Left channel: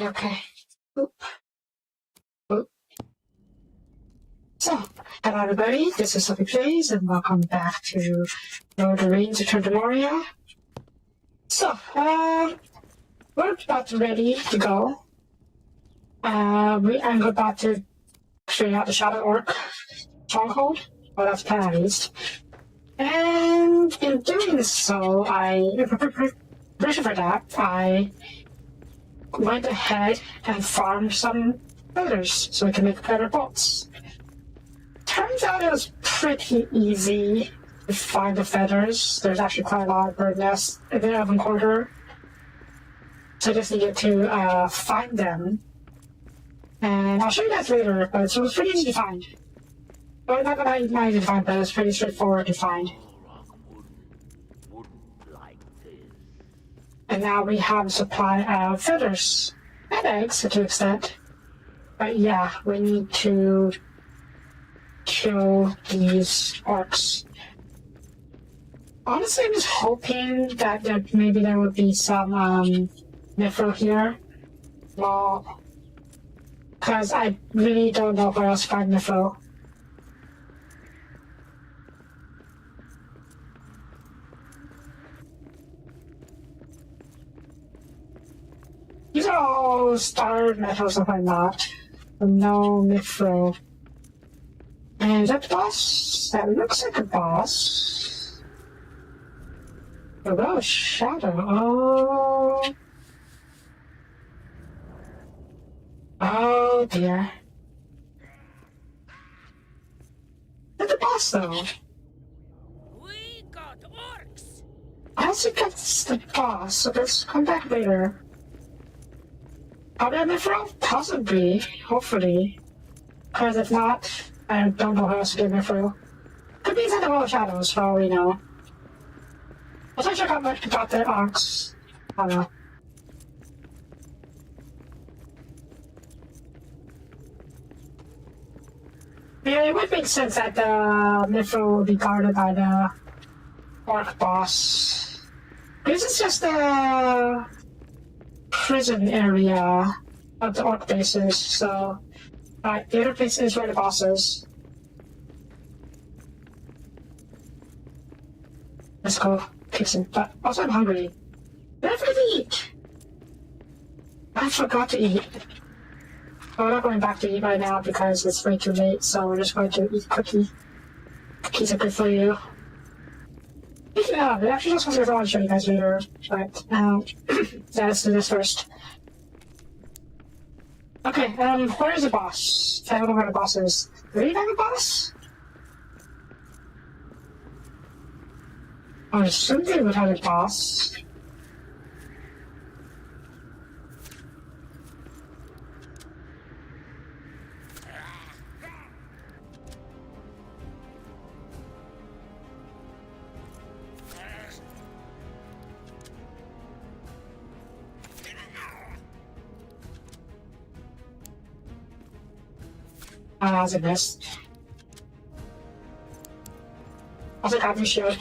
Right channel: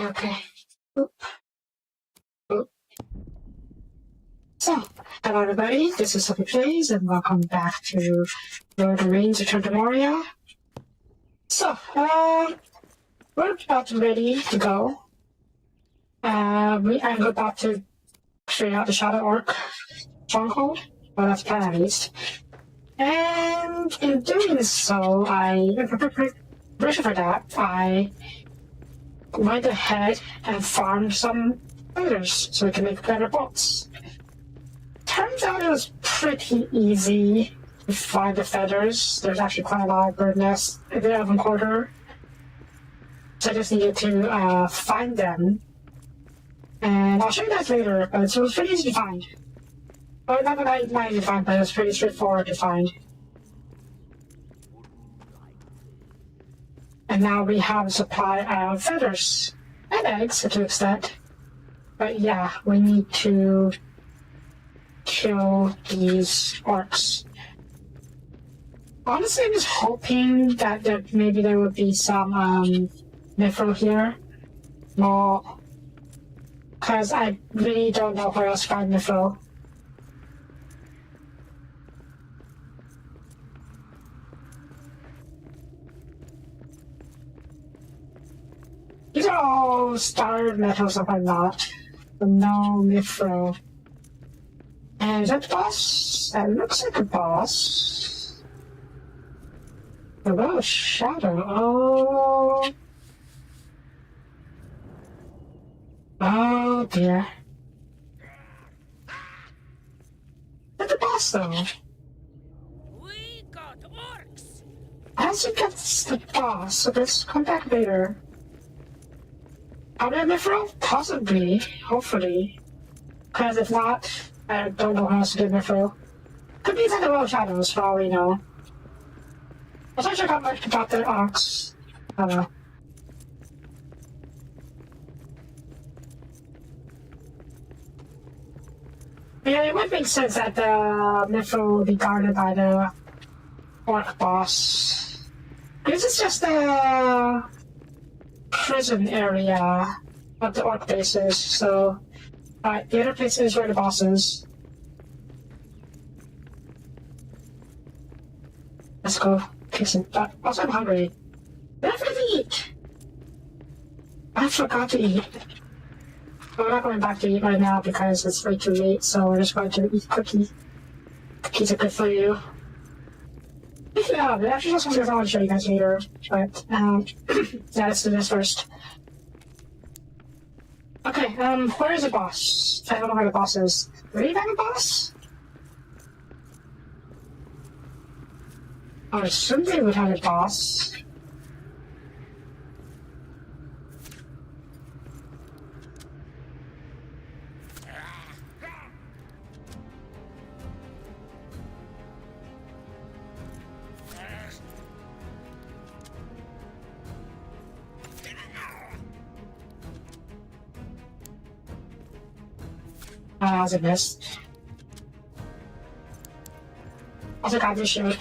Okay. Oop. So, hello everybody, this is Soapie Plays, and welcome back to LOTR Return to Moria. So, we're about ready to go. I'm about to figure out the Shadow Orc stronghold, well that's plan at least. And in doing so, briefly for that, I went ahead and farmed some feathers so we can make better bolts. Turns out it was pretty easy to find the feathers. There's actually quite a lot of bird nests in the urban quarter. So I just needed to find them. And I'll show you guys later, but it was pretty easy to find. Well, not easy to find, but it was pretty straightforward to find. And now we have a supply of feathers and eggs to an extent. But yeah, we need to kill these orcs. Honestly, I'm just hoping that maybe there would be some mithril here. Well, because I really don't know where else to find mithril. These are all starred metal, so I'm not. But no mithril. And is that the boss? That looks like a boss. A little shadow. Oh dear. That's the boss though. We got orcs. I think that's the boss, so let's come back later. Are we have mithril? Possibly. Hopefully. Because if not, I don't know how else to get mithril. Could be inside the world shadows for all we know. Let's not check out much about their orcs. I don't know. Yeah, it would make sense that the mithril would be guarded by the orc boss. This is just the prison area of the orc bases, so the other place is where the boss is. Let's go kick some butt. Also, I'm hungry. I have to eat! I forgot to eat. But we're not going back to eat right now because it's way too late, so we're just going to eat cookies. Cookies are good for you. Yeah, I actually just wanted to show you guys later, but yeah, let's do this first. Okay, where is the boss? I don't know where the boss is. Do we have a boss? I assume they would have a boss. Ah, that's a miss. Also got this shield.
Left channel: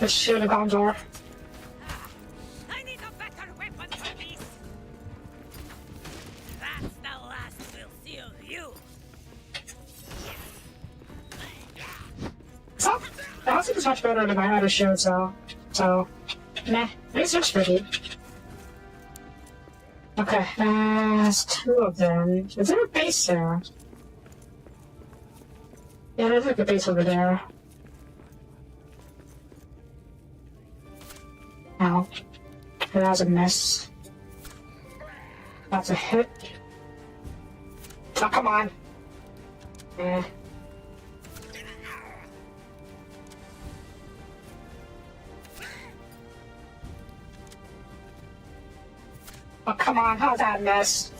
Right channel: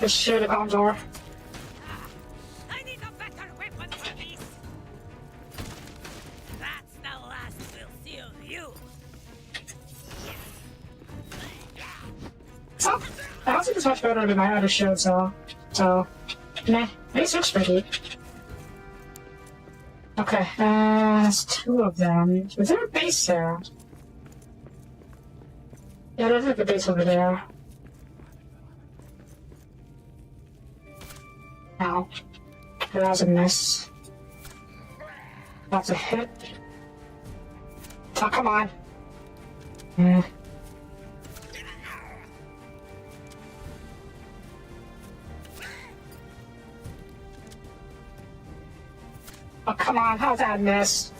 This shield about door. I need a better weapon for this. That's the last we'll see of you. So, I don't think it's much better than my other shield, so meh. This looks pretty. Okay, there's two of them. Is there a base there? Yeah, there's like a base over there. Ow. That was a miss. That's a hit. Oh, come on. Oh, come on, how's that miss?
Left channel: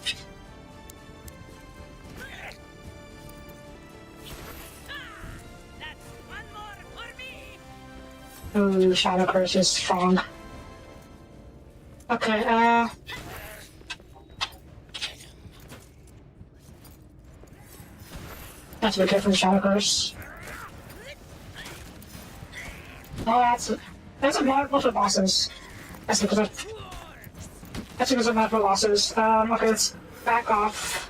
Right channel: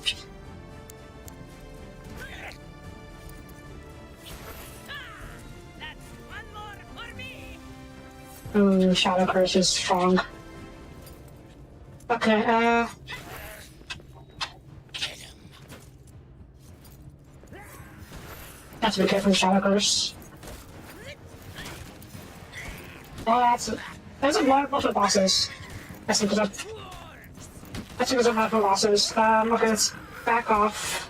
That's one more for me. Ooh, Shadow Curse is strong. Okay, that's a bit different, Shadow Curse. Oh, there's a multiple bosses. That's because of multiple bosses. Okay, let's back off.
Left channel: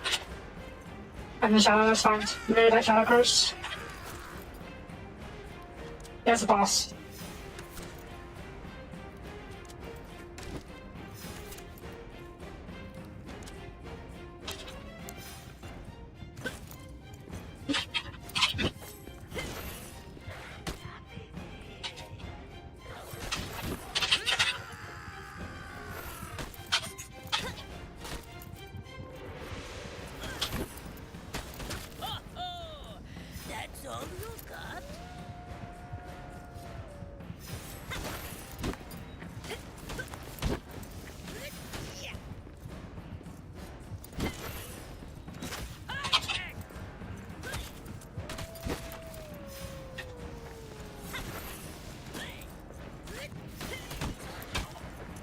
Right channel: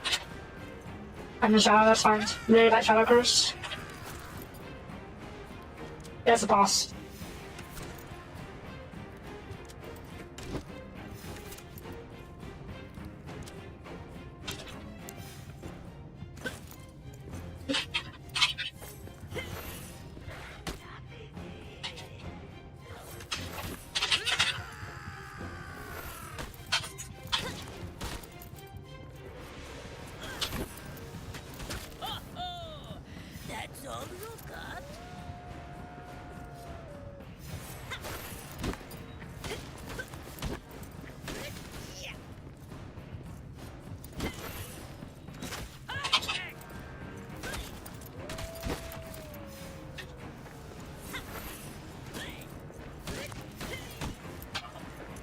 I'm in Shadow, that's fine. Really like Shadow Curse. There's the boss. Oh, that's all you got?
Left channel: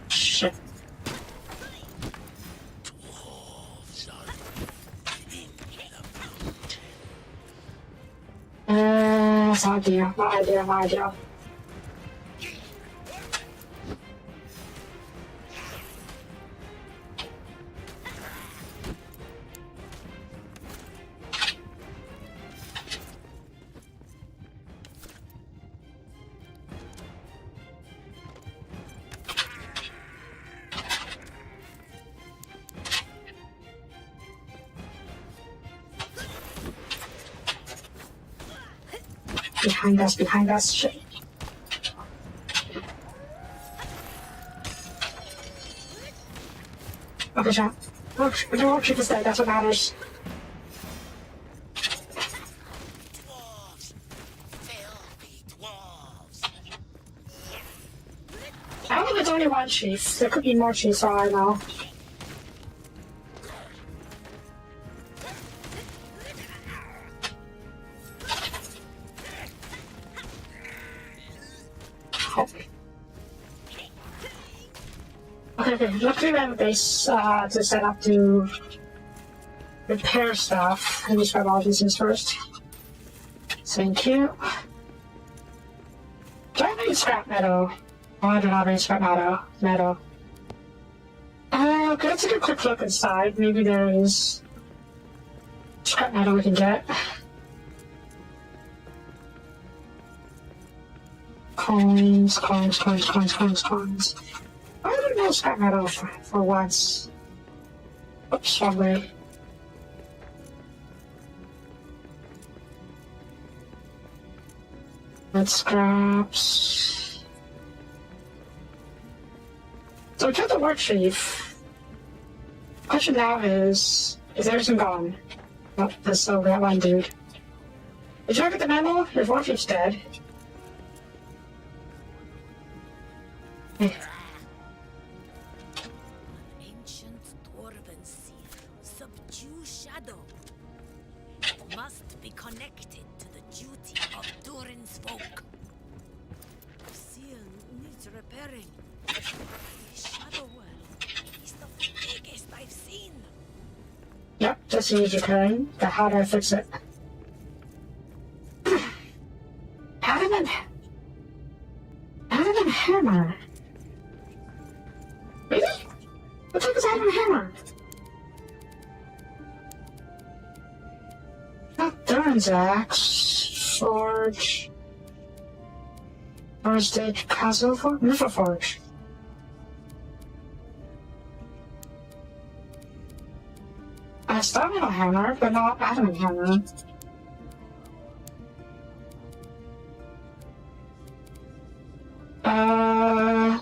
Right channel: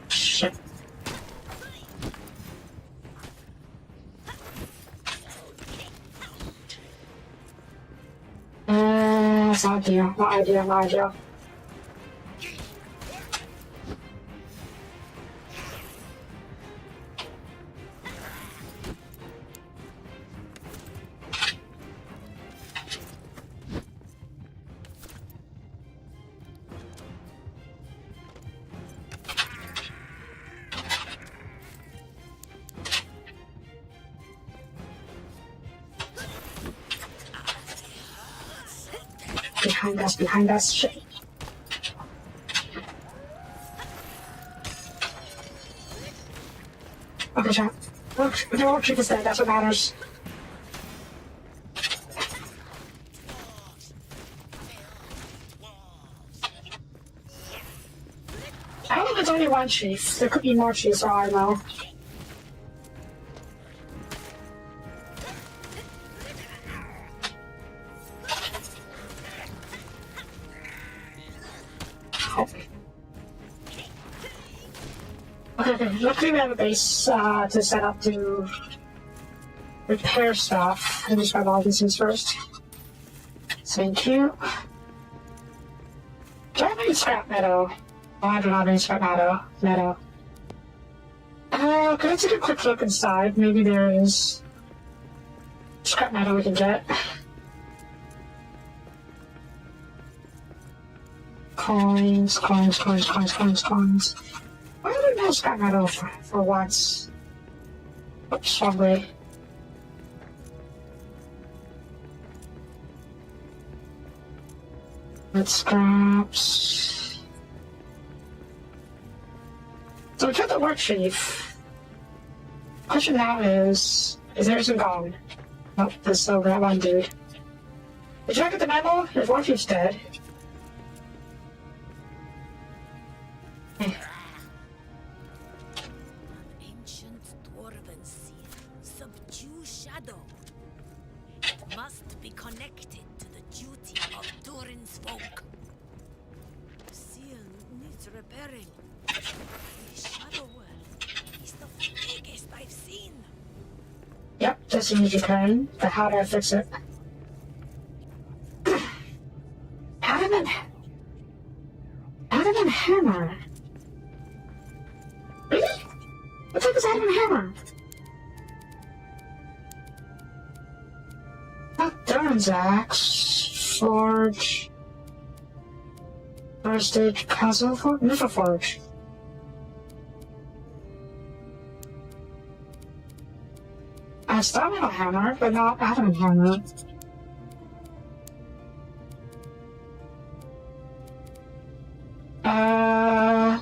Shit. That's not ideal, not ideal, not ideal. Behind us, shit. Okay, chat. Don't keep us there, that's what matters. Dwarves. Filthy dwarves. I don't think there's only one chief. There could be more chiefs, for all I know. Okay, looking at the base to set up to repair stuff. Let me just grab all these things first. Thank you. Do I need scrap metal? Oh, I do not need scrap metal. Okay, let's take a quick look inside. Maybe there is scrap metal we can get. Coins. I don't know scrap metal for once. Oops, wrong way. Let's scraps. So we took the work chief. Question now is everything gone? Nope, there's still that one dude. Did you ever get the memo? If one chief's dead. An ancient dwarven seal. Subdue shadow. It must be connected to the duty of Durin's folk. The seal needs repairing. The shadow world is the biggest I've seen. Yep, just needs repairing. But how do I fix it? Adamant hammer. Really? What type is adamant hammer? Not Durin's axe. Forge. First stage castle forge. Neutral forge. Stamina hammer, but not adamant hammer.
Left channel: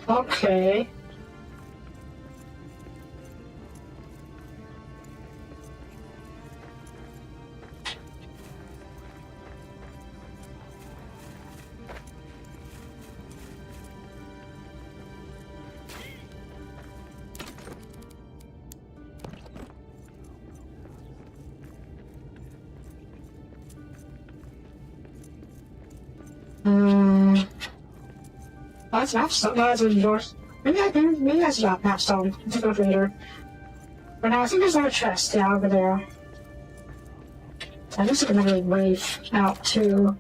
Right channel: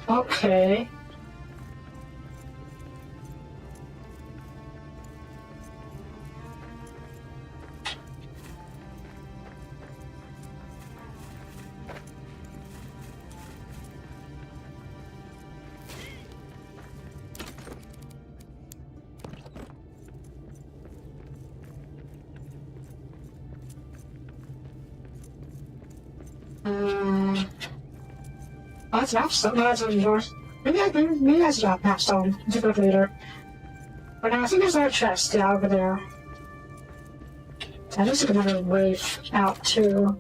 Okay. Oh, that's Mapstone. No, that's yours. Maybe that's not Mapstone. Take a look later. But now I think there's another chest, yeah, over there. So there's like another wave out too.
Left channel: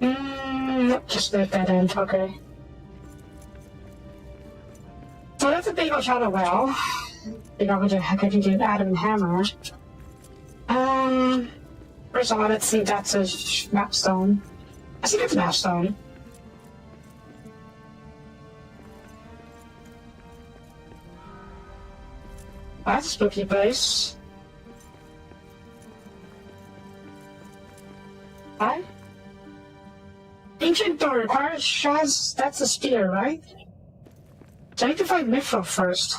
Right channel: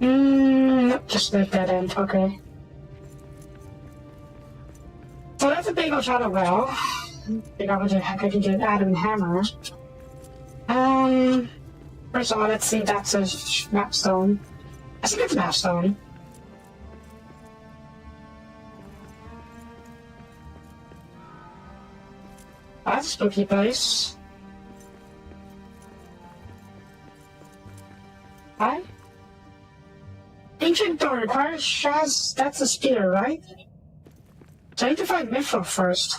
Nope, just the dead end, okay. So that's a big old shadow well. Figure out what the heck I can get out of the hammer. First of all, let's see, that's a mapstone. I think it's a mapstone. That's a spooky place. Hi? Ancient door requires Shaz. That's a spear, right? So I need to find Mithril first.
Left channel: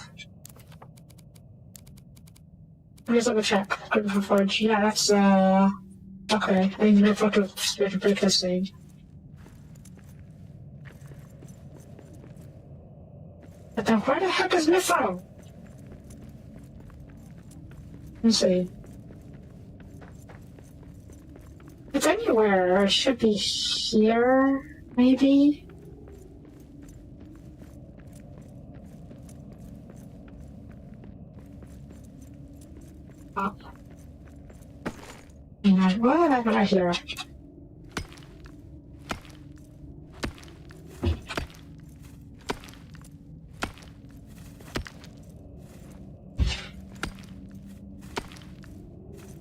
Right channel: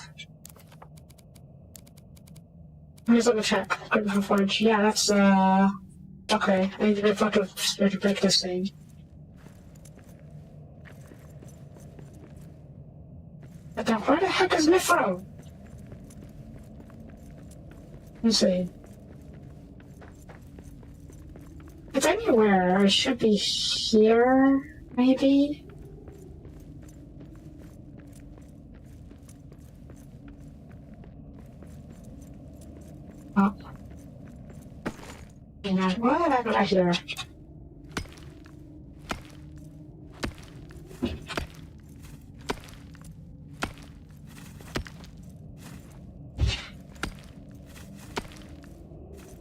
Let me just double check. Good for forge. Yeah, that's okay. I need Mithril to break this thing. But then where the heck is Mithril? Let's see. It's anywhere. It should be here, maybe? Oh. Yeah, why am I not here?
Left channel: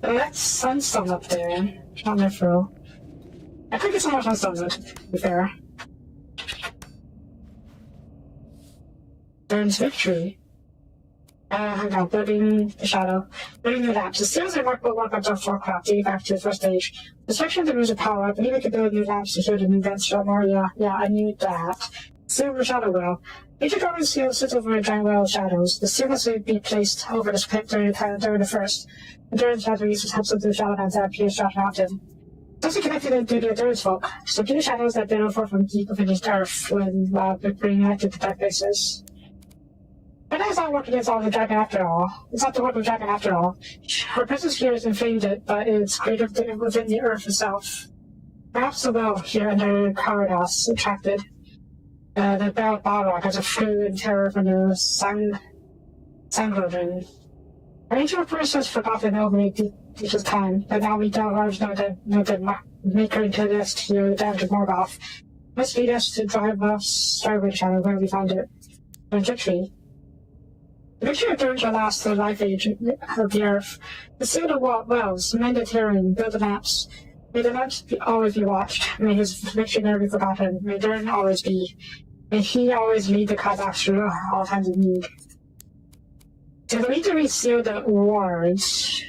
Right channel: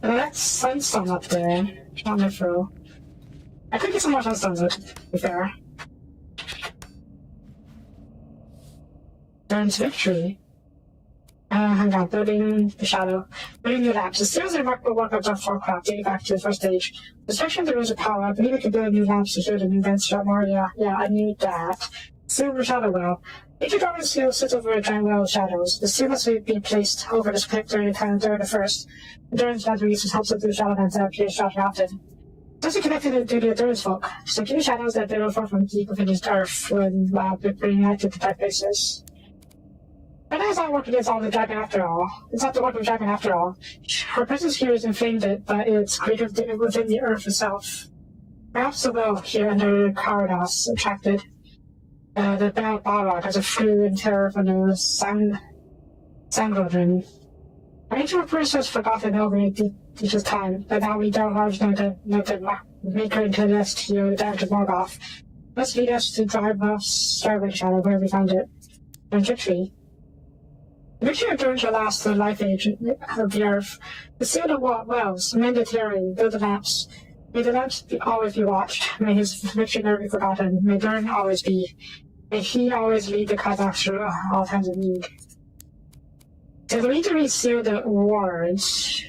That's sunstone up there. Not Mithril. I could get some more sunstones, to be fair. Burns victory. Hang on, building the shadow. Building new labs. The series of remarkable work I've done for Warcraft dating back to the first stage. The section of the rules of power, I believe I could build new labs to show the new dance shot Moria. Yeah, I knew that. Silver Shadow Well. Each drawing seal sits over a giant well of shadows. The seal must be placed over the split during the time during the first. And during the shadow uses helps up to the shadowlands that appear shot often. It's also connected to the Endurance folk. So keep the shadows that they don't fall from deep within this earth when bringing out to the dark places. But that's not work against all the dragon after all. It's not the work of the dragon after all. Her presence here is inflamed, but it's greater within the earth itself. Perhaps the well here under Caradas attracted the Balrog as a fluid terror from the Sangrodrin. Our ancient person has forgotten over teacher's time, but now we Dalhars know that Maker intended us to hear the damage of Morgoth. Must lead us to drive the Starlight Shadow where we found it. The victory. The victory returns to last the life age of the earth. The seal the wells, mend the tearing, build the lamps. May the lamps always be watched. May his victory never be forgotten. May Durin always be. May he always lead the Kazakhs through all times of need. To lead to reseal the wards.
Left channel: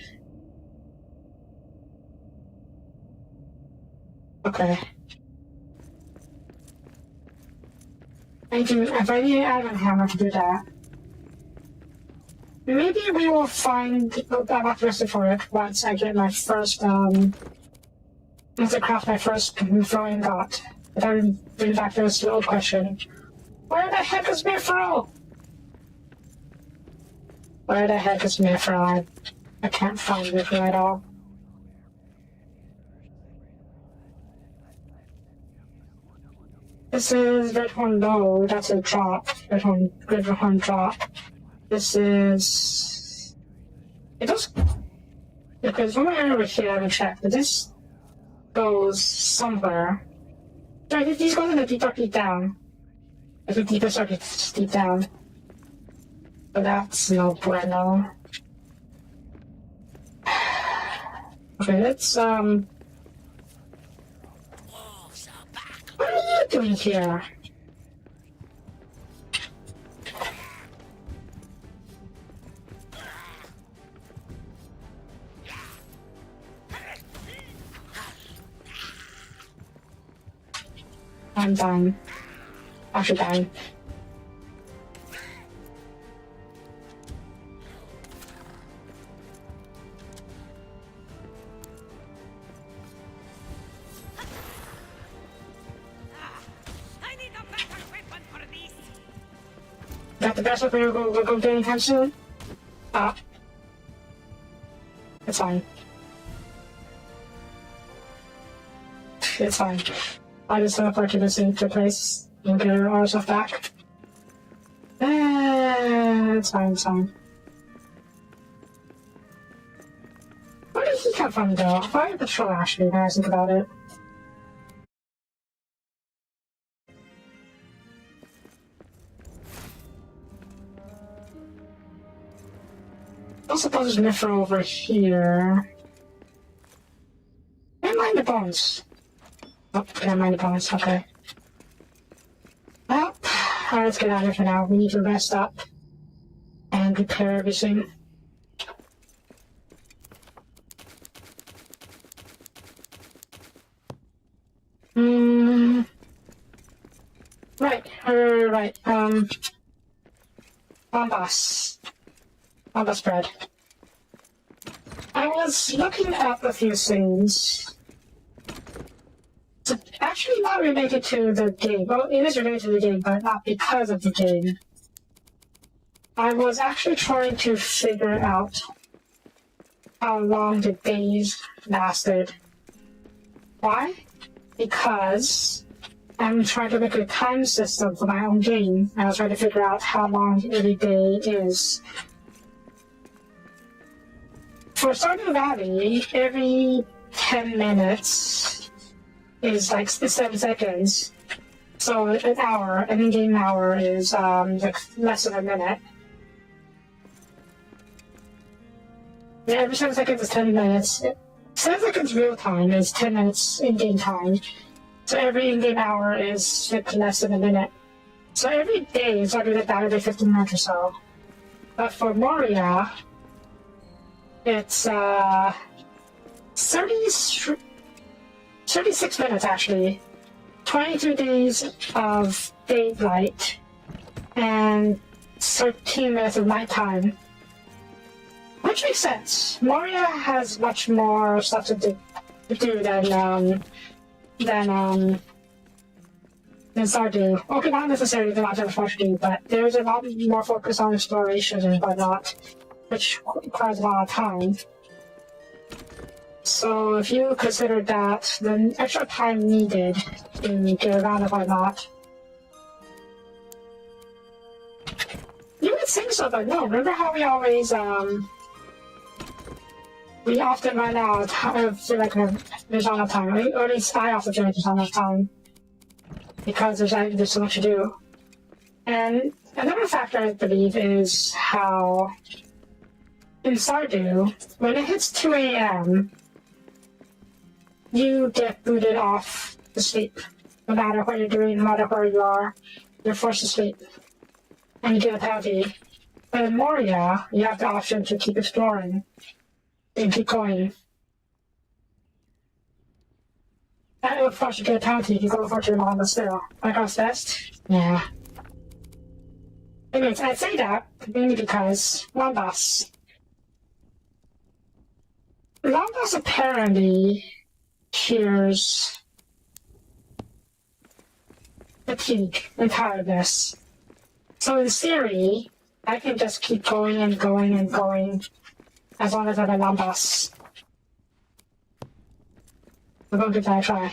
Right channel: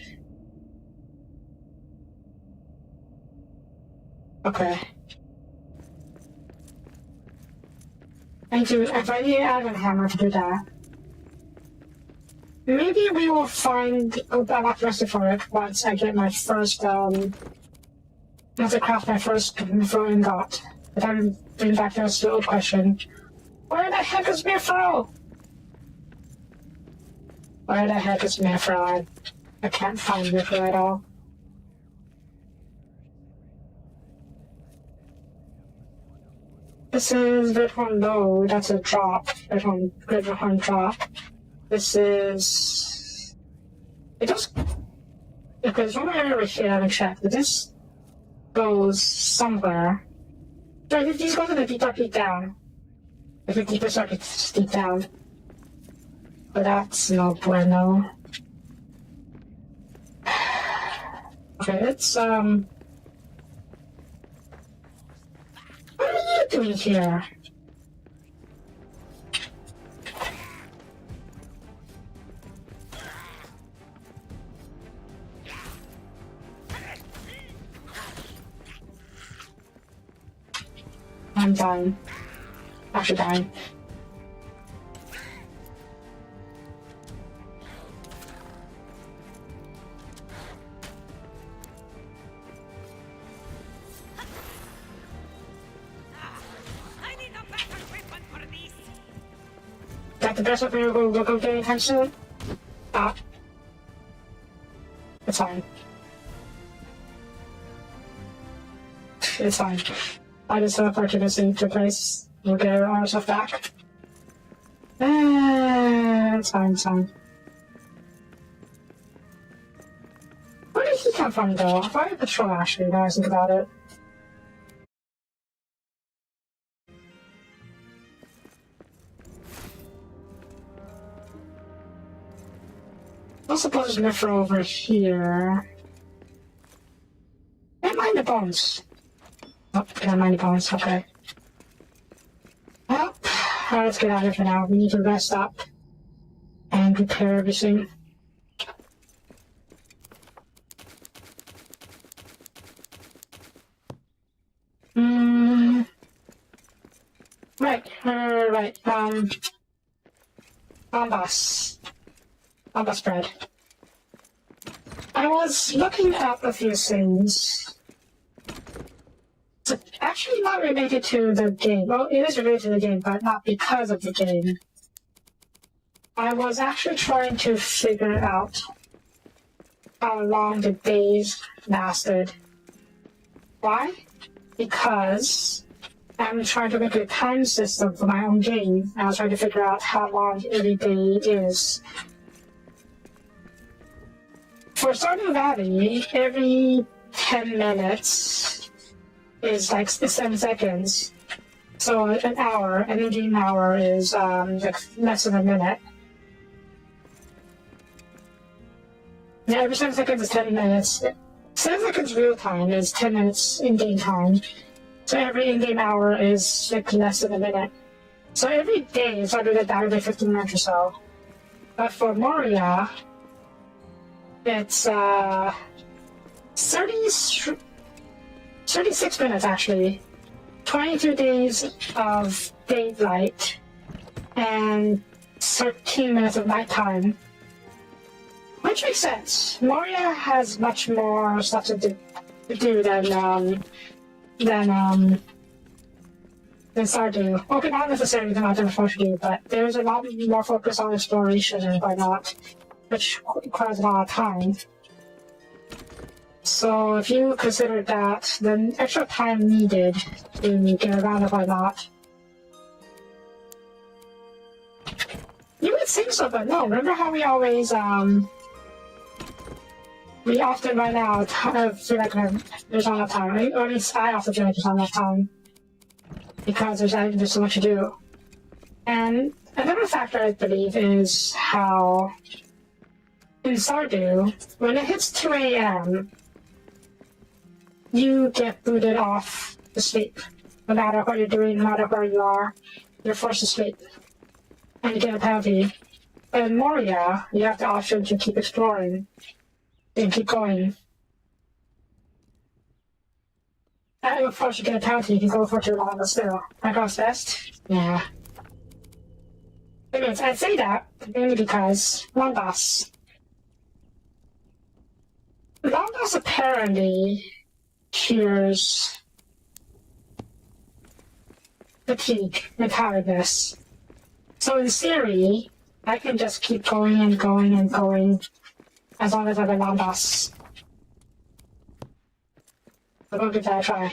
Okay. I need an Iron Hammer to do that. Maybe we will find a back recipe for it once I get my first, once I craft my first throwing dot. But then, in fact, there's the old question. Where the heck is Mithril? Where the heck is Mithril? I can't find Mithril at all. This is Redhorn Low, that's a drop. Redhorn drop. This is... It does... Because one area over here I haven't checked, but this goes somewhere. Sorry, these go in the deep down. Like the deepest circuits deep down. But that's no bueno. Okay, let's what are you doing here? I'm dying. Actually dying. I need a better weapon for this. Is that the best weapon you're going to go do anytime soon? Stop. It's fine. It's fine. I just teleported us into place. We'll get our stuff back. It's fine, it's fine. Where did he come from, though? Why did the troll actually, now I think about it? I suppose there's Mithra over here. Can't mind the bones. Oh, can't mind the bones, okay. Well, alright, let's get out of here for now. We need to rest up and repair everything. Right. Bombas bread. I was looking at a few things. It's actually not related to the game. Well, it is related to the game, but not because of the game. I was actually trying to figure out how long the days lasted. Why? Because I'm trying to make a time system for my own game. I was trying to figure out how long every day is. For Stardew Valley, every 10 minutes is like 7 seconds. So an hour, an in-game hour is like less than a minute. And every 7 seconds is 10 minutes. 7 seconds real time is 10 minutes in-game time. So every in-game hour is like less than a minute. So every day is like about 15 minutes or so. But for Moria, it's 36 minutes actually. 22 days of daylight and 13 minutes of nighttime. Which makes sense. Moria has much more stuff to do than Stardew. Okay, not necessarily not that much to do, but there's a lot more focus on exploration and whatnot, which requires a lot of time. So if you consider that, the extra time needed to get around and whatnot. You would think so, but no, remember how we always, we often run out of, like, there's not enough time. Or at least I often feel like there's not enough time. Because there's so much to do. And another factor, I believe, is how in Stardew, when it hits 2 a.m., you get booted off to sleep. No matter what you're doing, no matter where you are, you're forced to sleep. And you get a penalty. But in Moria, you have the option to keep exploring. And keep going. And of course you get a penalty if you go for too long, but still. That goes best? Yeah. Anyways, I say that mainly because Lambas apparently cures fatigue and tiredness. So in theory, I can just keep going and going and going as long as I'm a Lambas. But I'll give that a try.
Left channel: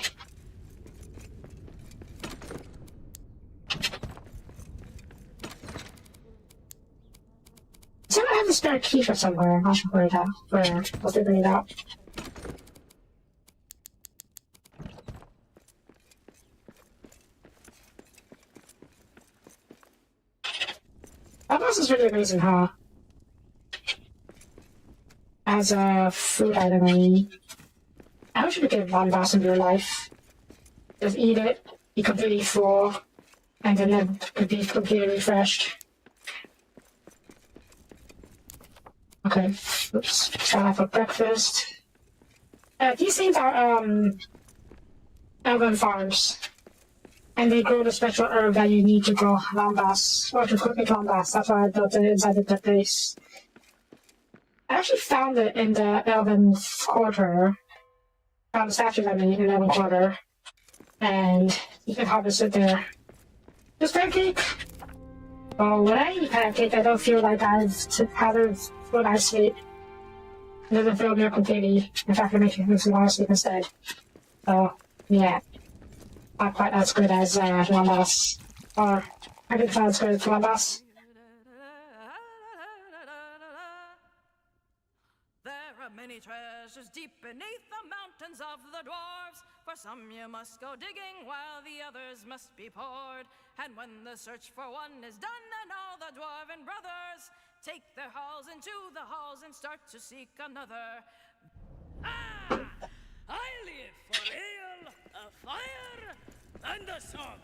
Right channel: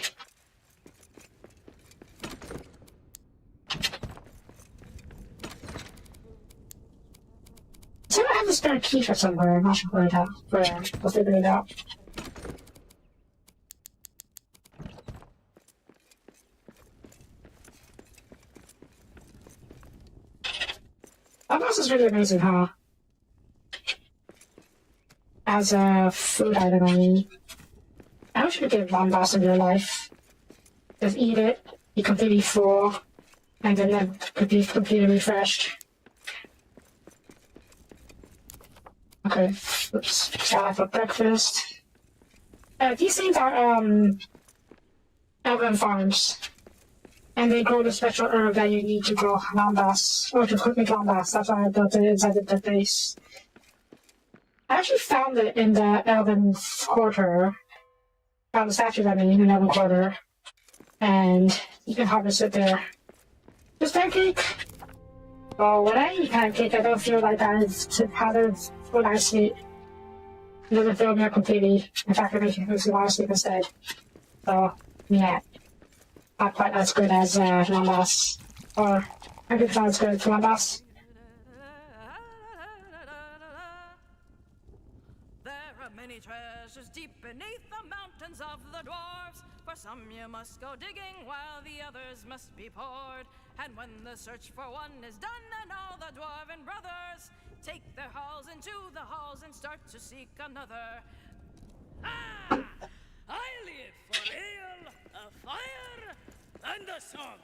So I have a spare key for somewhere. I'm not sure where I'll figure it out. Lambas is really amazing, huh? As a food item, I mean. I wish you could get Lambas in your life. Just eat it, be completely full, and then it could be completely refreshed. Okay, oops. Salad for breakfast. These things are, elven farms. And they grow the special herb that you need to grow Lambas, or to cook with Lambas. That's why I built it inside the base. I actually found it in the elven quarter. The statues, I mean, in Elven Quarter, and you can harvest it there. Just pancake! Well, when I eat pancake, I don't feel like I've had it when I sleep. It doesn't fill me up completely. In fact, it makes me want to sleep instead. So, Yeah. Not quite as good as Lamas. Or, I think it's not as good as Lamas. There are many treasures deep beneath the mountains of the dwarves. For some you must go digging while the others must be poured. And when the search for one is done, then all the dwarven brothers take their halls into the halls and start to seek another. Ah! I live for ale, a fire, and a song.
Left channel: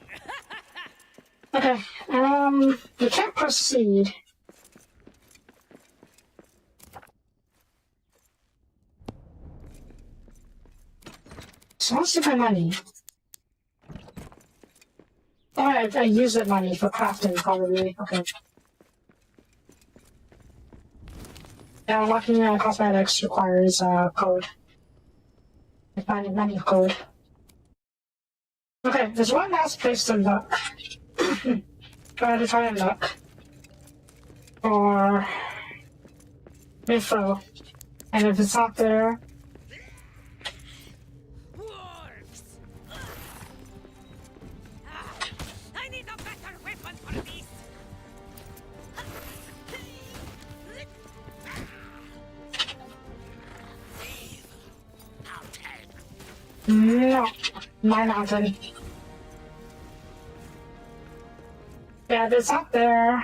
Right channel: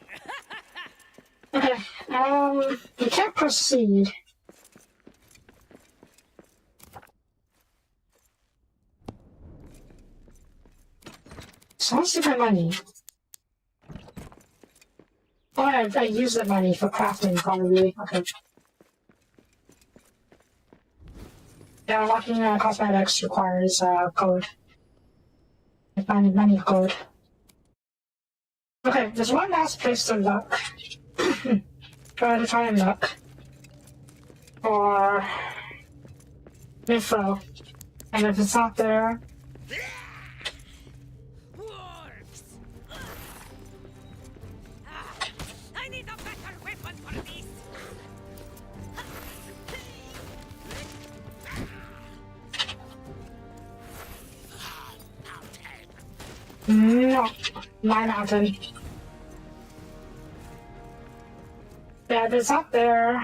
Okay, we can't proceed. So what's the money? Oh, I use the money for crafting, probably. Okay. Yeah, unlocking cosmetics requires code. I find money code. Okay, there's one last place to look. Going to try and look. Or Mifro. And if it's not there, Works. I need a better weapon for this. no, my mountain. Yeah, if it's not there,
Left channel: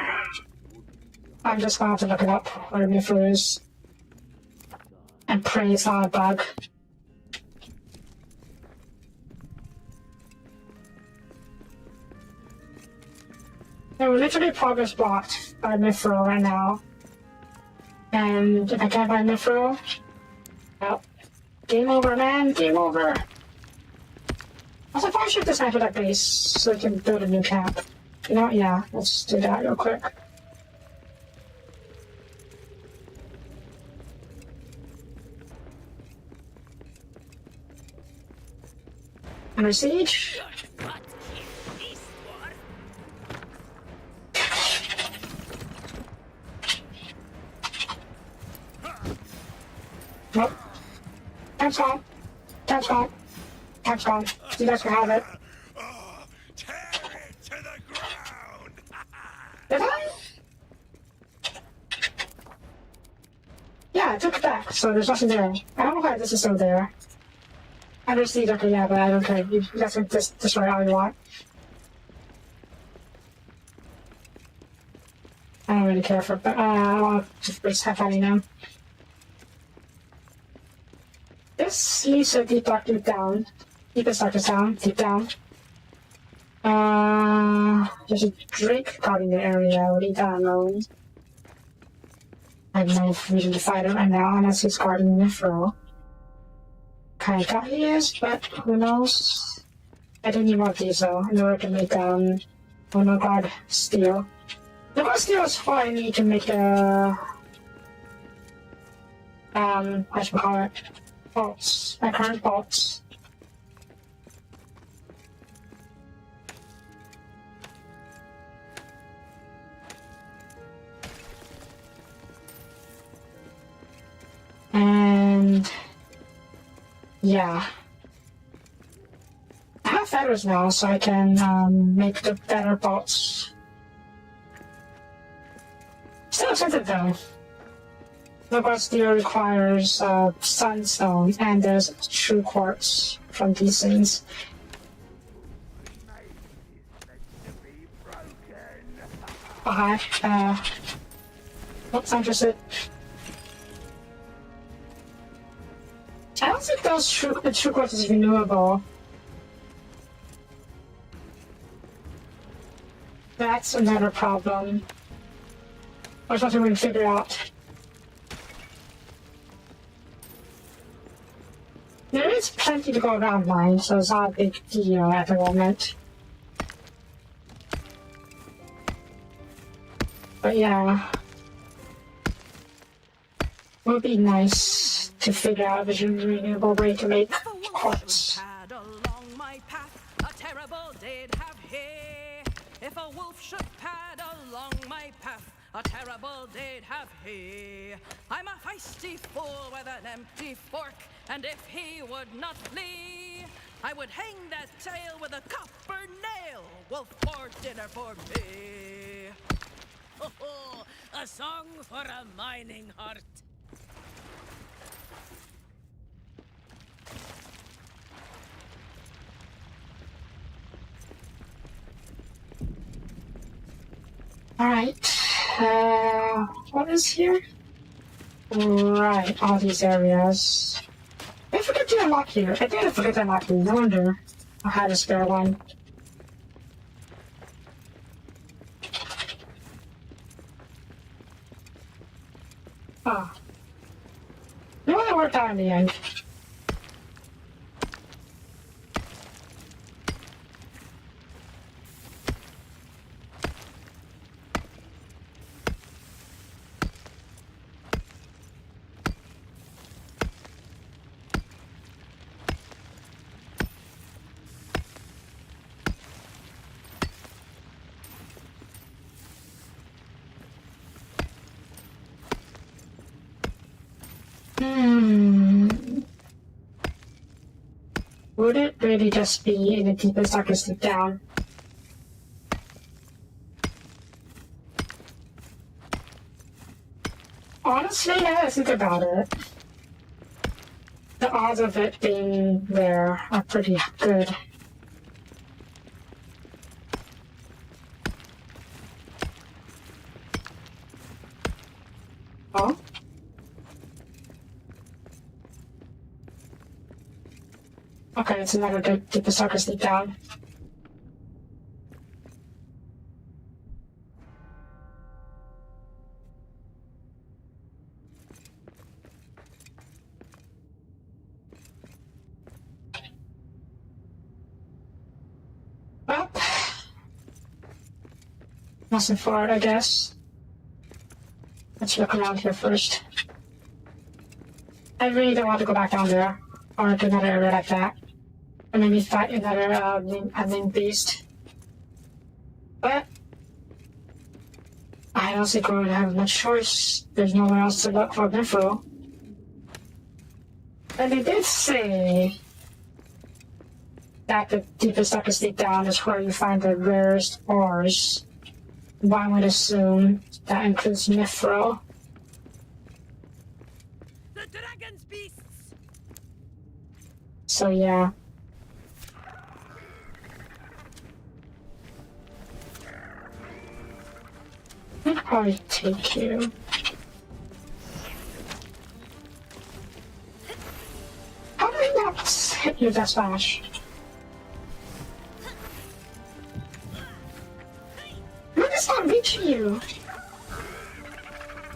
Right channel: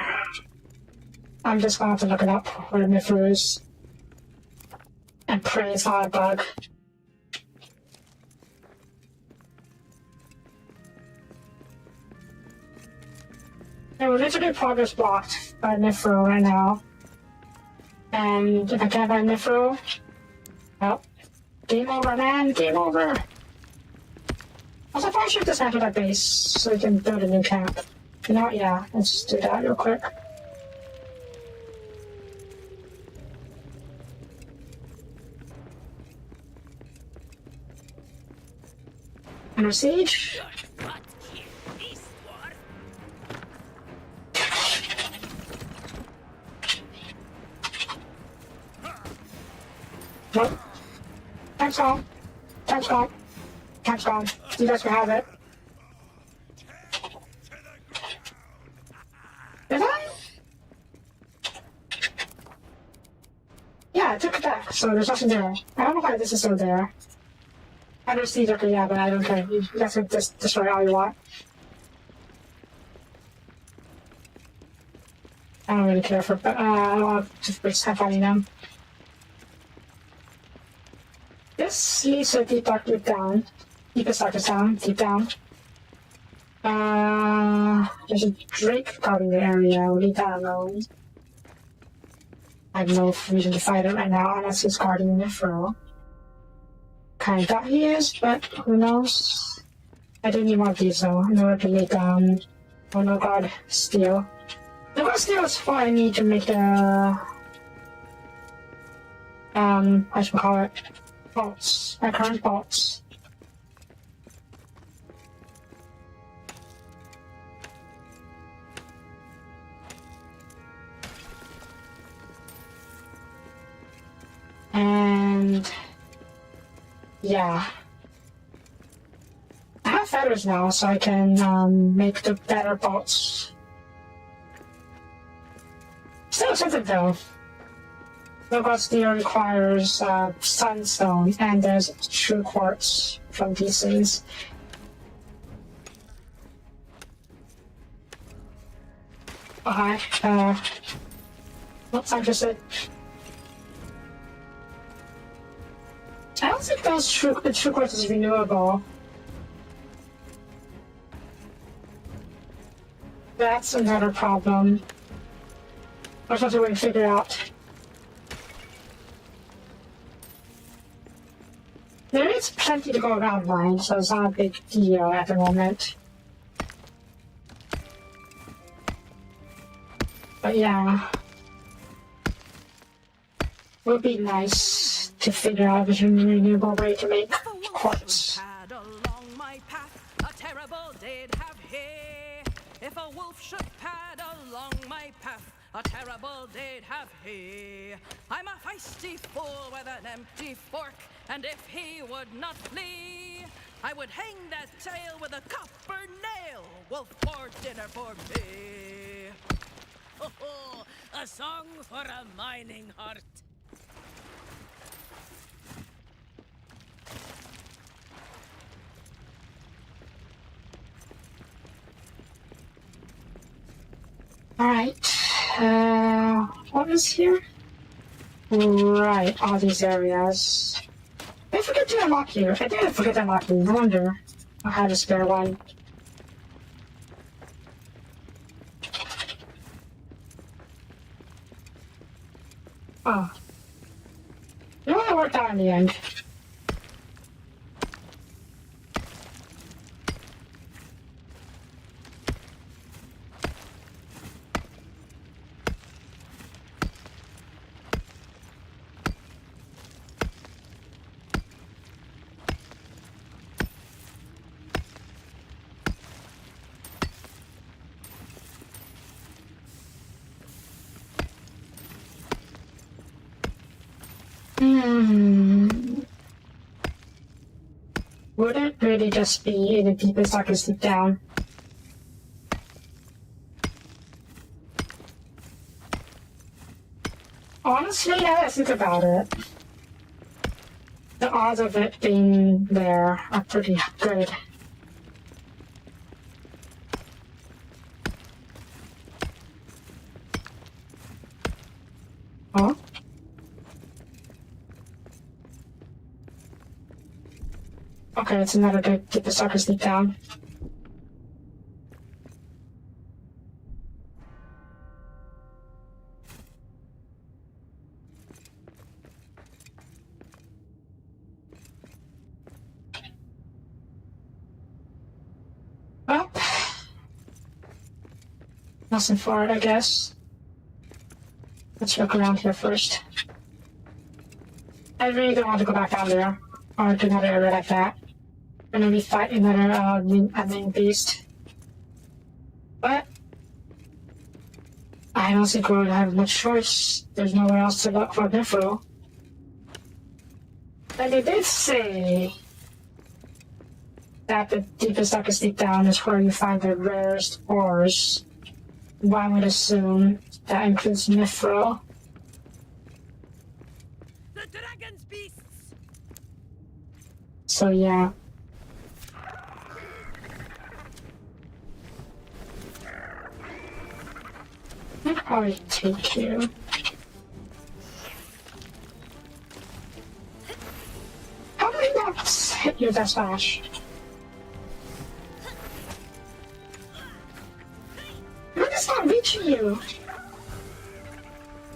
I'm just going to have to look it up where Mifro is. And pray it's not a bug. Yeah, we're literally progress blocked by Mifro right now. And if I can't find Mifro, well, game over, man, game over. Also, I probably should dismantle that base so we can build a new camp. You know, yeah, let's just do that real quick. Under siege? Nope. That's gone. That's gone. That's gone. You guys can have it. Tear it to the ground! Did I? Yeah, I took it back, so there's nothing there. I don't know why this is still there. Under siege, okay, yeah, but I don't care. You guys can just destroy all you want. I don't really care for, but I'll just waste time finding them. This leads to a deep dark deep down. Deepest darkest down, deep down. There's a Drake guarding the area, way down road. I have no reason to fight it right now unless he's guarding Mifro. Kinda doubt he is, but who knows? I didn't want these though, in order to make no guard steel. No guard steel is what I need to make the how should we call it? Bolts. My current bolts. And yeah. I have feathers now, so I can make the better bolts. Still expensive though. Low-grade steel requires sunstone, and there's true quartz from these things. Okay, not interested. I don't think the true quartz is renewable. That's another problem. Or something we can figure out. There is plenty to go around mine, so it's not a big deal at the moment. But yeah, it would be nice to figure out if there's a renewable way to make quartz. Along my path, a terrible day'd have he. If a wolf should pad along my path, a terrible day'd have he. I'm a feisty fool with an empty fork, and if he would not flee, I would hang that tail with a copper nail. Wolf for dinner for me. Oh, a song for a mining heart. Alright. What is here? Right, all these areas. I forgot to unlock here. I did forget to unlock here. No wonder I had a spare one. Oh. It really worked out in the end. Would it really just be in the deepest, darkest deep down? Honestly, now that I think about it, the odds of it being there are pretty good. Oh? Okay, it's another good deepest, darkest deep down. Well, nothing for it, I guess. Let's look around here first. I really don't want to go back down there, or to another area like that, and maybe fight another main beast. But I don't think we're gonna have much choice. There's nowhere else to look for Mithril. And they did say that the deepest, darkest deep down is where you find the rarest ores. One would assume that includes Mithril. The dragon's beasts! So yeah. I'll probably take you. How do I not hit you with that smash? I'm just not reaching you.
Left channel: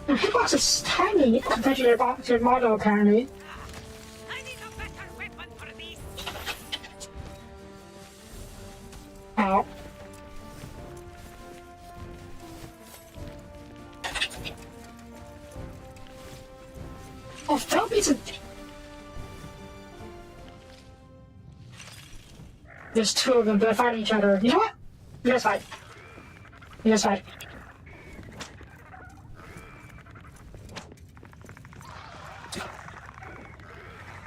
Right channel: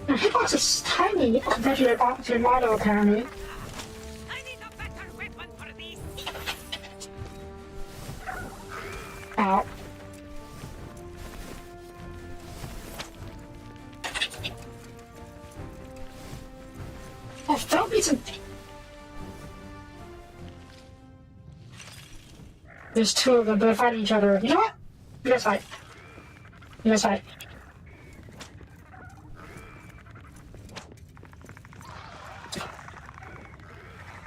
Your hitbox is tiny compared to your model, apparently. I need a better weapon for this! Ow. Oh, Soapie's a... There's two of them, they're fighting each other. You know what? You guys fight. You guys fight.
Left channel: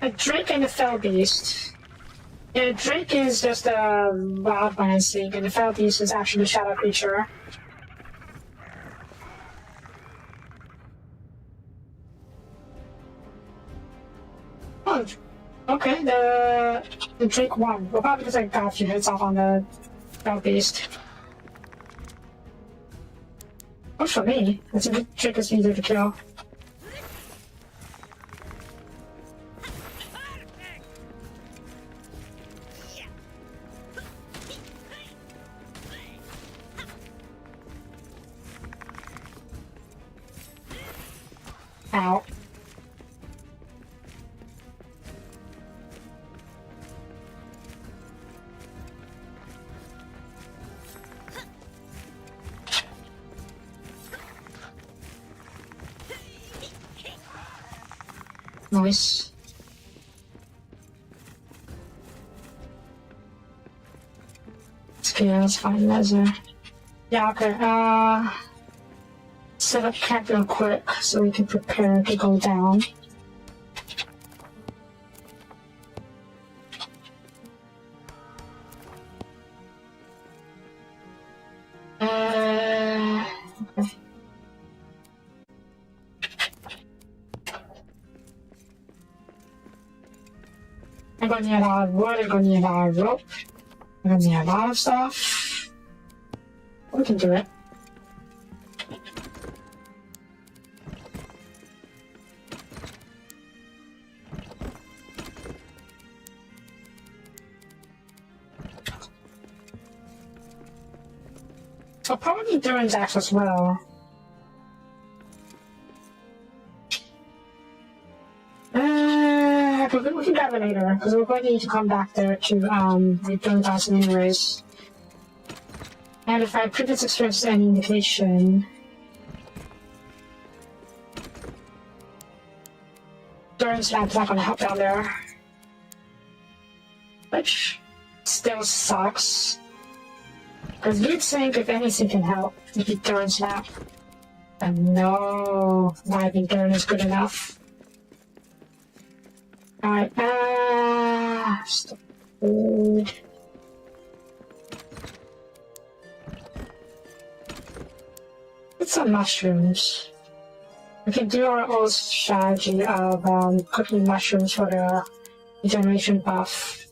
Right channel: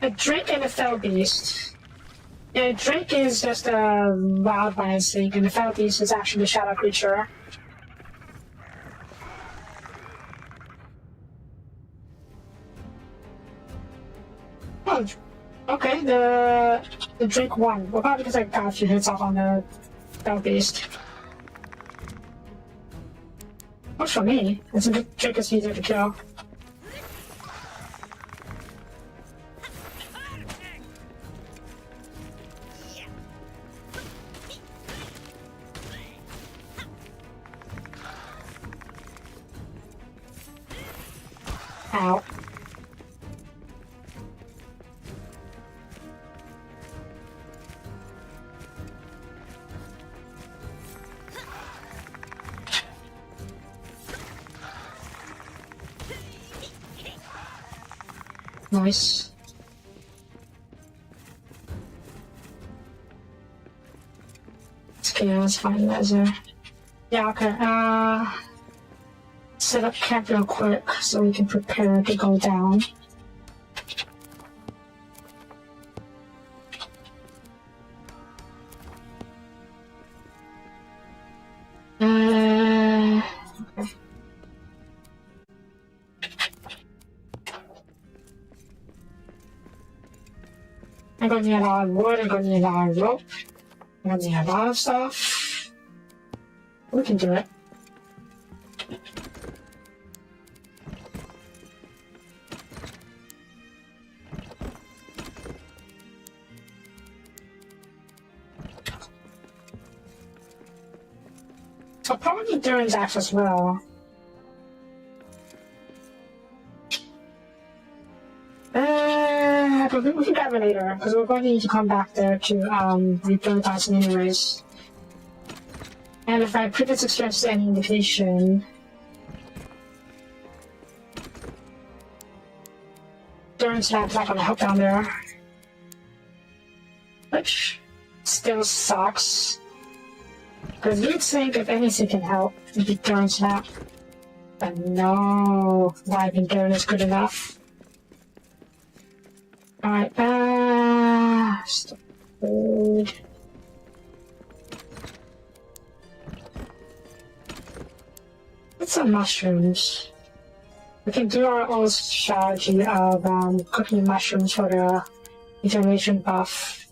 A Drake and a Fell Beast. Yeah, Drake is just a wild one, I think, and the Fell Beast is actually a shadow creature. Oh, okay, the Drake won. Well, probably because I got a few hits off on the Fell Beast. Works for me. I think Drake is easier to kill. Ow. Nice. Okay, let's find laser. Yeah, okay, set up camp real quick so we can prepare to go down. I'm gonna need a lot of wood, I'm gonna need a lot of rope, I'm gonna need a lot of stuff. We can do it. So probably Durin's axe as well. But we can grab it later, because we're going to need to come back there to return past anyways. And if my previous experience is any indication, Durin's not gonna help down there. Which still sucks. Because you'd think if anything can help, it'd be Durin's Snap. But no, I think Durin is good enough. Alright, stop. Get some mushrooms. We can do our old strategy of cooking mushrooms for the regeneration buff.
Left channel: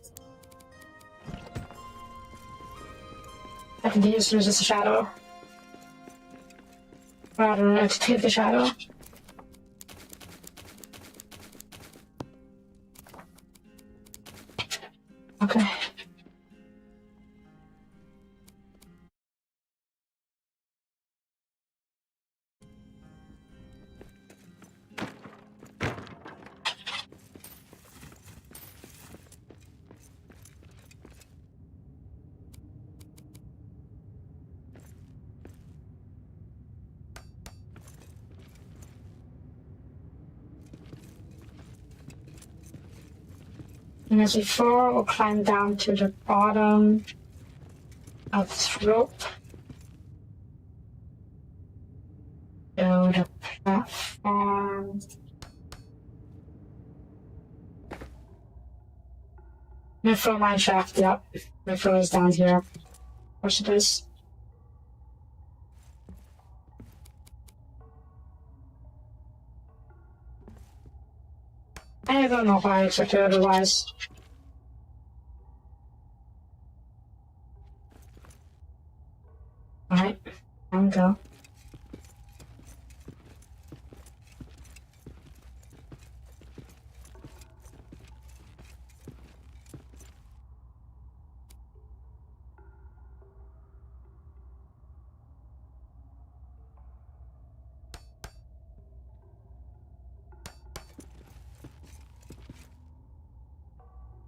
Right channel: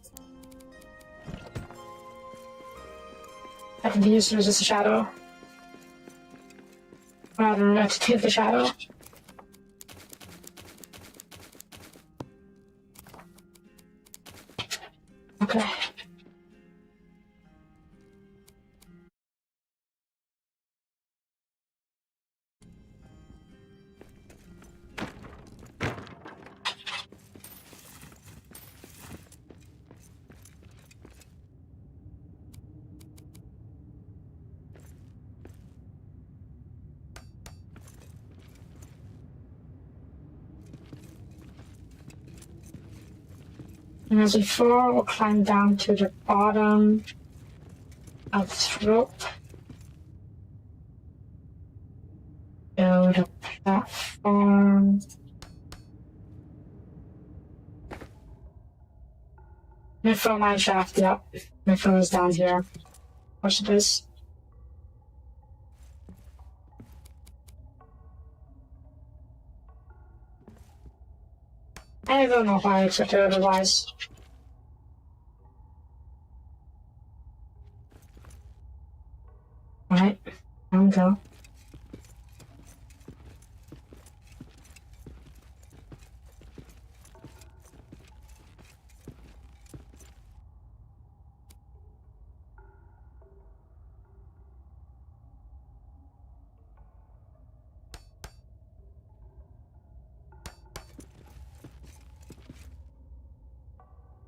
I can use as a shadow. Rather, to take the shadow. Okay. And as before, we'll climb down to the bottom of this rope. Go to platform. My throw mine shaft, yep. My throw is down here. Watch this. I don't know why I expected otherwise. Alright, down we go.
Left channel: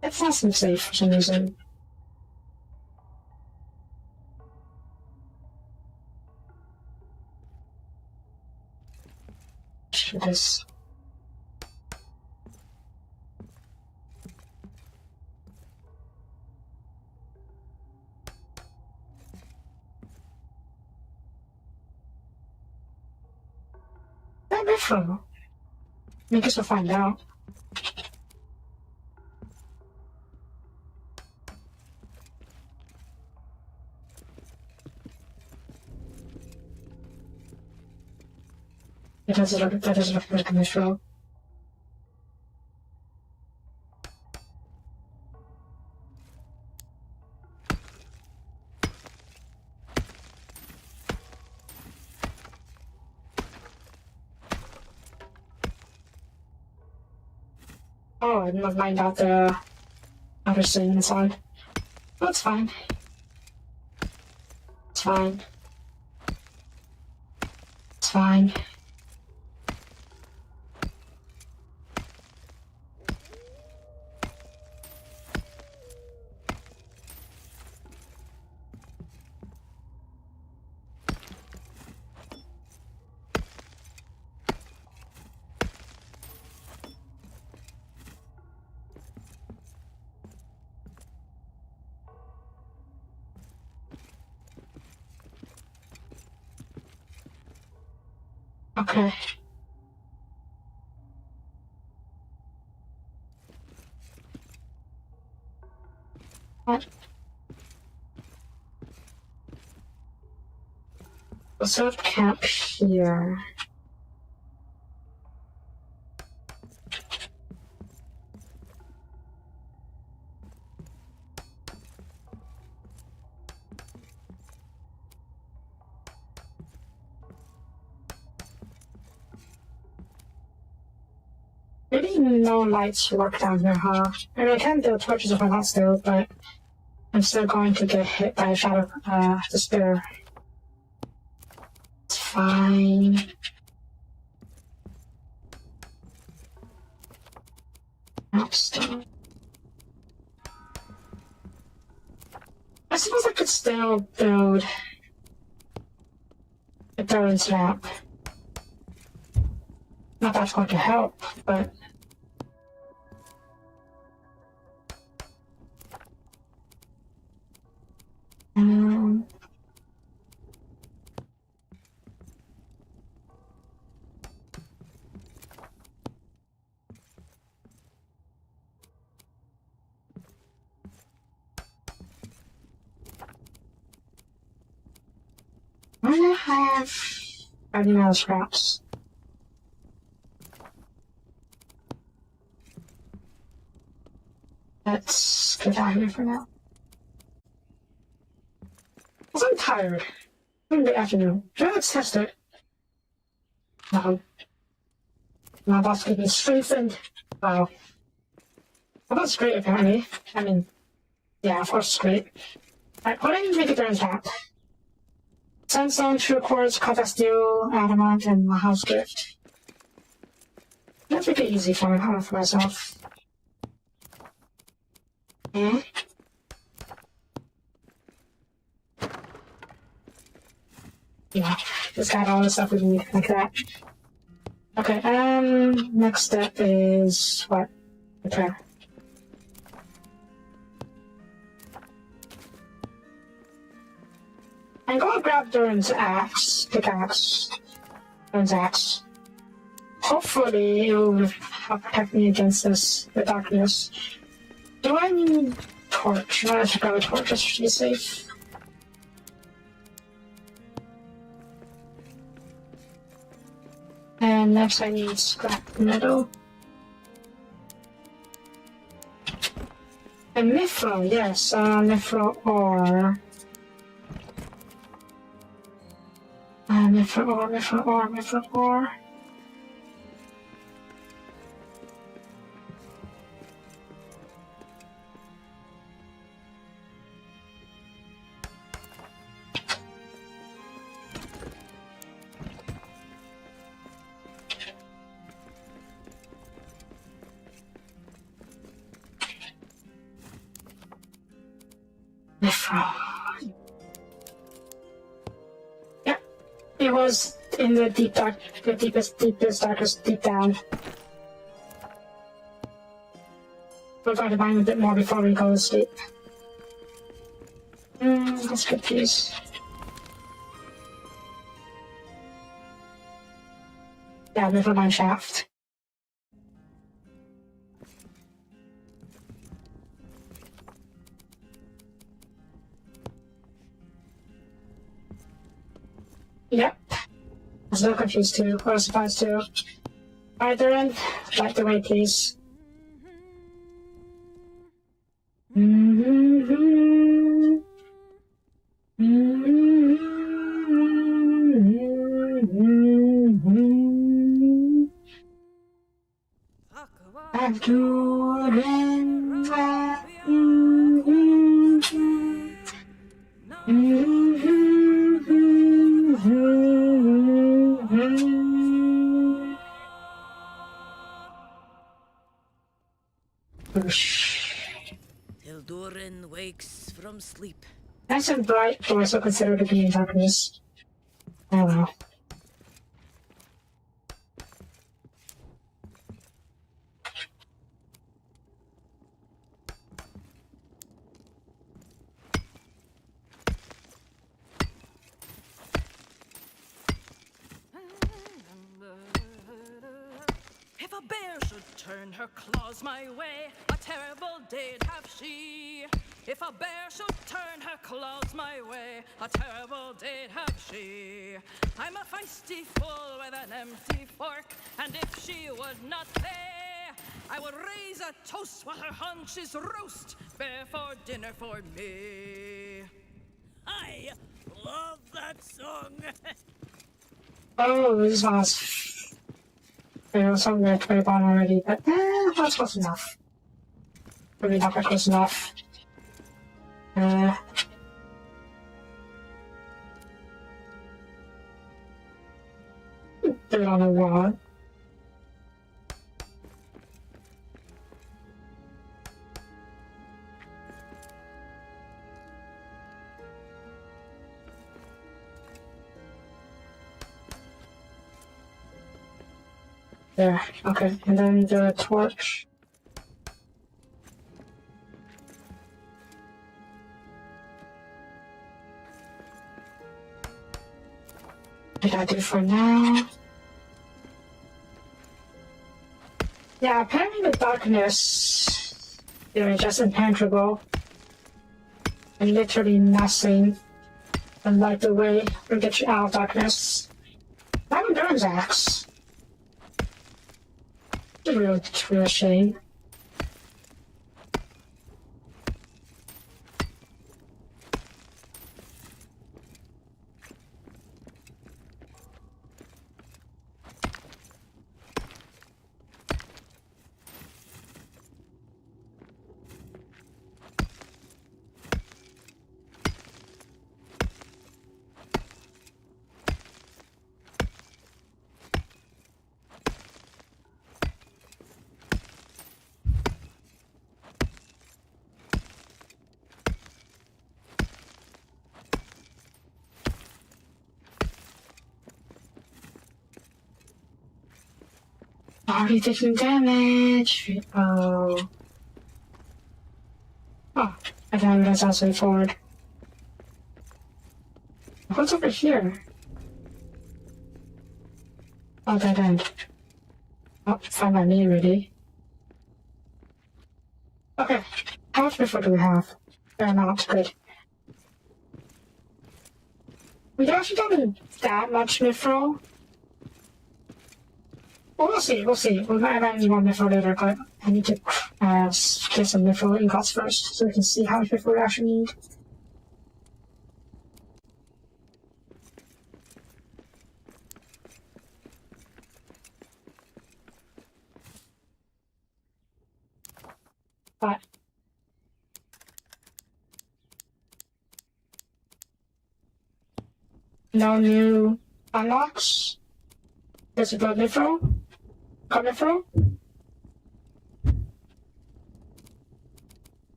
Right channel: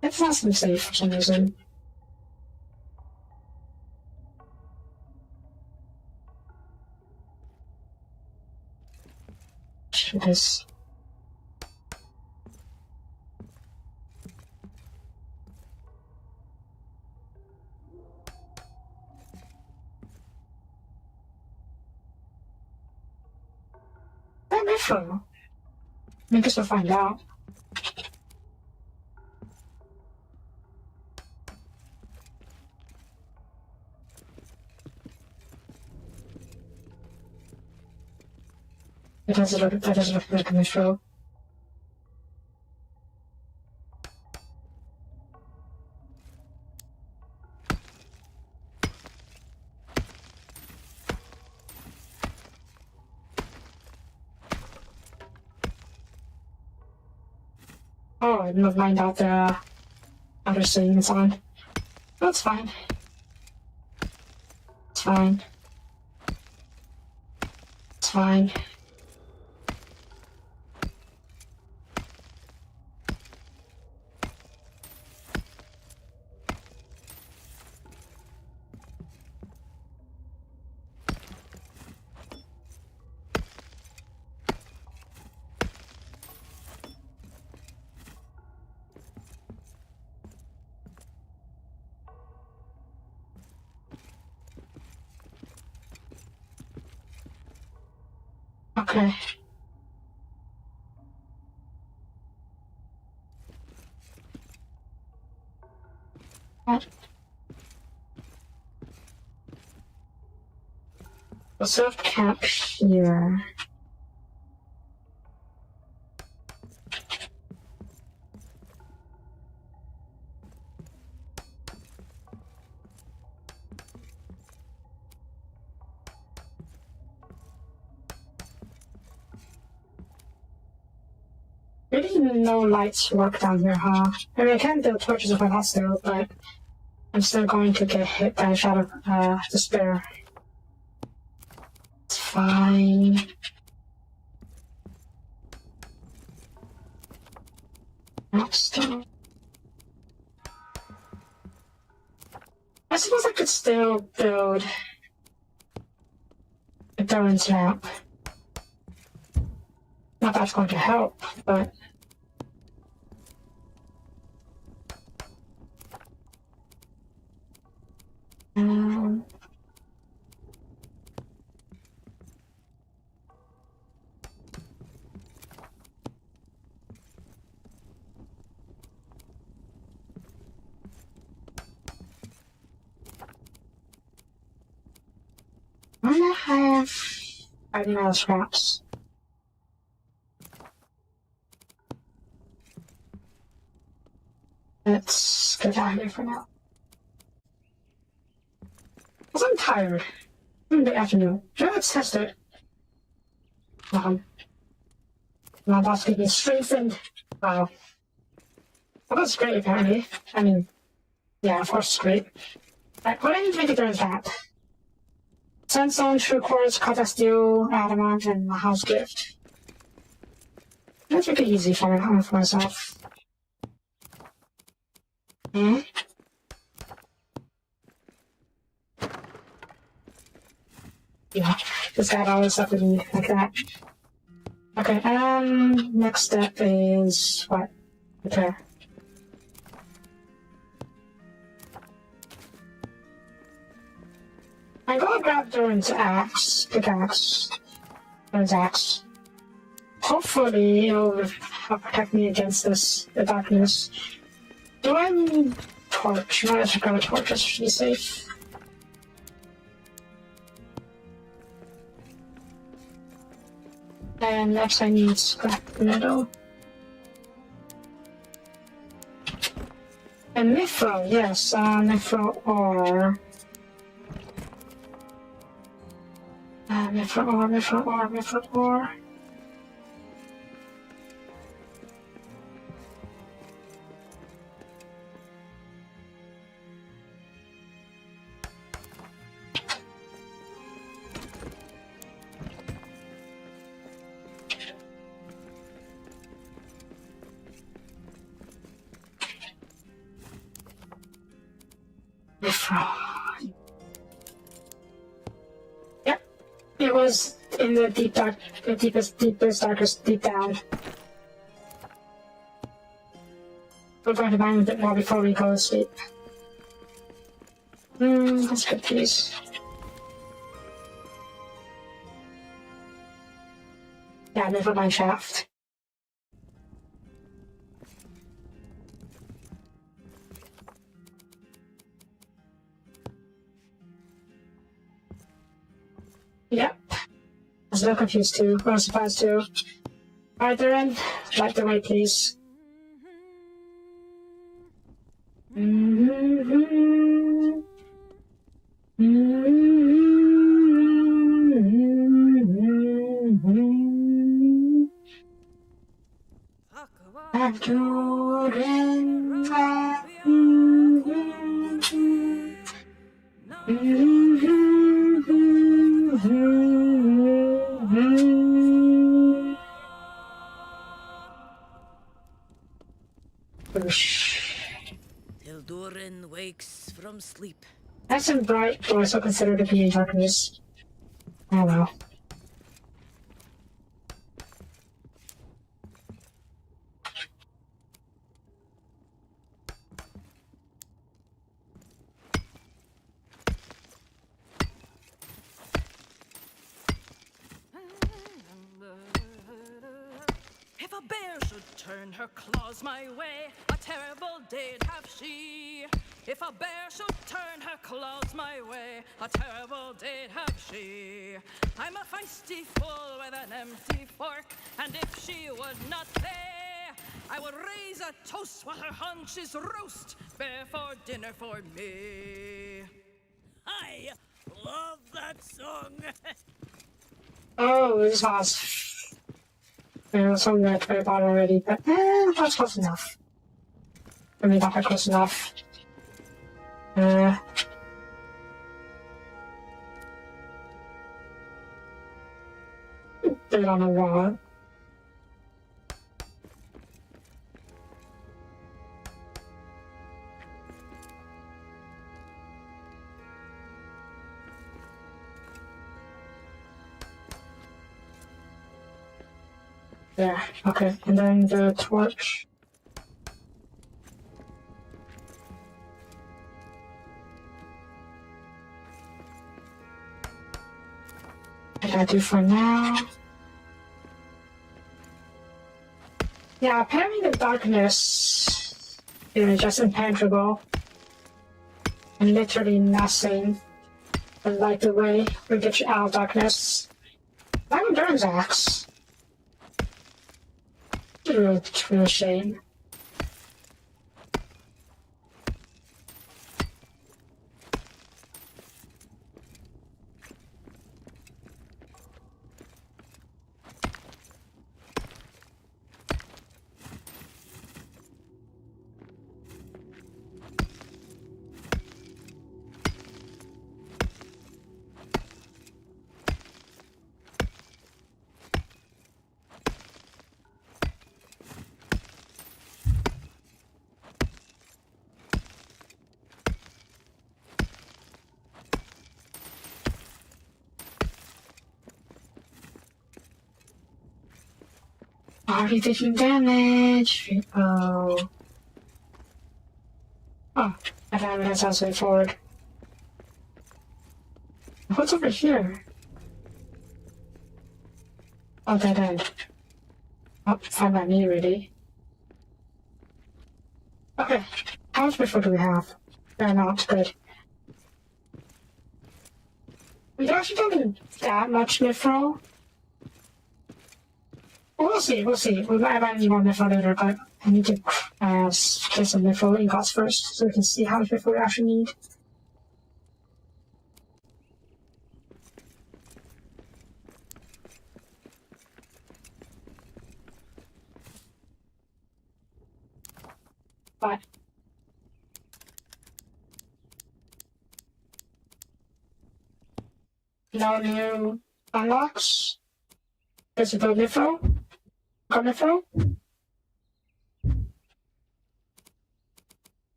It's not seem safe for some reason. Because where am I from? I guess we'll find out. That doesn't look like a mushroom. Oh, I didn't mind out the other scenes on. Oh, it's fine. It's fine. It's fine. Okay. What? We'll sort of camp here. Maybe no lights work down here, huh? I mean, I can build torches if I'm not still, but I'm still going to get hit by a shadow despair. It's fine. Nope, still. I suppose I could still build a Darren's lamp. Not that's going to help, but I have no scraps. Let's get out of here for now. Because I'm tired. It's the afternoon. Let's test it. My boss could be strengthened. Wow. Well, that's great, apparently. I mean, yeah, of course it's great. Alright, what do you make it there in that? Sandstone, true quartz, copper steel, adamant, and my house gift. Let's make it easy for me, coming for myself. Eh? Yeah, just got all the stuff we need like that. Okay, next step is what? Repair. I'm gonna grab Durin's pickaxe. Durin's axe. Hopefully it'll protect me against the darkness. Do I need torch? No, I should grab a torch just to be safe. And next I need scrap metal. And mithril, yes, mithril ore. Mithril ore. Yep, it was in the deepest, darkest, deep down. We're going to mine a bit more before we go to sleep. Let's get these. Yeah, never mind shaft. Yep. I was so confused too. I was surprised too. Alright, Darren. Light the way, please. Till Durin wakes from sleep. Nice and bright, but I still consider it to be in darkness. I don't know. If a bear should turn her claws my way, a terrible day'd have she. If a bear should turn her claws my way, a terrible day'd have she. I'm a feisty fool with an empty fork, and if she would not play, I would raise a toast while her haunches roast, bear for dinner for me. I love that song. Oh, this was know, some at the very bottom already, but that's close enough. Maybe not quite close enough. They're on the wall. There, okay, and then the torch. What I do for now? Yeah, apparently the darkness is just impenetrable. And literally nothing can light the way or get you out of darkness. I'm Durham's axe. It's really a shame. Already taking damage. Oh. Oh, I found that's also forward. What's over here? Oh, dead end. Oh, found my knee already. Okay, how much before do we have? Fair amount, good. We actually don't need that much mithril. Well, we'll see, we'll see. We might have any more mithril later, but I need to get some mithril ingots first so we can see how much mithril we actually need. But no new unlocks. There's a blood mithril. Coming from?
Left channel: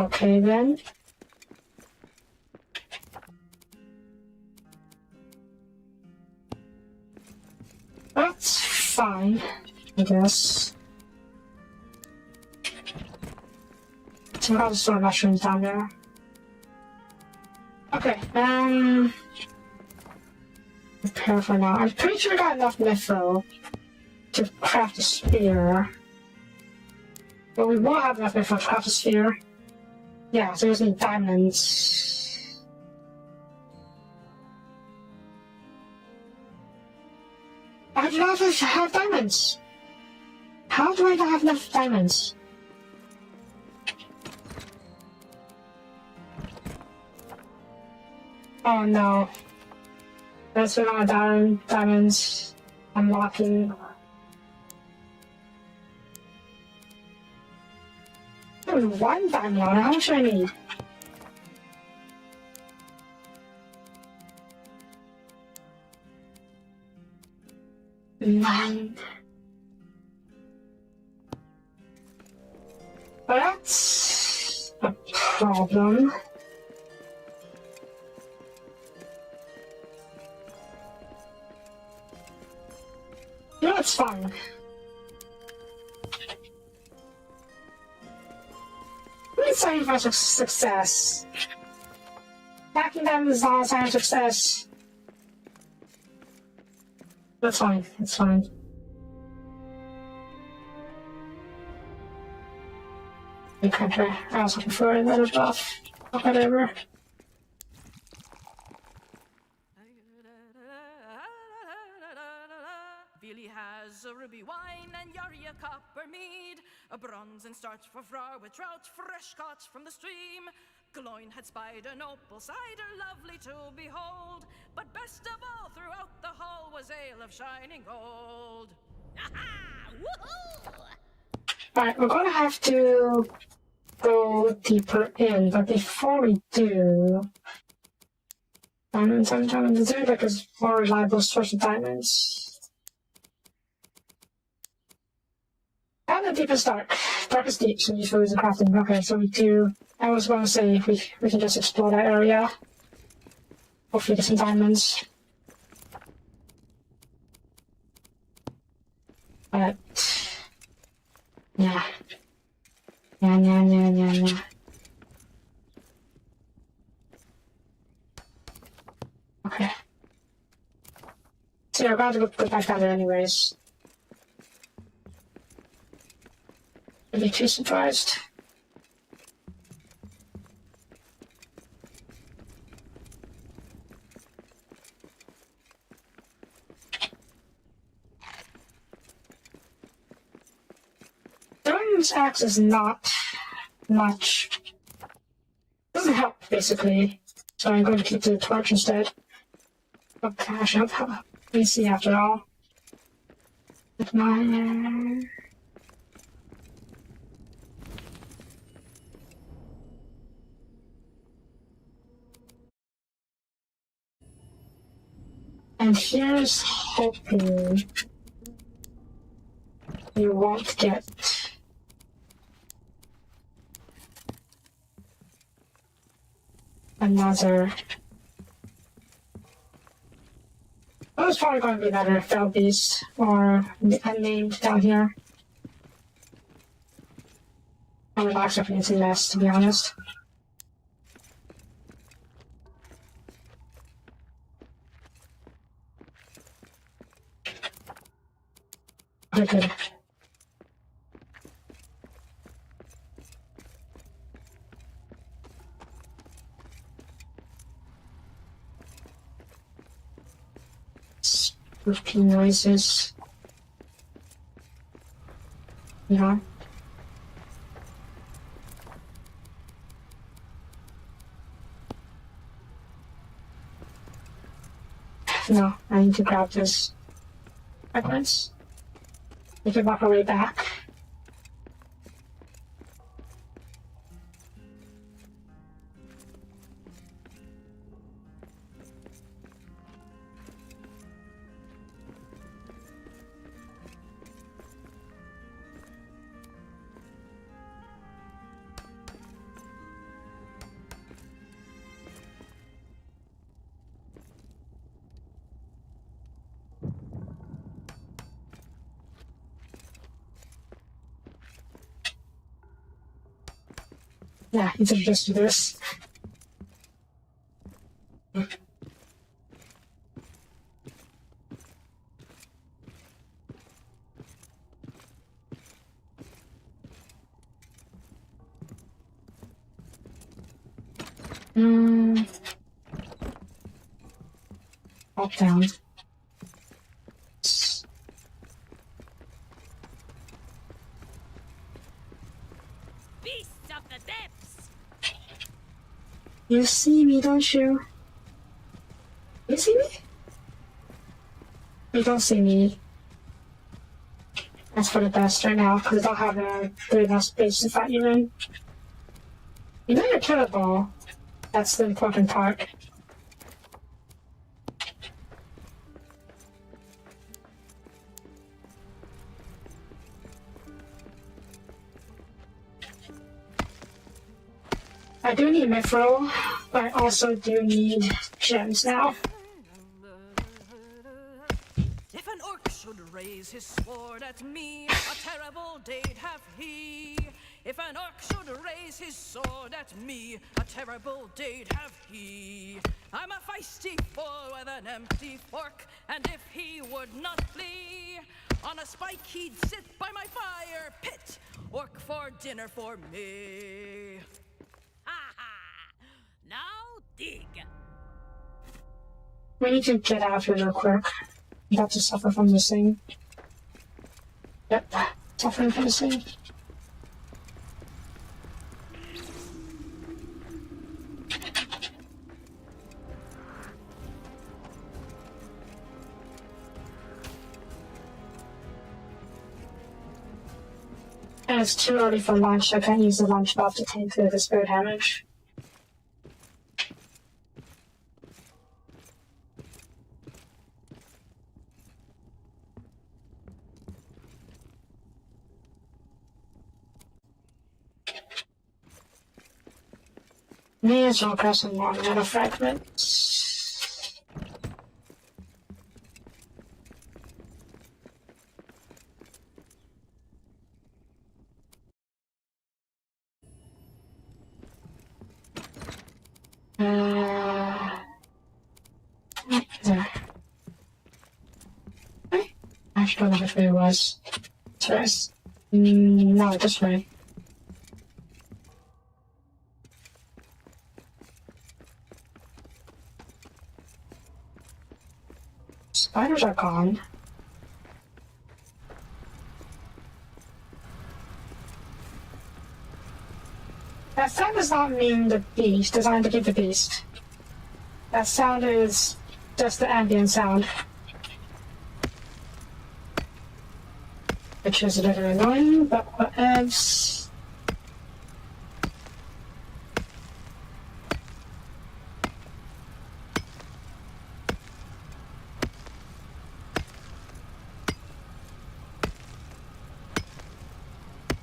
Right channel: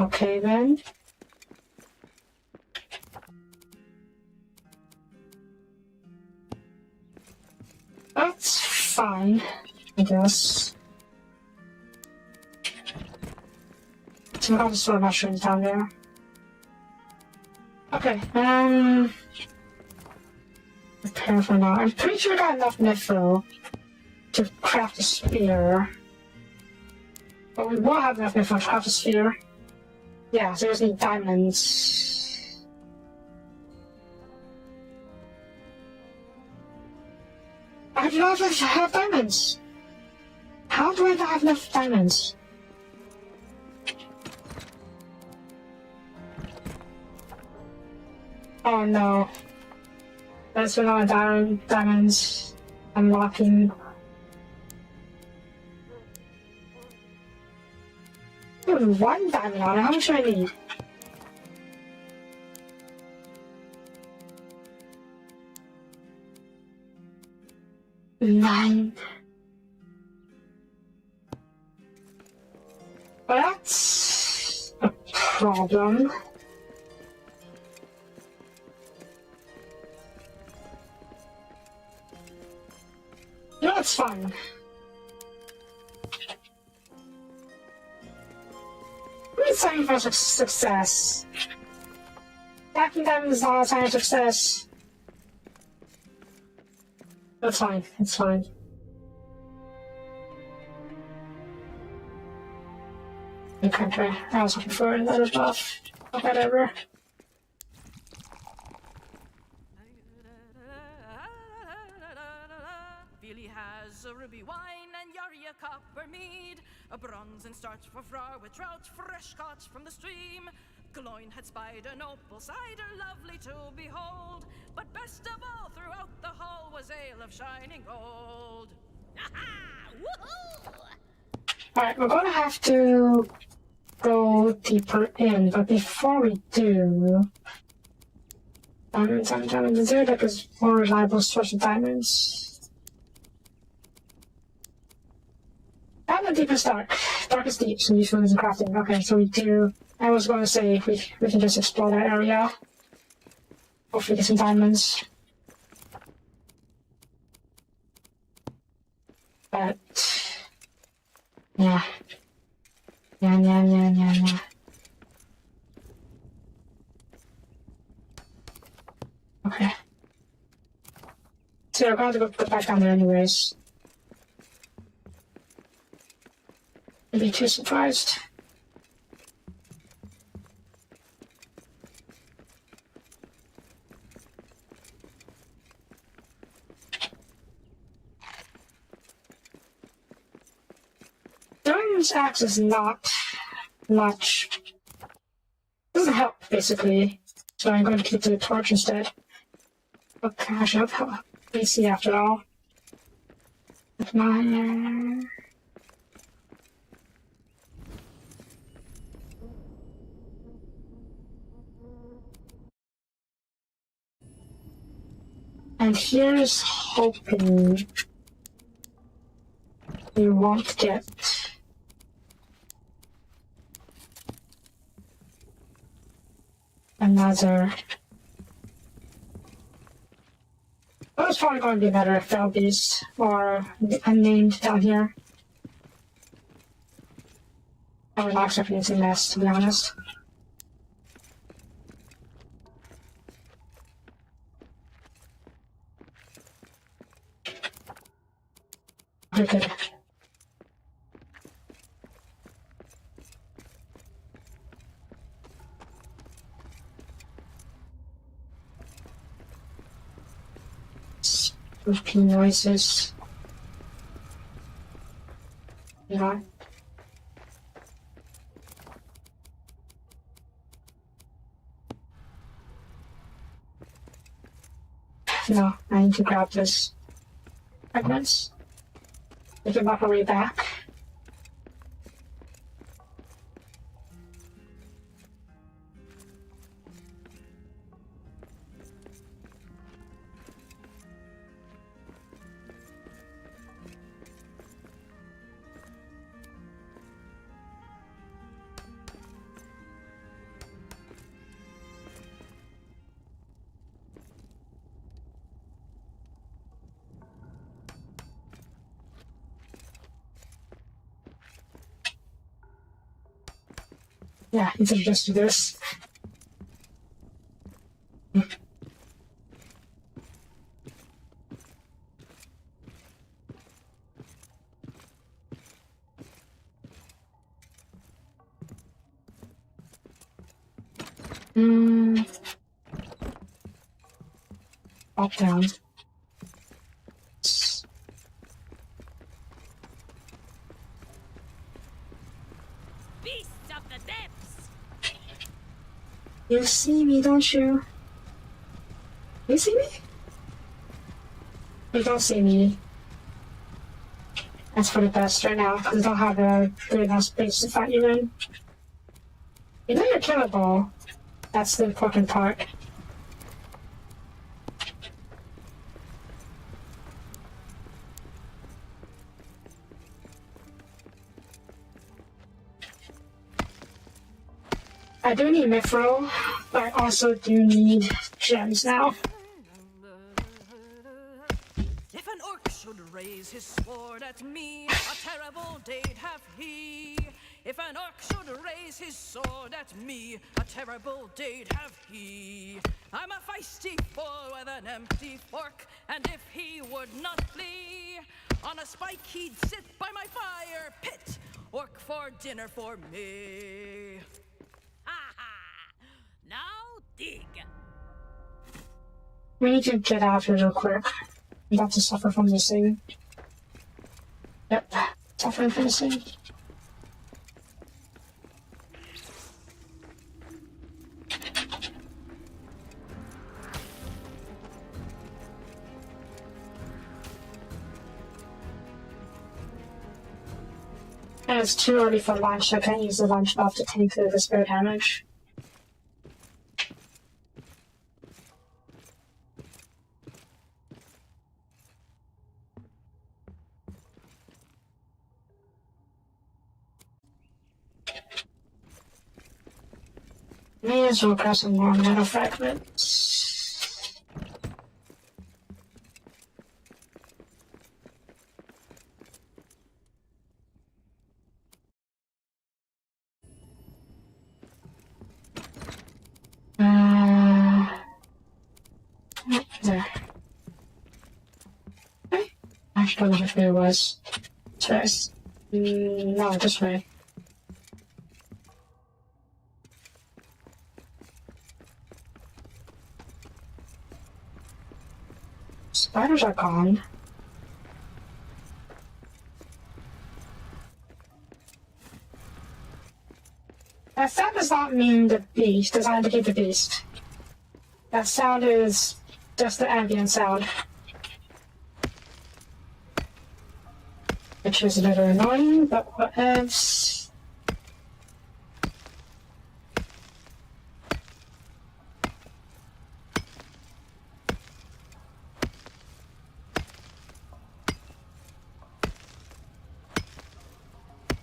Okay then. That's fine, I guess. So I'll just throw mushrooms down there. Okay, prepare for now. I'm pretty sure I got enough mithril to craft a spear. But we won't have enough mithril to craft a spear. Yeah, so we just need diamonds. I do not have diamonds. How do I not have enough diamonds? Oh no. That's another diamonds unlocking. Ooh, one diamond on. How much do I need? Nine. Well, that's a problem. No, it's fine. Let's say for success. Backing down is not a sign of success. That's fine, it's fine. Okay, I was looking for that above. Whatever. Billy has a ruby wine and Yari a copper mead, a bronze and starch for frower with trout fresh caught from the stream. Gloin had spied an opal cider lovely to behold, but best of all throughout the hall was ale of shining gold. Aha! Woohoo! Alright, we're gonna have to go deeper in, but before we do, diamonds, is there like a more reliable source of diamonds? And the deepest darkest deep, so useful is the crafting. Okay, so we do. I was going to say we can just explore that area. Hopefully get some diamonds. But yeah. Okay. So we're going to go back down there anyways. I'd be too surprised. Doing this axe is not much. Doesn't help, basically. So I'm going to keep the torch instead. Oh, cash up. PC after all. With my. And here's hoping we won't get another. Well, it's probably going to be another fell beast or unnamed down here. I would not expect anything less, to be honest. Okay, good. Repeat noises. You know? No, I need to grab this fragments. We can walk our way back. Yeah, you could just do this. Up, down. Beasts of the depths! You see me, don't you? You see me? You don't see me. That's for the best right now, because I don't have a good enough space to fight you in. You know you're killable. That's the important part. I do need mithril, but I also do need gems now. If an orc should raise his sword at me, a terrible day'd have he. If an orc should raise his sword at me, a terrible day'd have he. I'm a feisty fool with an empty fork, and if he would not flee, on a spike he'd sit by my fire pit, orc for dinner for me. Ha ha! Now dig! We need to get out here real quick. I'm about to suffer from this thing. Yep, suffering from this thing. And it's too early for lunch. I can't use the lunch buff to take the despair damage. May as well grab some more metal fragments. There. I actually don't know which way it was. Serious. No, this way. Spiders are gone. That sound does not mean the beast, does not indicate the beast. That sound is just the ambient sound. Which is a little annoying, but what else?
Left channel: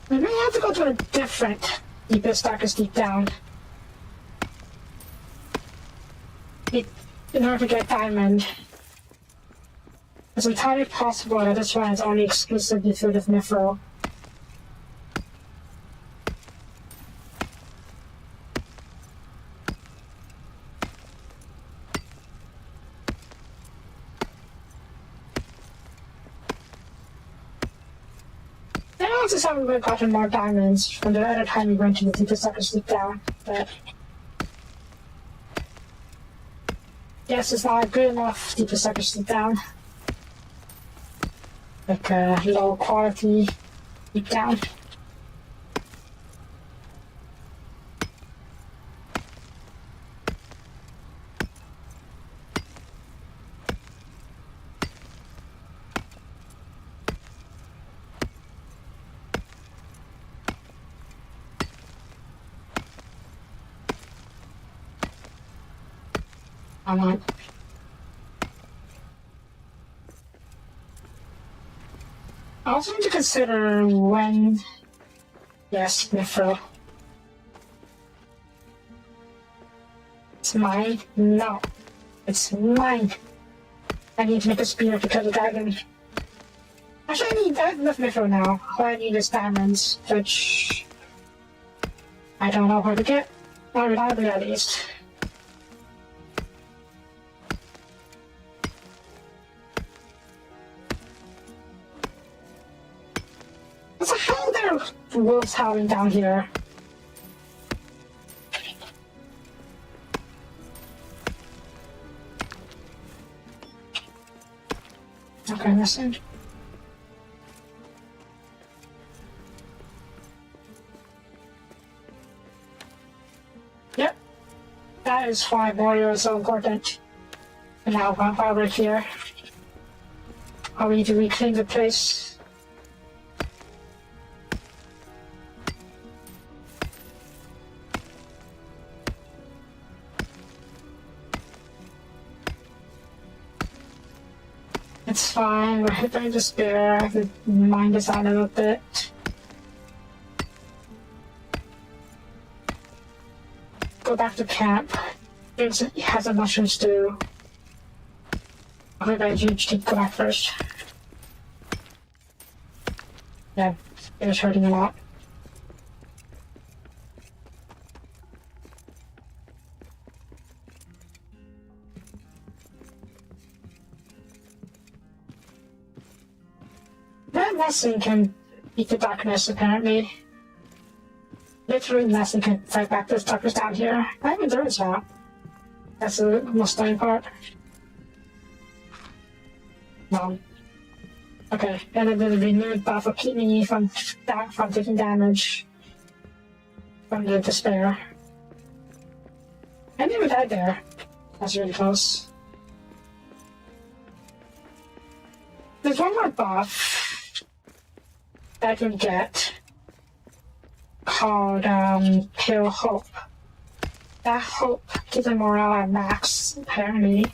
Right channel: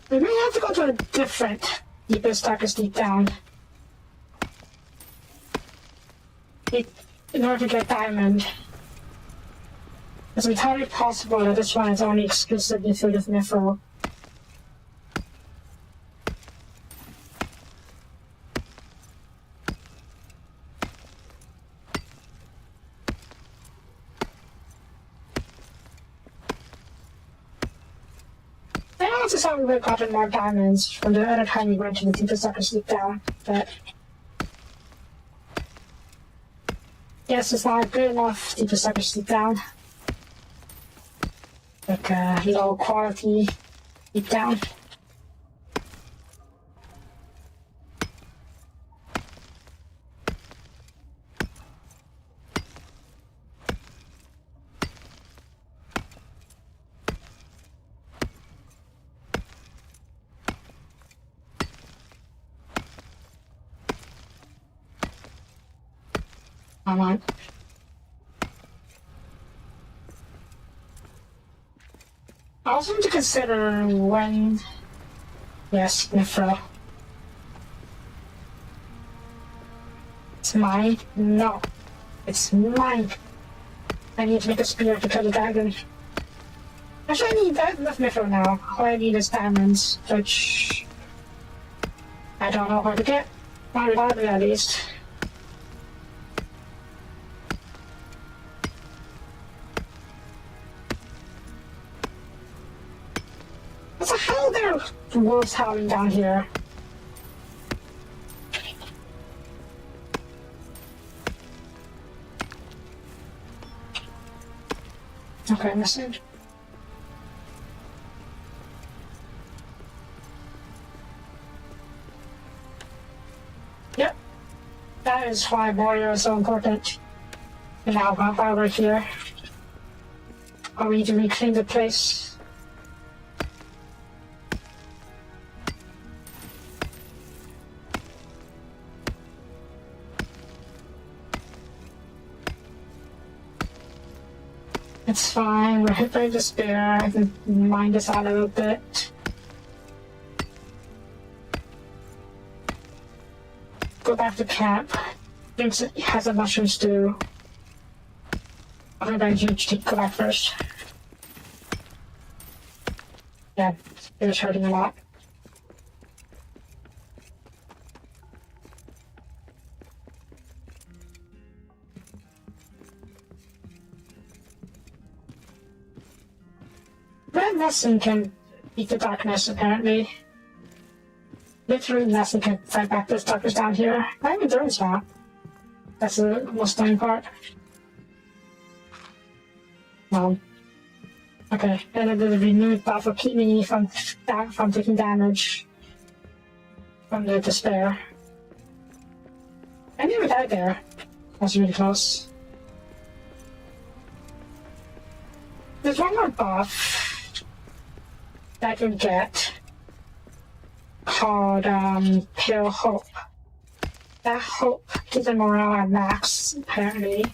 We may have to go to a different deepest, darkest deep down. In order to get diamond. It's entirely possible that this one is only exclusively filled with mithril. Then also saw we would have gotten more diamonds from the other time we went to the deepest darkest deep down, but guess it's not good enough deepest darkest deep down. Like a low quality deep down. Come on. I also need to consider when. Yes, mithril. It's mine? No. It's mine. I need to make a spear to kill the dragon. Actually, I need that with mithril now. All I need is diamonds, which I don't know where to get. Not reliably, at least. What the hell there are wolves howling down here? Okay, missing. Yep. That is why Moria is so important. Now, while we're here, I need to reclaim the place. It's fine, we're hit by despair. I can mind this out a little bit. Go back to camp. Thinks it has a mushroom stew. I'll be very huge to go back first. Yeah, it was hurting a lot. That lesson can beat the darkness, apparently. Literally, lesson can fight back this darkness down here. Not even through its map. That's the most stunning part. Okay, and it will renewed buff will keep me from taking damage from the despair. I never died there. That's really close. There's one more buff that I can get called Pale Hope. That hope keeps the morale at max, apparently.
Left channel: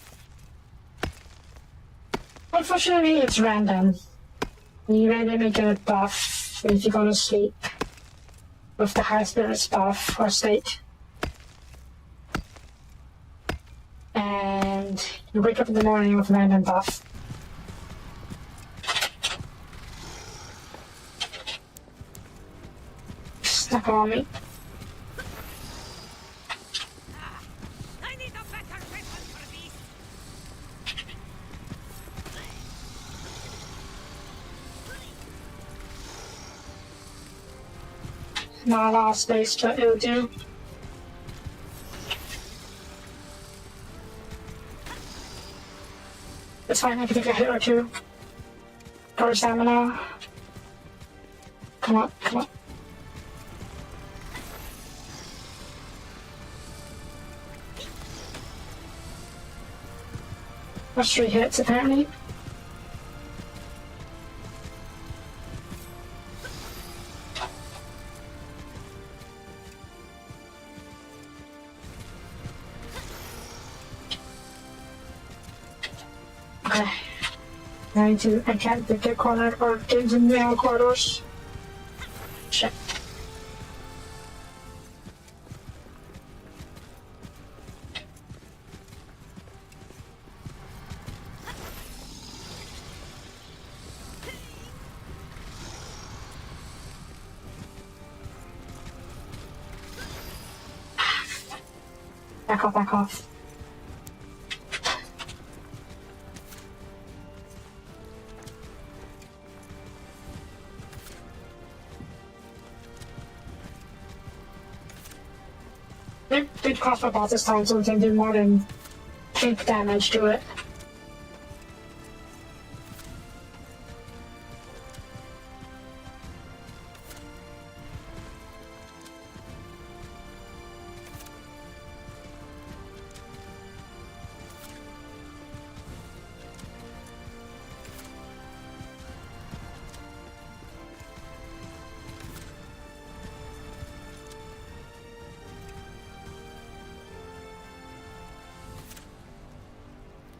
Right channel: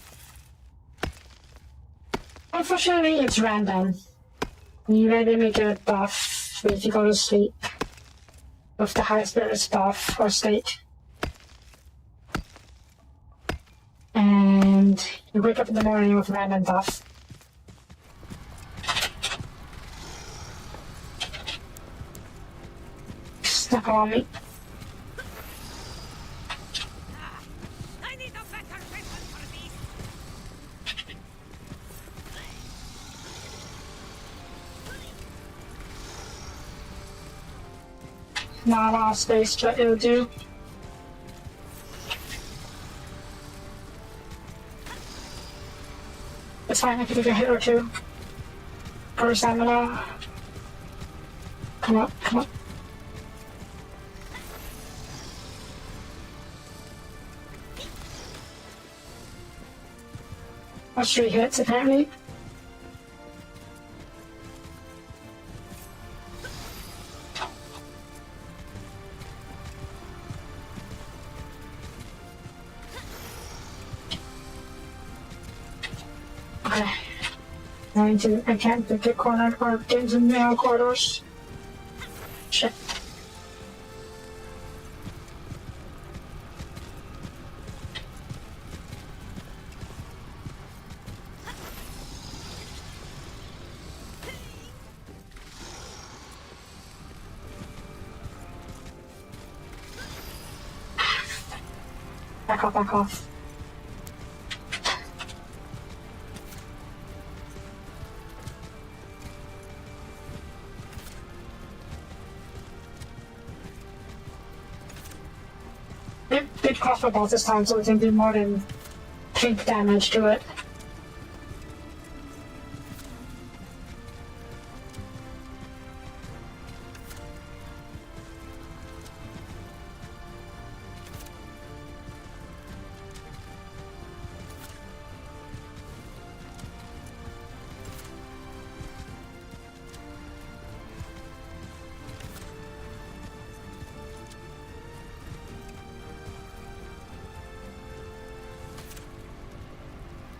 Unfortunately, it's random. You randomly get a buff if you go to sleep with the high spirits buff or state. And you wake up in the morning with a random buff. Snuck on me. I need a better weapon for these. Not a lot of space, but it'll do. It's fine, I can take a hit or two. Or stamina. Come on, come on. That's 3 hits, apparently. Okay. I can't get cornered or get into narrow corridors. Shit. Back off, back off. Did crossbow boss this time, so we can do more than pink damage to it.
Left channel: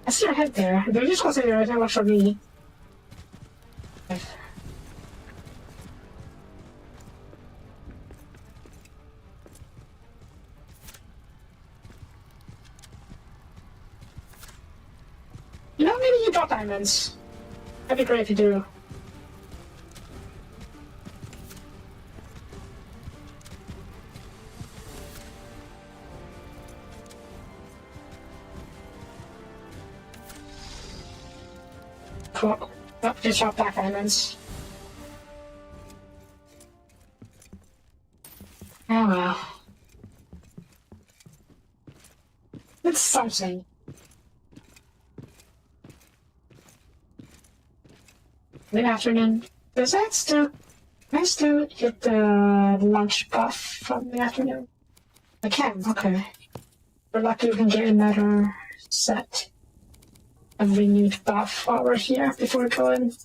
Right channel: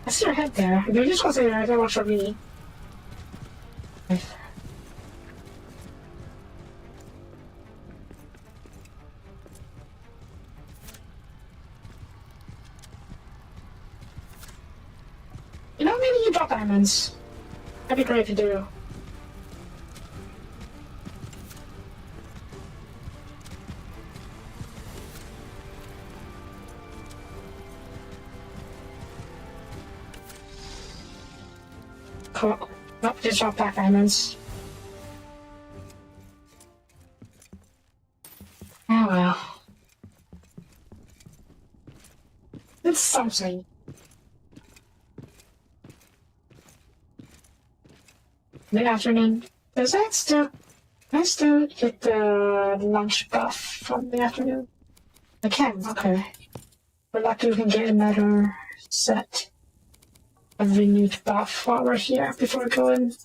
I see your head there. They're just gonna say your head works for me. You know, maybe you drop diamonds. That'd be great to do. Cool. Oh, just drop back diamonds. Oh well. It's something. The afternoon. Does that still... Can I still get the lunch buff from the afternoon? I can, okay. We're lucky we can get another set of renewed buff while we're here before we go in.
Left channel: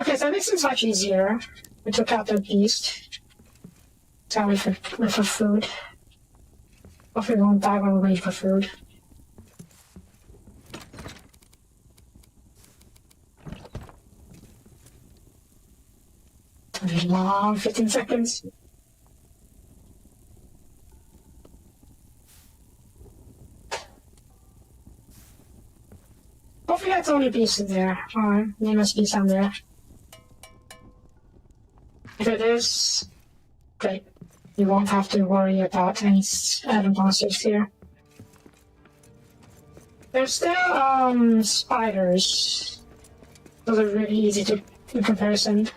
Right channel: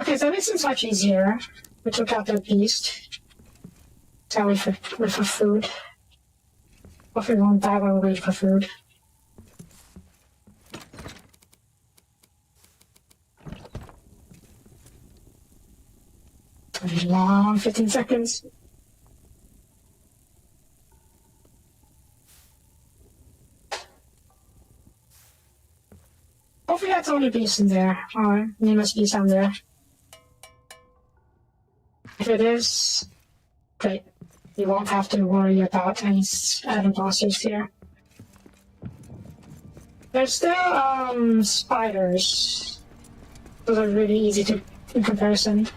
Okay, so this is much easier. We took out the beast. So we for food. Hopefully we won't die while we wait for food. It's gonna be long, 15 seconds. Hopefully that's the only beast in there. Alright, there must be some there. If it is, great. You won't have to worry about any other monsters here. There's still, spiders. Those are really easy to, in comparison.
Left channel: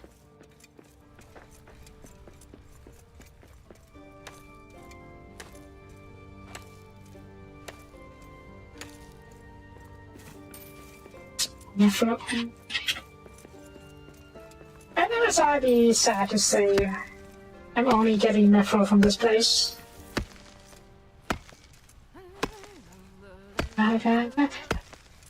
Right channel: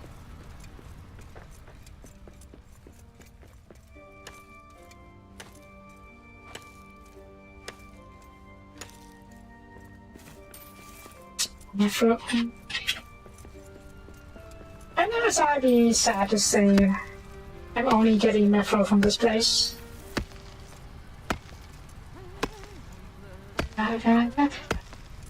Nephro. I never thought I'd be sad to say I'm only getting Nephro from this place.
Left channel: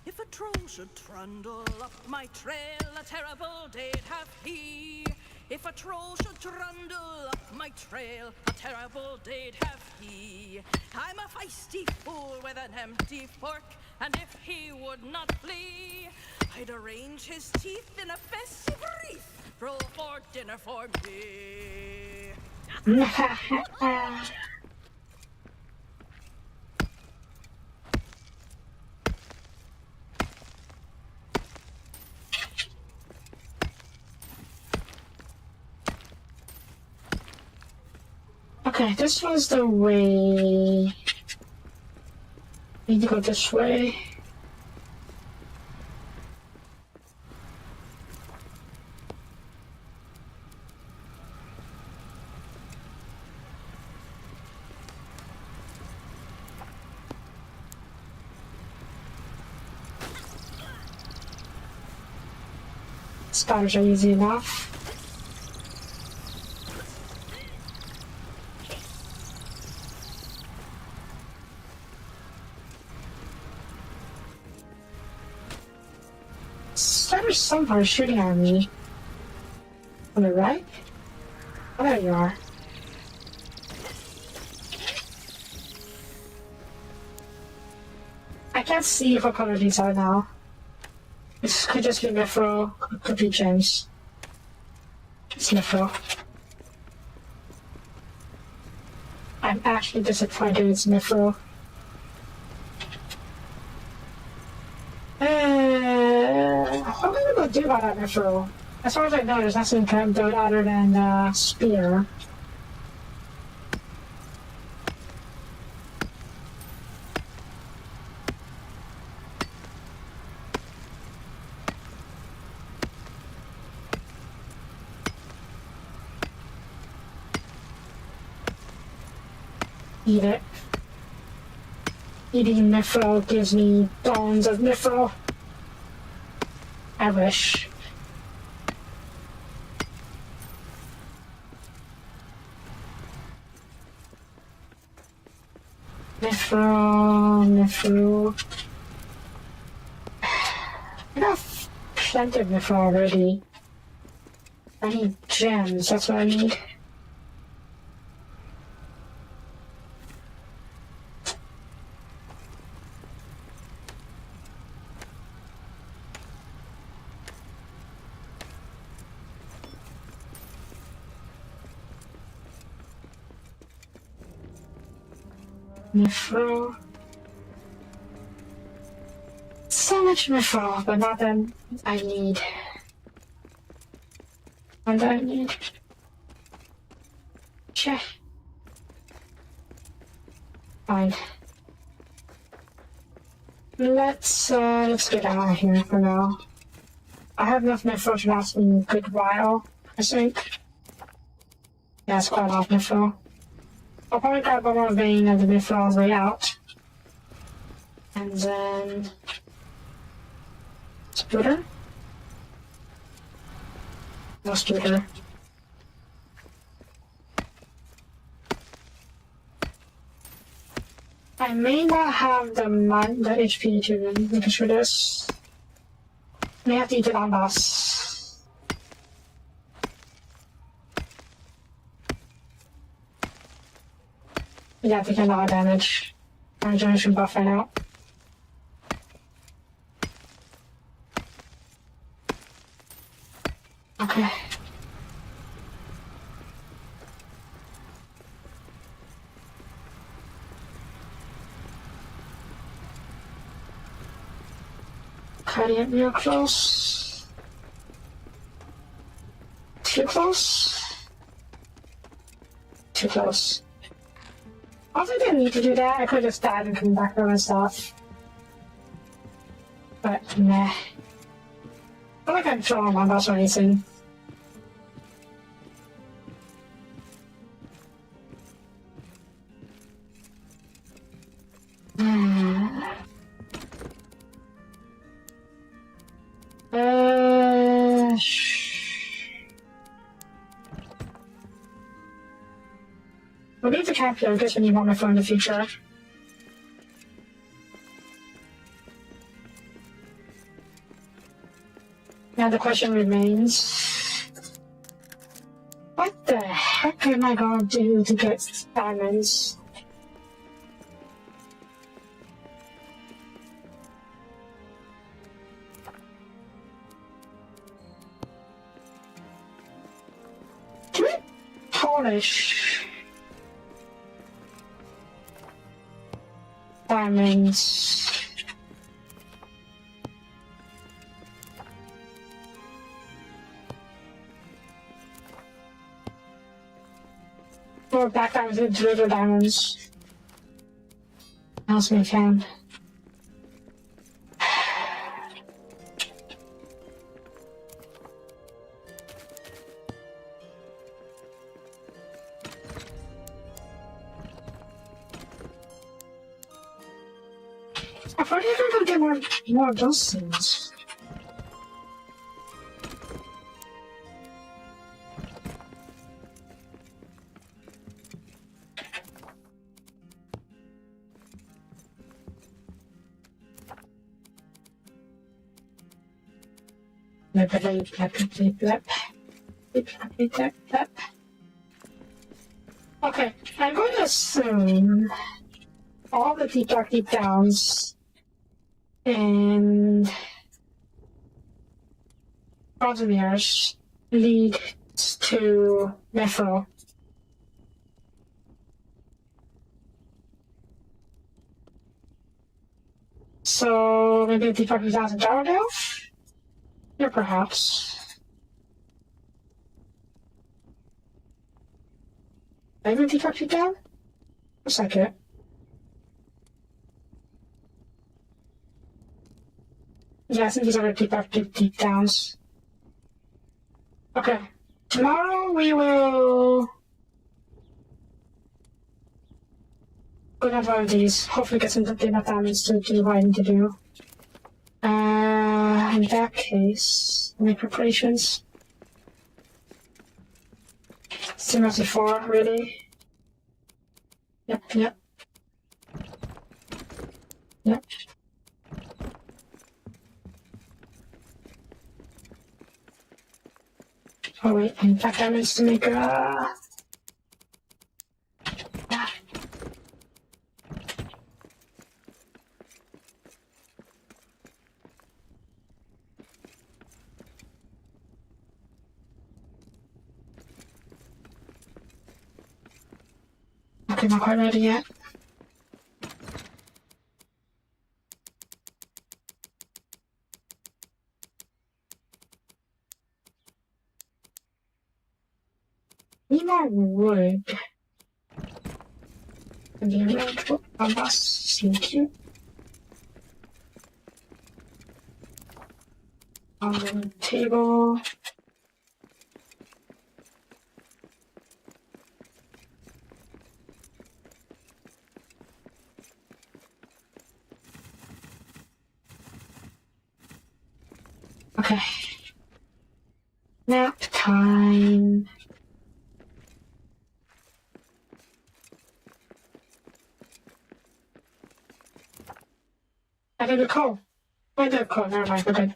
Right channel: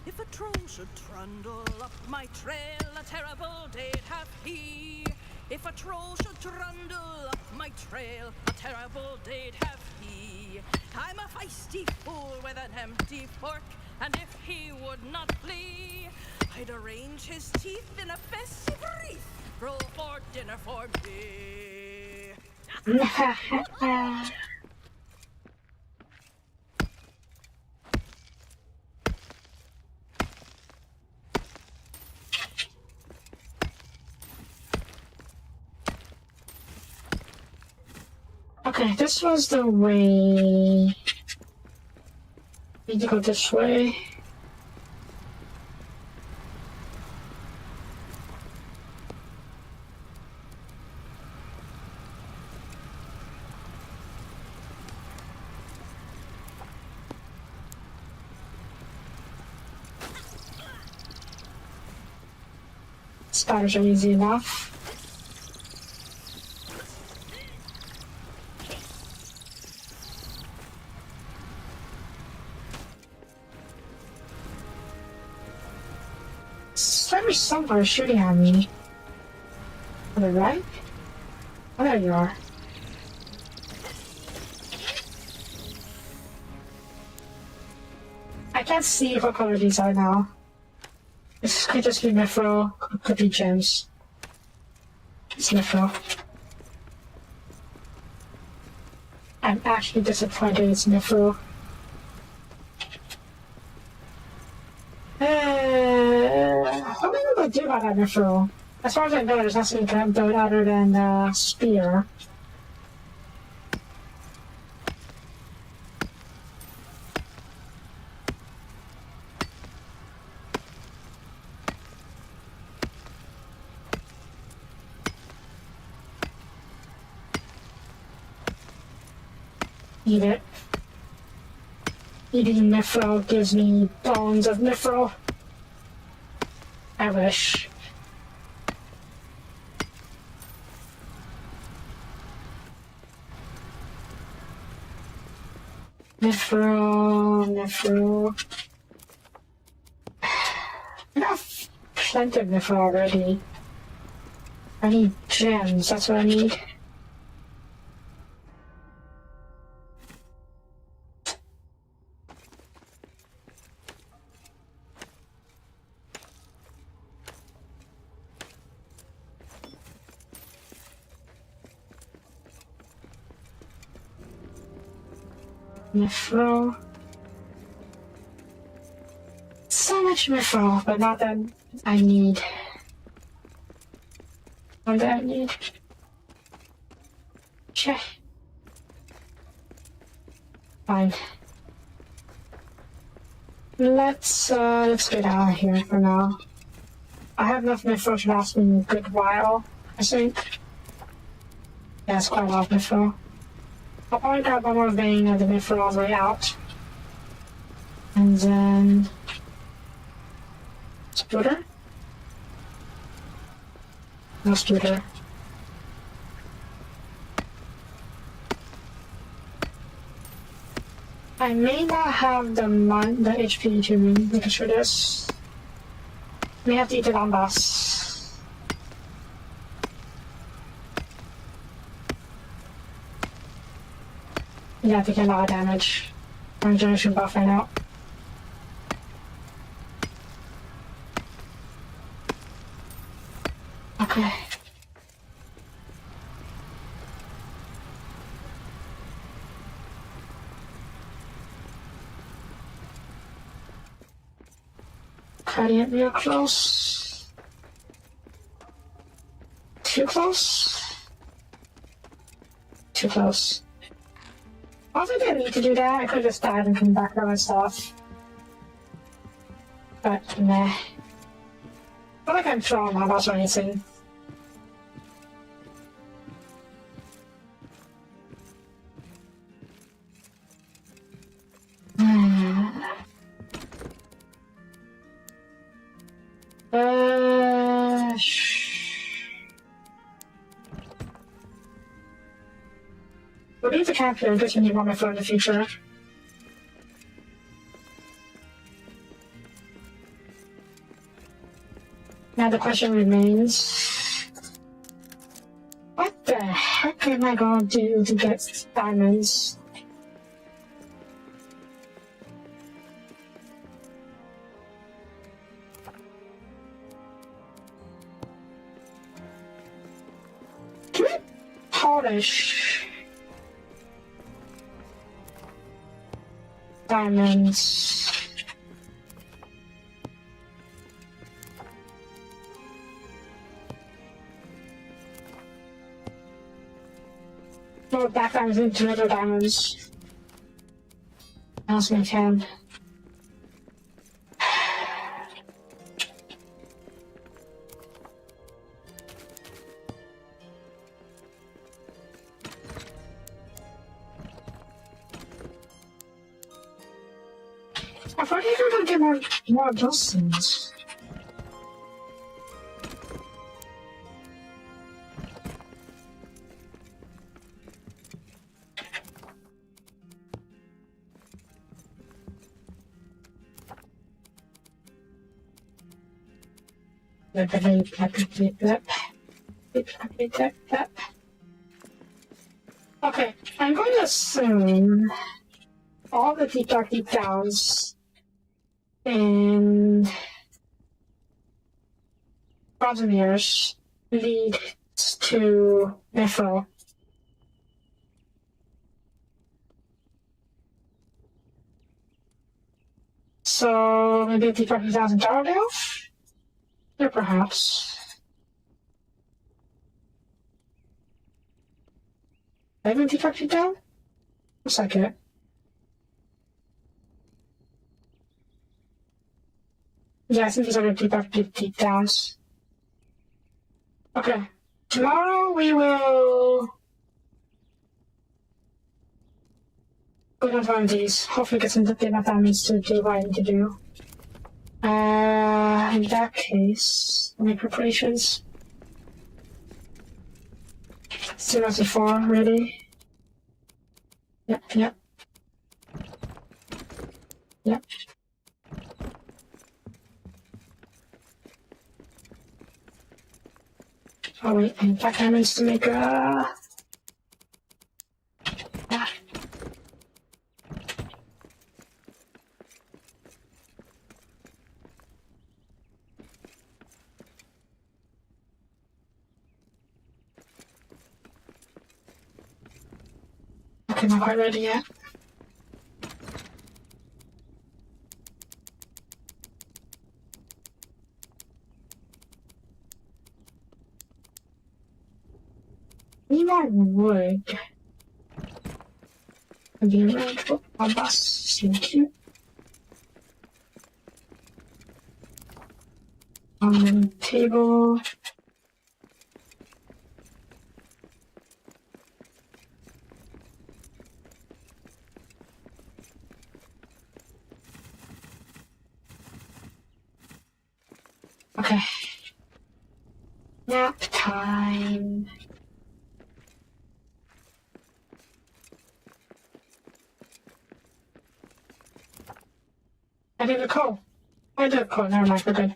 If a troll should trundle up my trail, a terrible day'd have he. If a troll should trundle up my trail, a terrible day'd have he. I'm a feisty fool with an empty fork, and if he would not flee, I'd arrange his teeth in a festive wreath, roll for dinner for me. Okay, this was the way. Need to go this way. Spiders are easy enough. There's someone shooting at me. On the right? Oh, there you are. I can't see what color these are now. This could just be Mithril, could be gems. It's Mithril. I'm actually disappointed it's Mithril. What are we gonna do about that Mithril? As far as I know, there's nothing kind of other than spear. Eat it. Eating Mithril gives me bones of Mithril. I wish. Mithril. I have plenty of Mithril already. I need gems, that's what I need. Mithril. So much Mithril, but not that I need. Not that I need. Check. Fine. Let's get out of here for now. I have enough Mithril to last me a good while, I think. Yeah, it's quite a lot of Mithril. I'll probably grab one more vein of the Mithril on the way out. And then... Splitter? No splitter. I may not have the HP to make sure this. We have to eat the long boss. Yeah, I think a lot of damage. My regeneration buff right now. Okay. Cutting it real close. Too close? Too close. I don't think I need to do that. I could have just died and come back for stuff. But nah. I feel like I'm throwing bombs or anything. We'll leave the camp here in case we need one more in the future. question remains: what the heck am I gonna do to get diamonds? Can we polish diamonds? Or back diamonds into little diamonds. As we can. I thought you were gonna get more of those things. Okay, I'm going to assume all the deep downs and Bosnians lead to Nephro. So maybe deep dark deep downs in Jarrdale? Or perhaps. Maybe deep dark deep down? Looks like it. Yeah, I think these are deep downs. Okay. Tomorrow we will go down to one of these. Hopefully get some data diamonds to do what I need to do. In that case, make preparations. Still not before, really. Yep. Oh wait, and black diamonds to make Okay, not quite ready yet. Need more wood. And the red a bus sneaker. On the table. Okay. Nap time. I did a call. Never mind, we're good.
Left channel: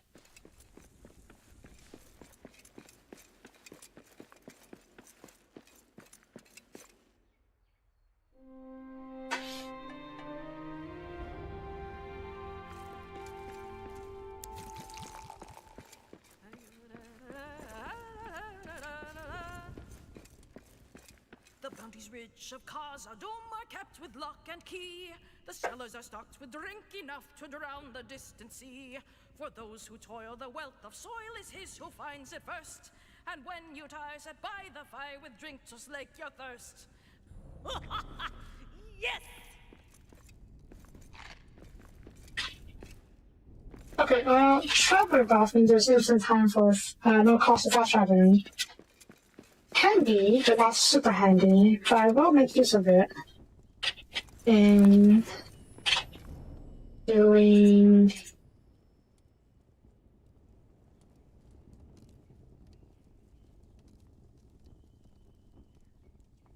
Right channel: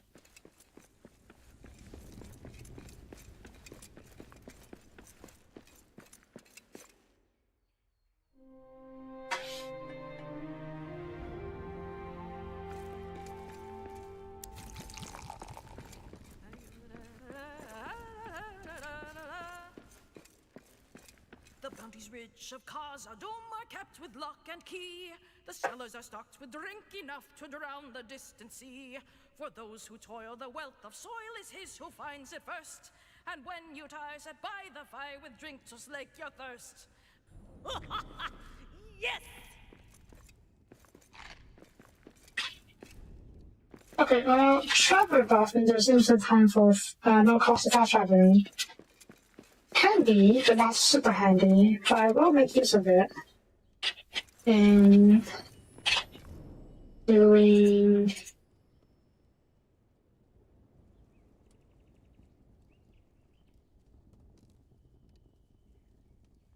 The bounties rich of Khazad-dûm are kept with lock and key. The cellars are stocked with drink enough to drown the distant sea. For those who toil, the wealth of soil is his who finds it first. And when you tire, set by the fire with drink to slake your thirst. Yes! Okay, traveler dolphin, there's instant time for no cost of fast traveling. Handy, but not super handy, but I will make use of it. And doing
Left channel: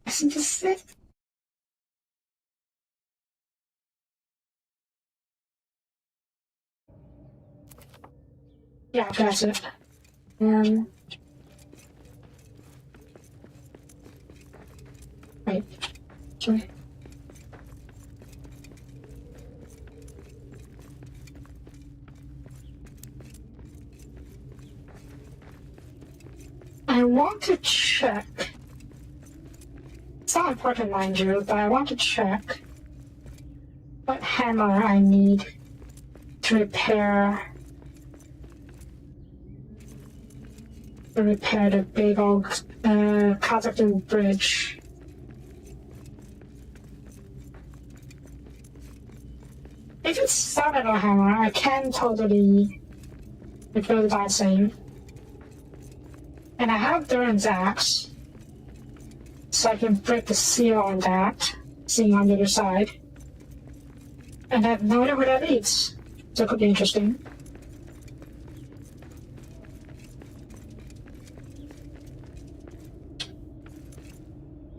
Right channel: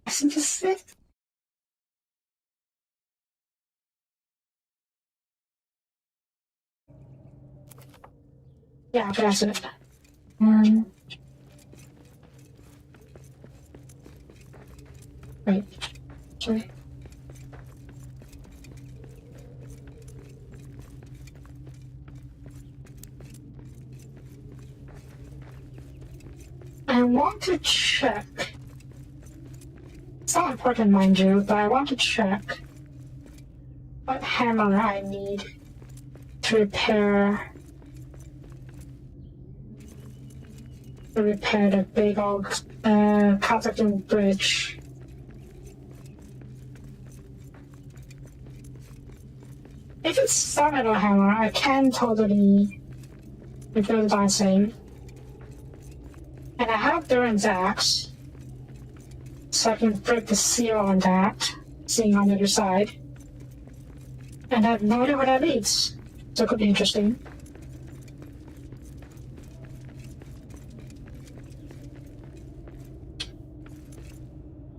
I think this is it. Yeah, that's it. And wait, sorry. I want to check. It's not important, mind you, but I want to check what hammer I need to repair the big old Kazakhstan bridge. If it's Sun Metal Hammer, I can totally rebuild my save. And I have Duran's axe, so I can break the seal on that, seeing on the other side. And I have no idea where that leads, so it could be interesting.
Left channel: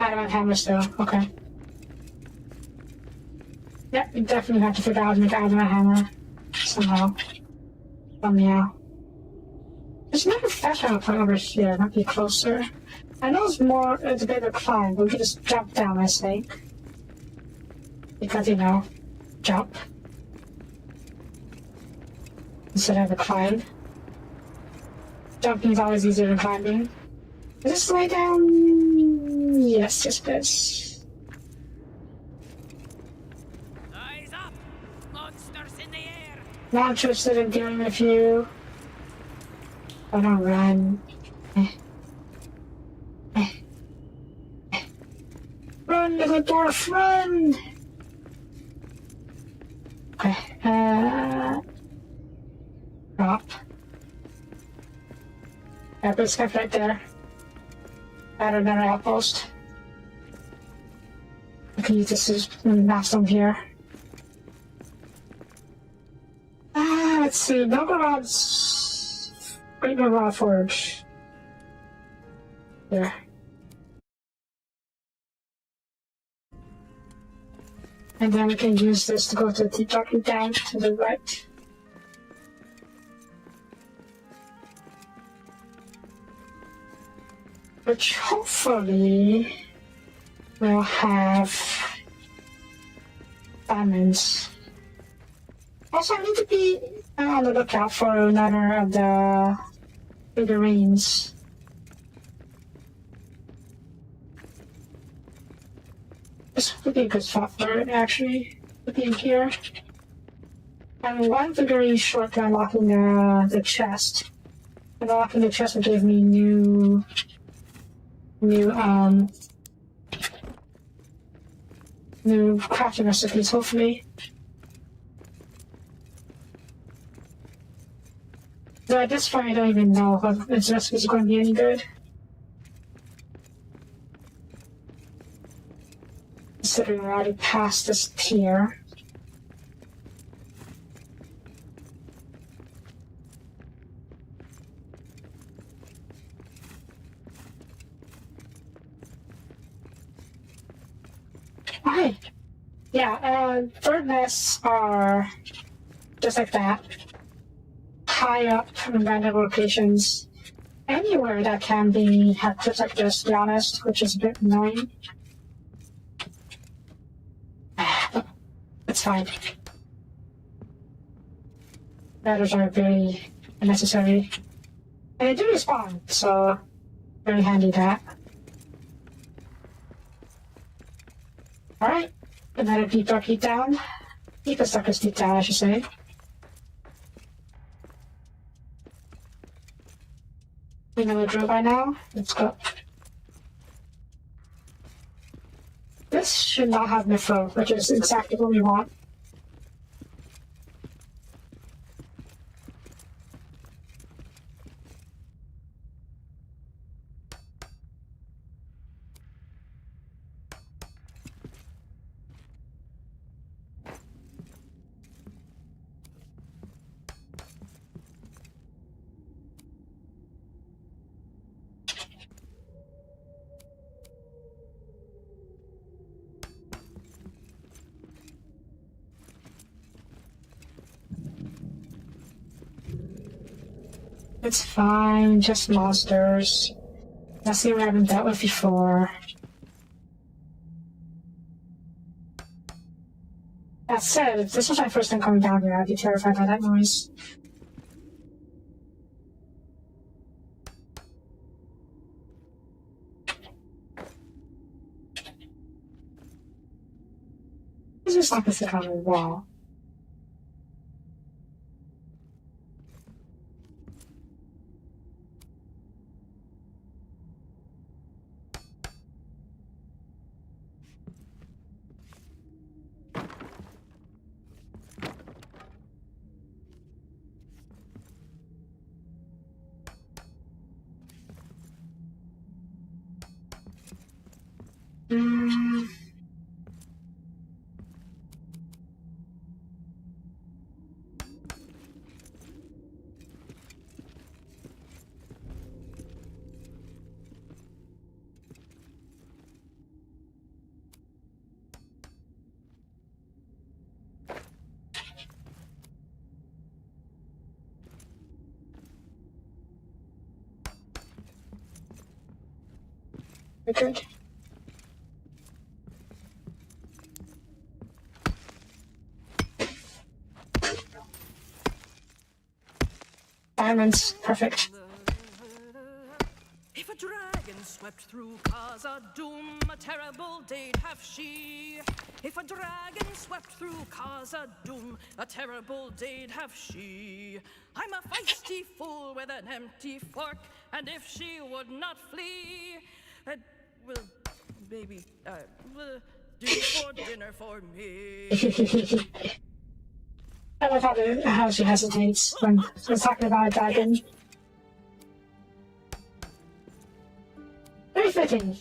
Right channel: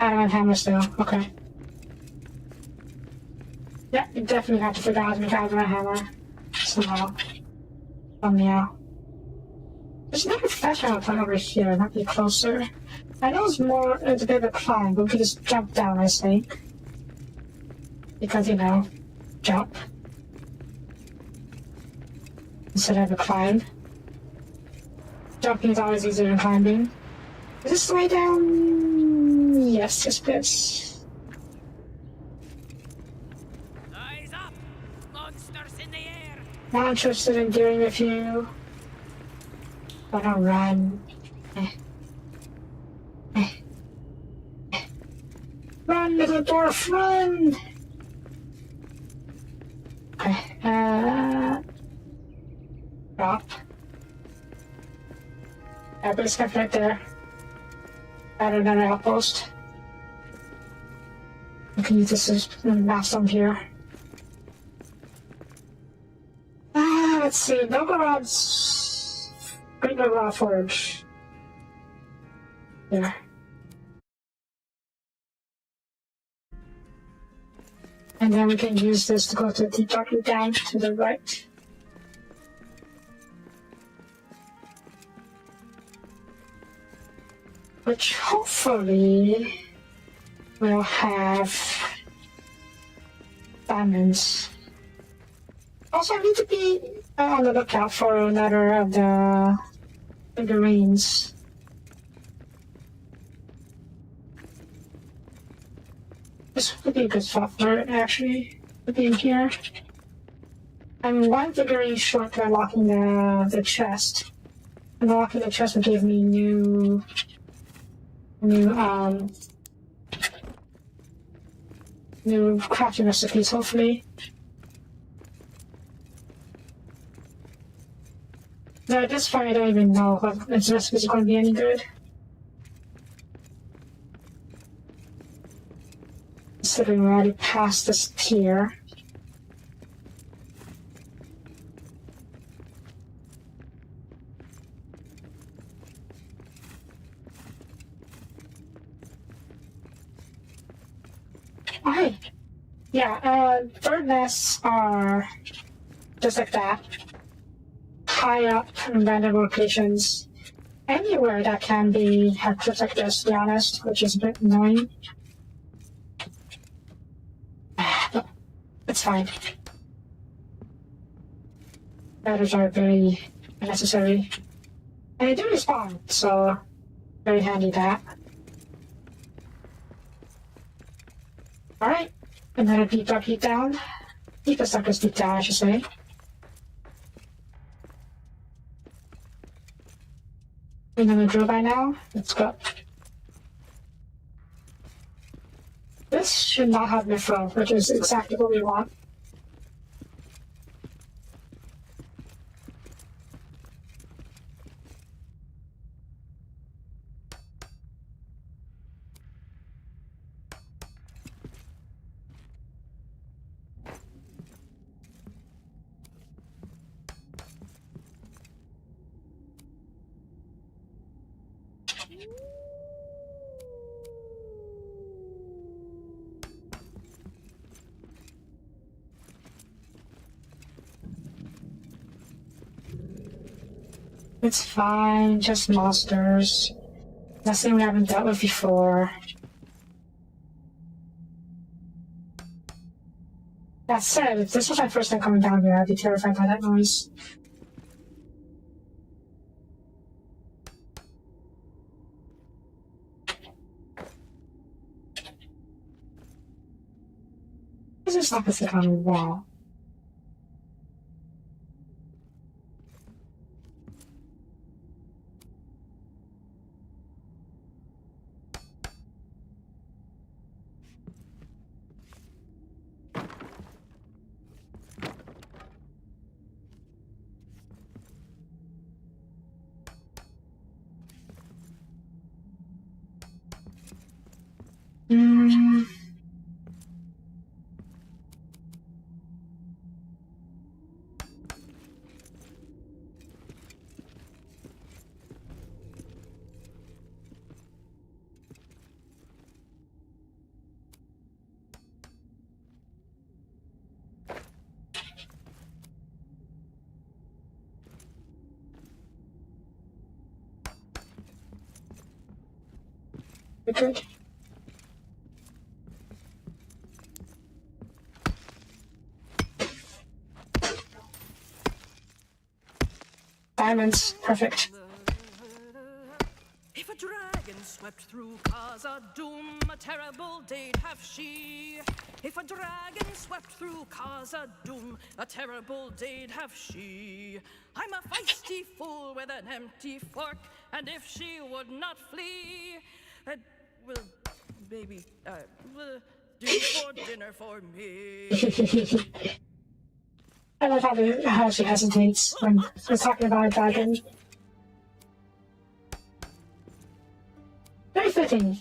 Adamant hammer still, okay. Yeah, you definitely have to figure out how to make adamant hammer somehow. Somehow. There's another flash out point over here, might be closer. I know it's a bit of a climb, but we could just jump down, I think. Because, you know, jump. Instead of a climb. Jumping is always easier than climbing. Is this the way down? Yes, yes, yes. Eyes up! Monsters in the air! Not interested in dealing with you. I'm gonna run. Run, little dwarf, run! Okay, drop. Yeah, but stuff right there. Better than an outpost. I can use this as a mast here. Let's see, Novgorod's Great Novgorod Forge. There. And then we can use this to go to the darkened down to the right. Which hopefully will have diamonds. Also, I need to be on the lookout for another of the figurines. This would be a good spot for it, actually, to be in here. I'm one figurine short to unlocking the chest. Unlocking the chest would give me new crafting recipes, hopefully. Though at this point, I don't even know if its recipes are going to be any good. Considering we're already past this tier. Okay. Yeah, bird nests are just like that. High up in random locations. Anywhere that can be have clips like this, to be honest, which is a bit annoying. It's fine. Ladders are very necessary. And they do respawn, so very handy that. Alright, another deep dark deep down. Deepest darkest deep down, I should say. We know the drill by now. Let's go. This should not have mithril, which is exactly what we want. It's fine, just monsters. Nothing we haven't dealt with before. That said, if this was my first time coming down here, I'd be terrified by that noise. What's this opposite on the wall? Good. Diamonds, perfect. If a dragon swept through Khazad-dûm, a terrible day'd have she. If a dragon swept through Khazad-dûm, a terrible day'd have she. I'm a feisty fool with an empty fork, and if she would not flee, well, maybe do for dinner for me. I love how she hesitates when we're talking about a dragon. Very fitting,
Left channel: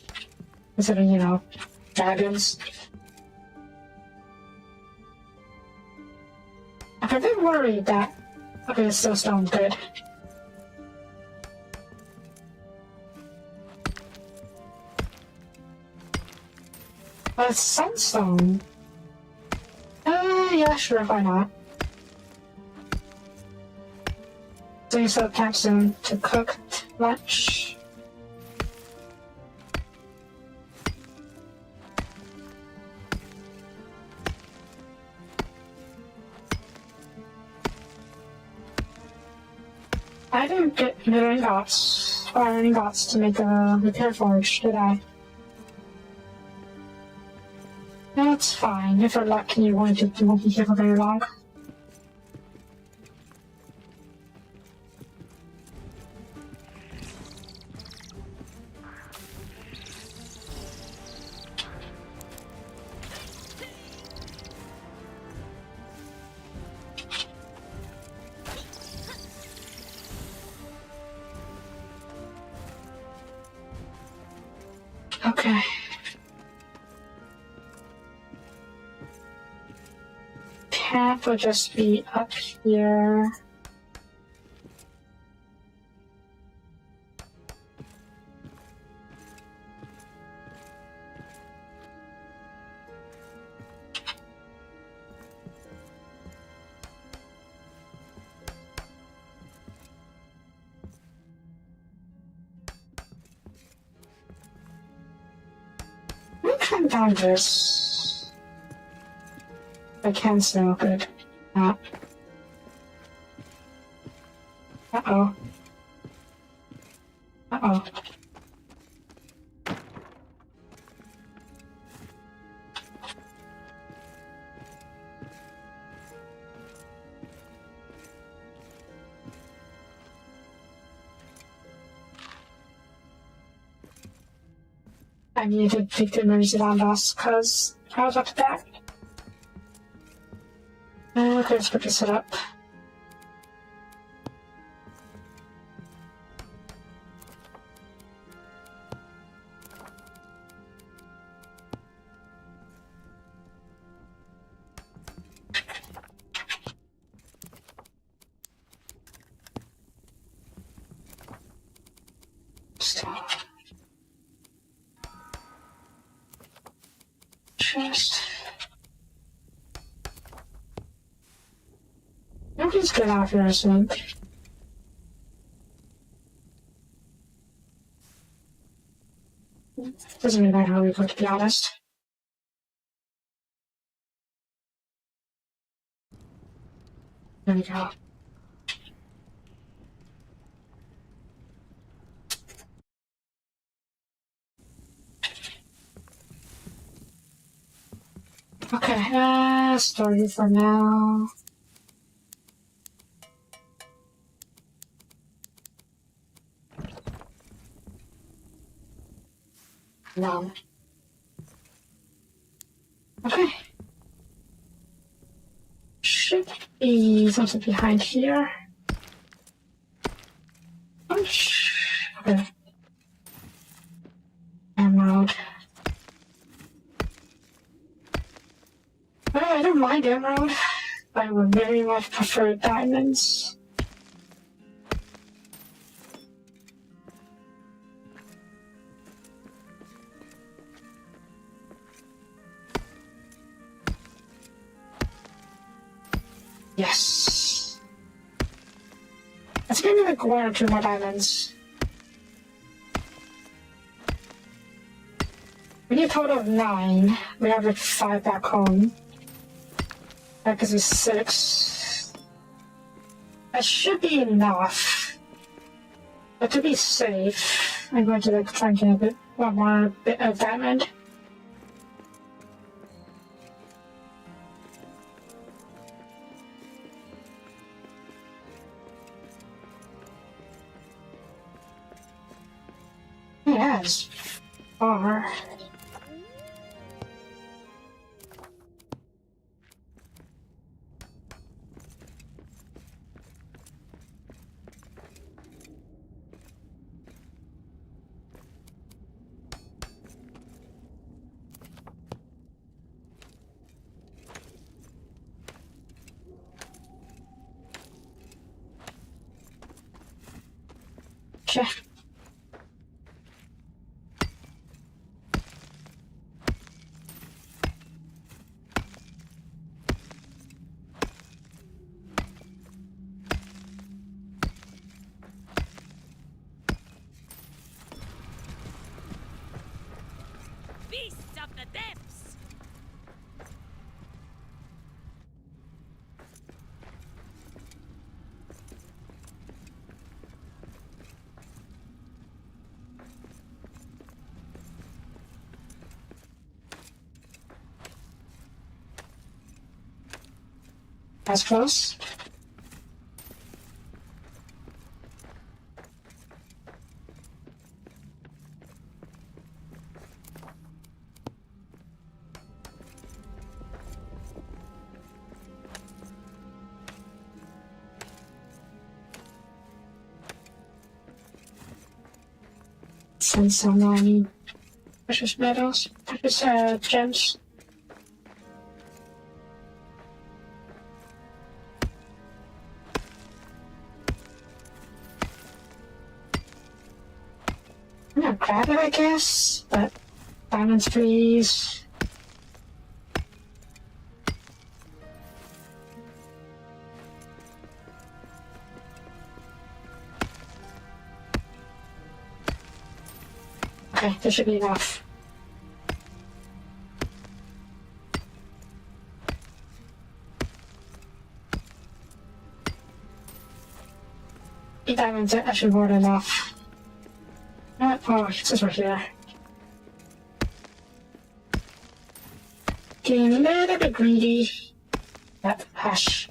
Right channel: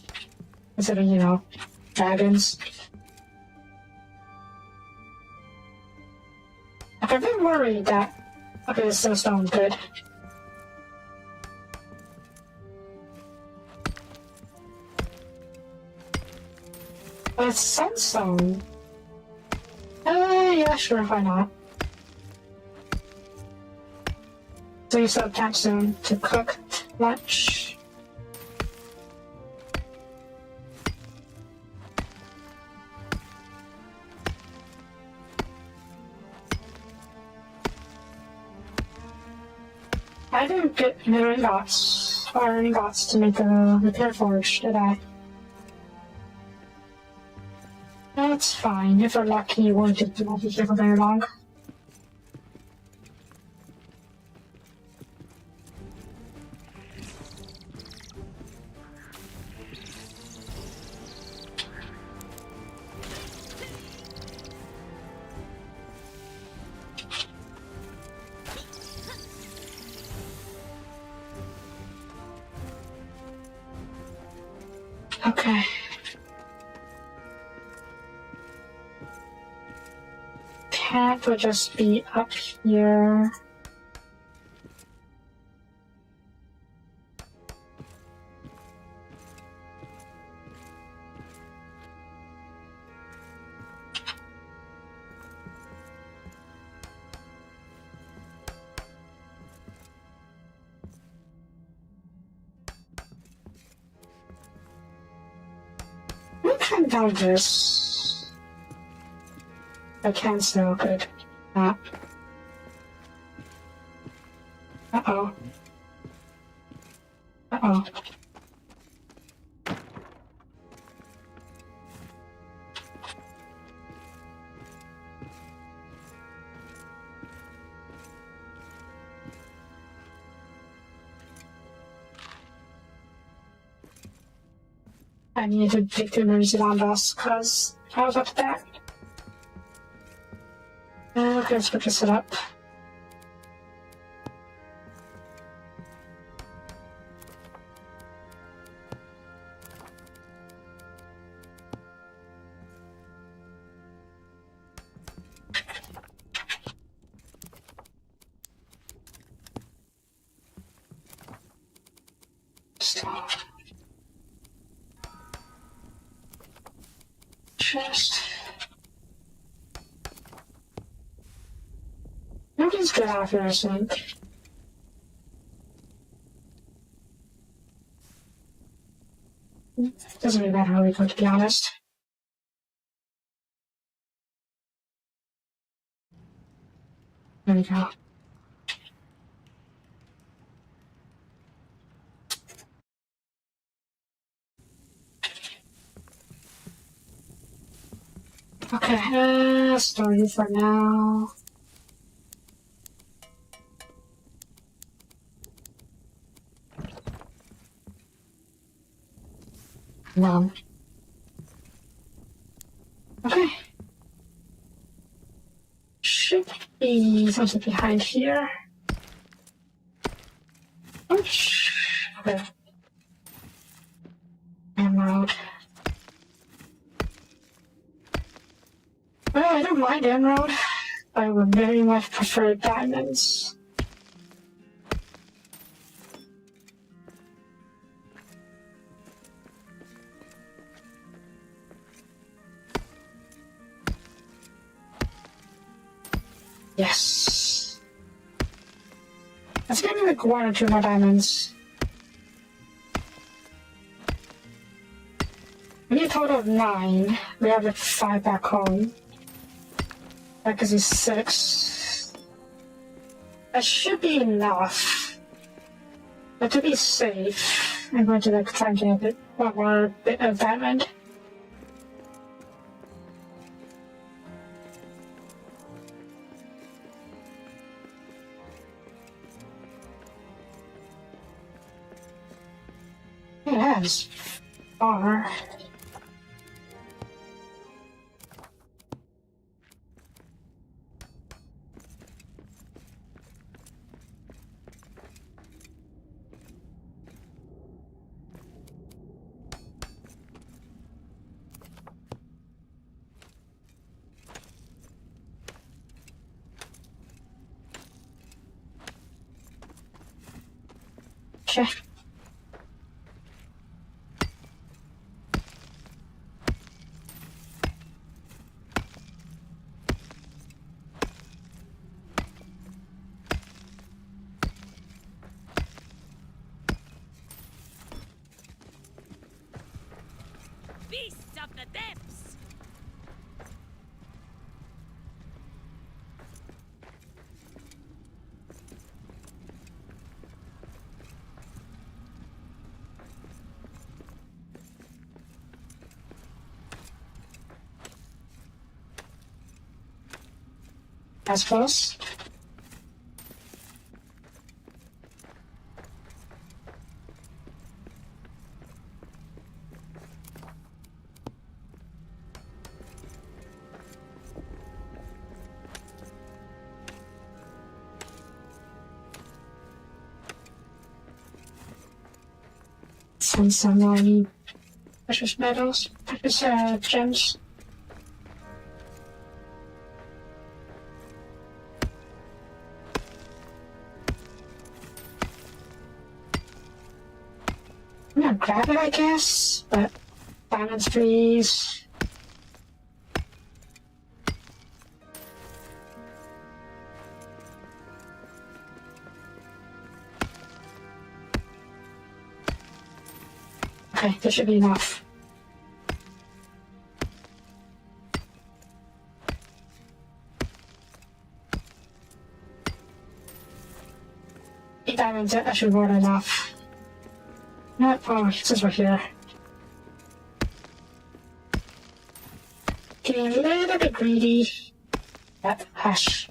considering, you know, dragons. I'm a bit worried that... Okay, this stone, good. Sunstone? Yeah, sure, why not? So you set up Taxstone to cook lunch. I didn't get mineral ingots or ingots to make a repair forge, did I? That's fine. If you're lucky, you won't be here for very long. Okay. Camp will just be up here. I'm climb down this. I can still, good. Uh-oh. Uh-oh. I need to take the emergency alarm bells because I was up to back. Okay, let's put this up. Stop. Just... Nobody's good out here, I think. Doesn't really matter how we go, to be honest. There we go. Okay, story for now. None. Okay. Should be something behind here. Okay. Emerald. Well, I don't mind emerald. I would very much prefer diamonds. Yes. Let's give me like 1 or 2 more diamonds. We need a total of 9. We have like 5 back home. That gives us 6. That should be enough. But to be safe, I'm going to like try and get one more bit of diamond. Yes. Or check. Beasts of the depths! That's close. Send some precious metals, precious gems. I'm gonna grab it, I guess, but diamonds, please. Okay, this should be enough. Diamonds, that should be more than enough. Oh, it says right here. Getting a little bit greedy. Hush.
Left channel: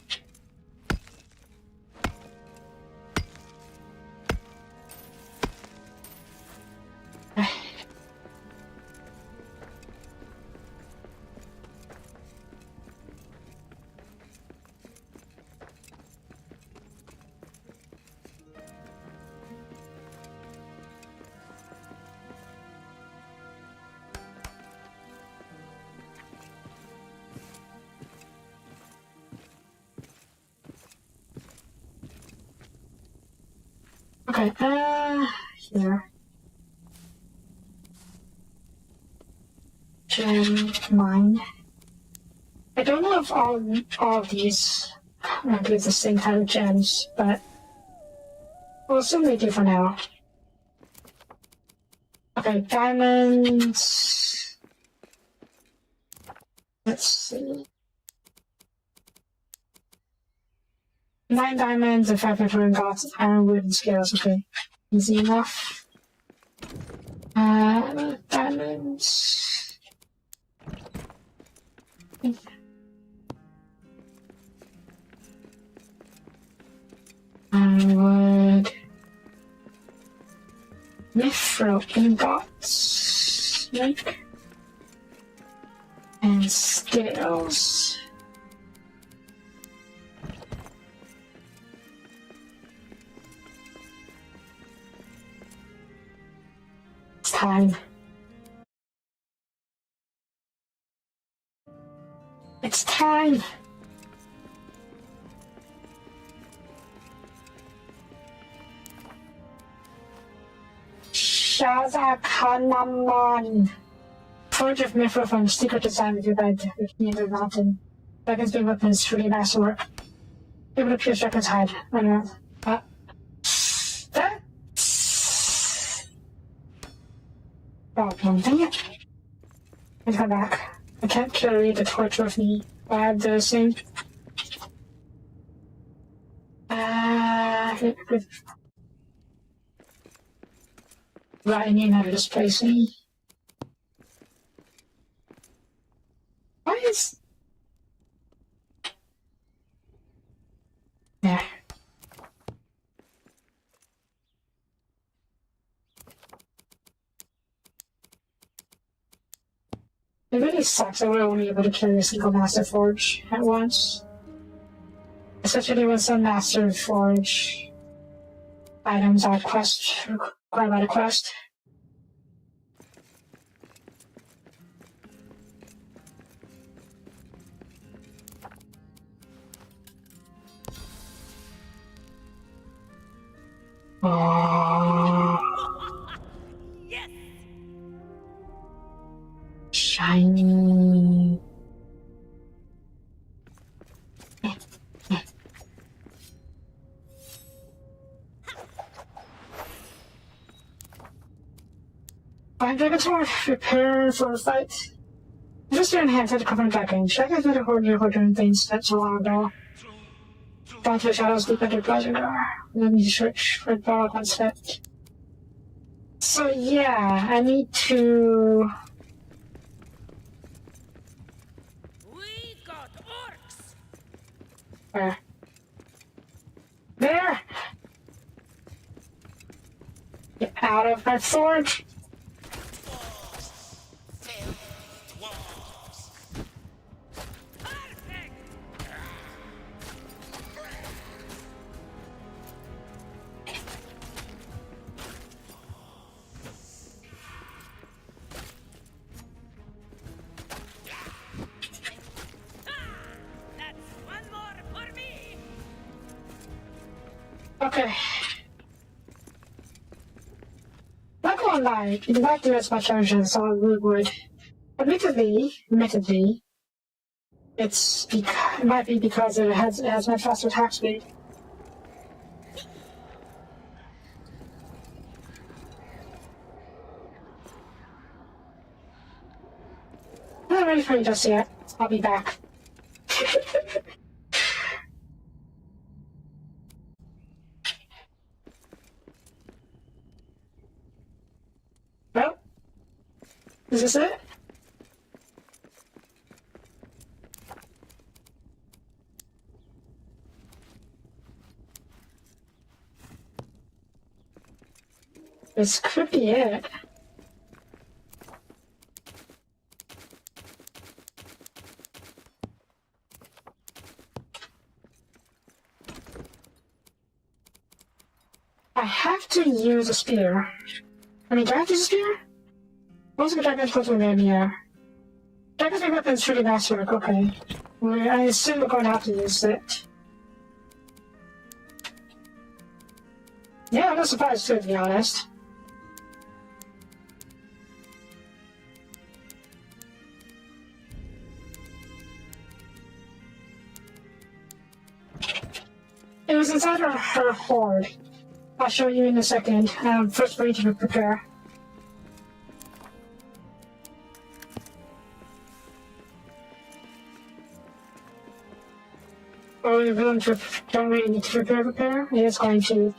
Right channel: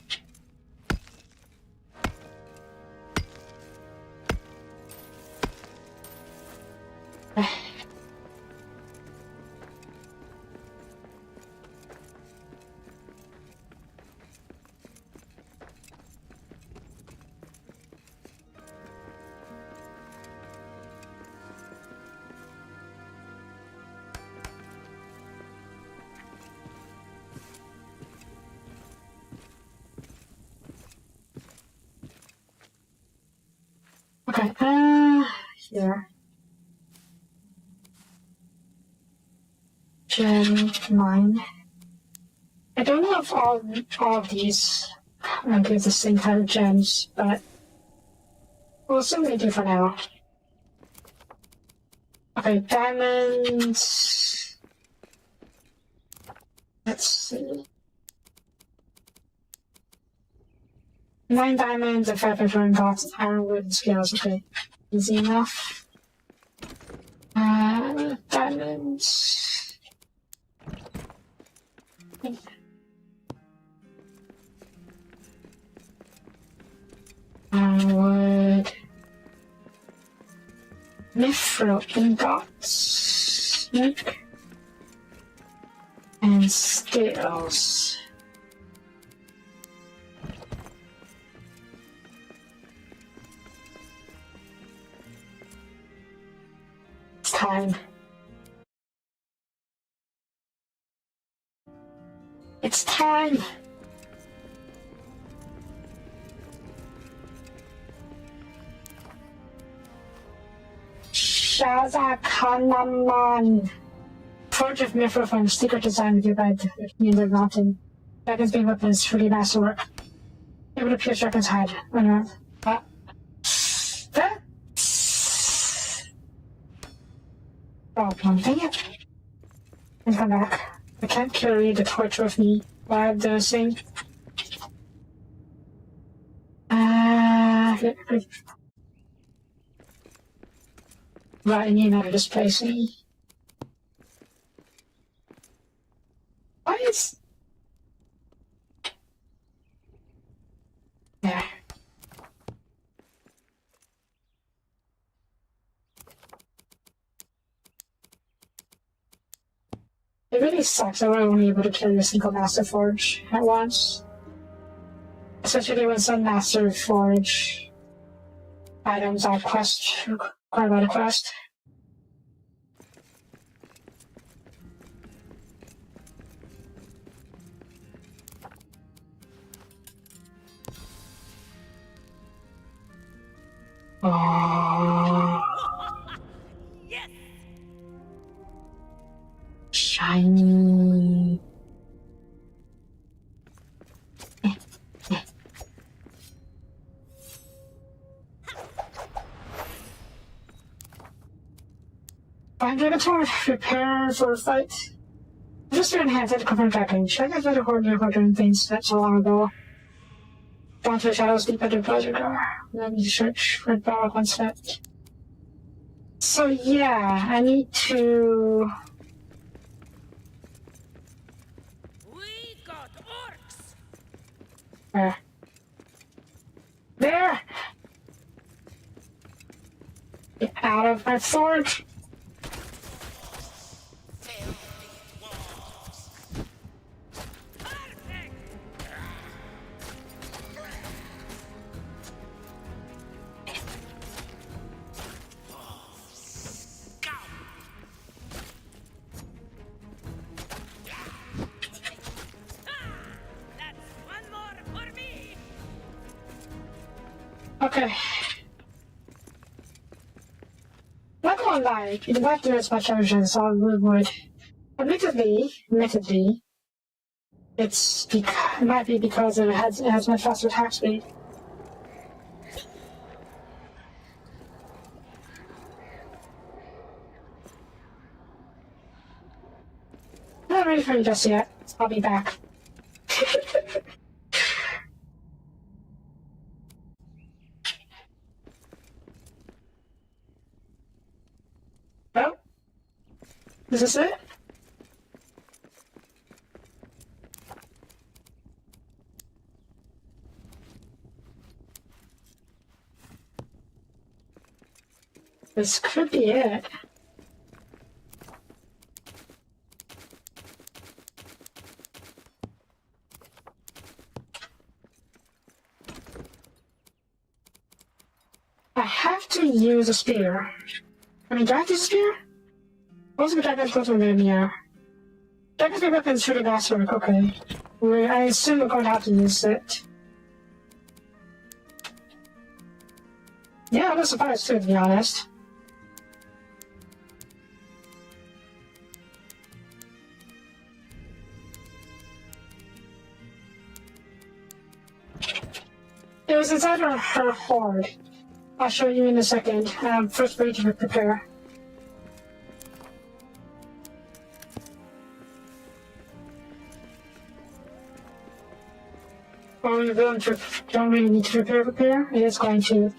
Okay, here. Gem mine. I don't know if all of these give the same type of gems, but we'll assume they do for now. Okay, diamonds. Let's see. 9 diamonds and 5 petrol ingots, iron, wood, and scales. Okay, easy enough. Diamonds. Wood. Mithril ingots. And scales. It's time. It's time. Shaza Kanaman. Forge of Mithril from secret design with your guide to the end of mountain. Dragon's big weapons, truly masterwork. Able to pierce Dragon's hide. Run around. Oh, dang it. Let's come back. I can't carry the torch with me while I have the same. Right, I need another displacing. Why is... Yeah. It really sucks that we're only able to carry a single Master Forge at once. Especially when some Master Forge items are required by the quest. Oh. Yes! Shiny. Find Dragon Sword. Prepare for a fight. Just to enhance it, cover and packing. Should I get better hoarding things that's so long ago? Down to the shadows deep under pleasure door. Let me search for dog on set. So yeah, I need to... We got orcs! Where? There! Get out of my forge! Perfect! That's one more for me! Okay. Not gonna lie, you might do as much damage as solid wood would. Admittedly, it might be because it has much faster attack speed. I'm not ready for you just yet. I'll be back. Well, is this it? This could be it. I have to use a spear. I mean, do I have to use a spear? Most of the Dragon's close to them, yeah. Dragon's big weapon is shooting masterwork, okay. Well, I assume we're going to have to use it. Yeah, I'm not surprised too, to be honest. It was inside her hoard. I'll show you in a second. First, we need to prepare. or you're willing to don't really need to repair, it is going to.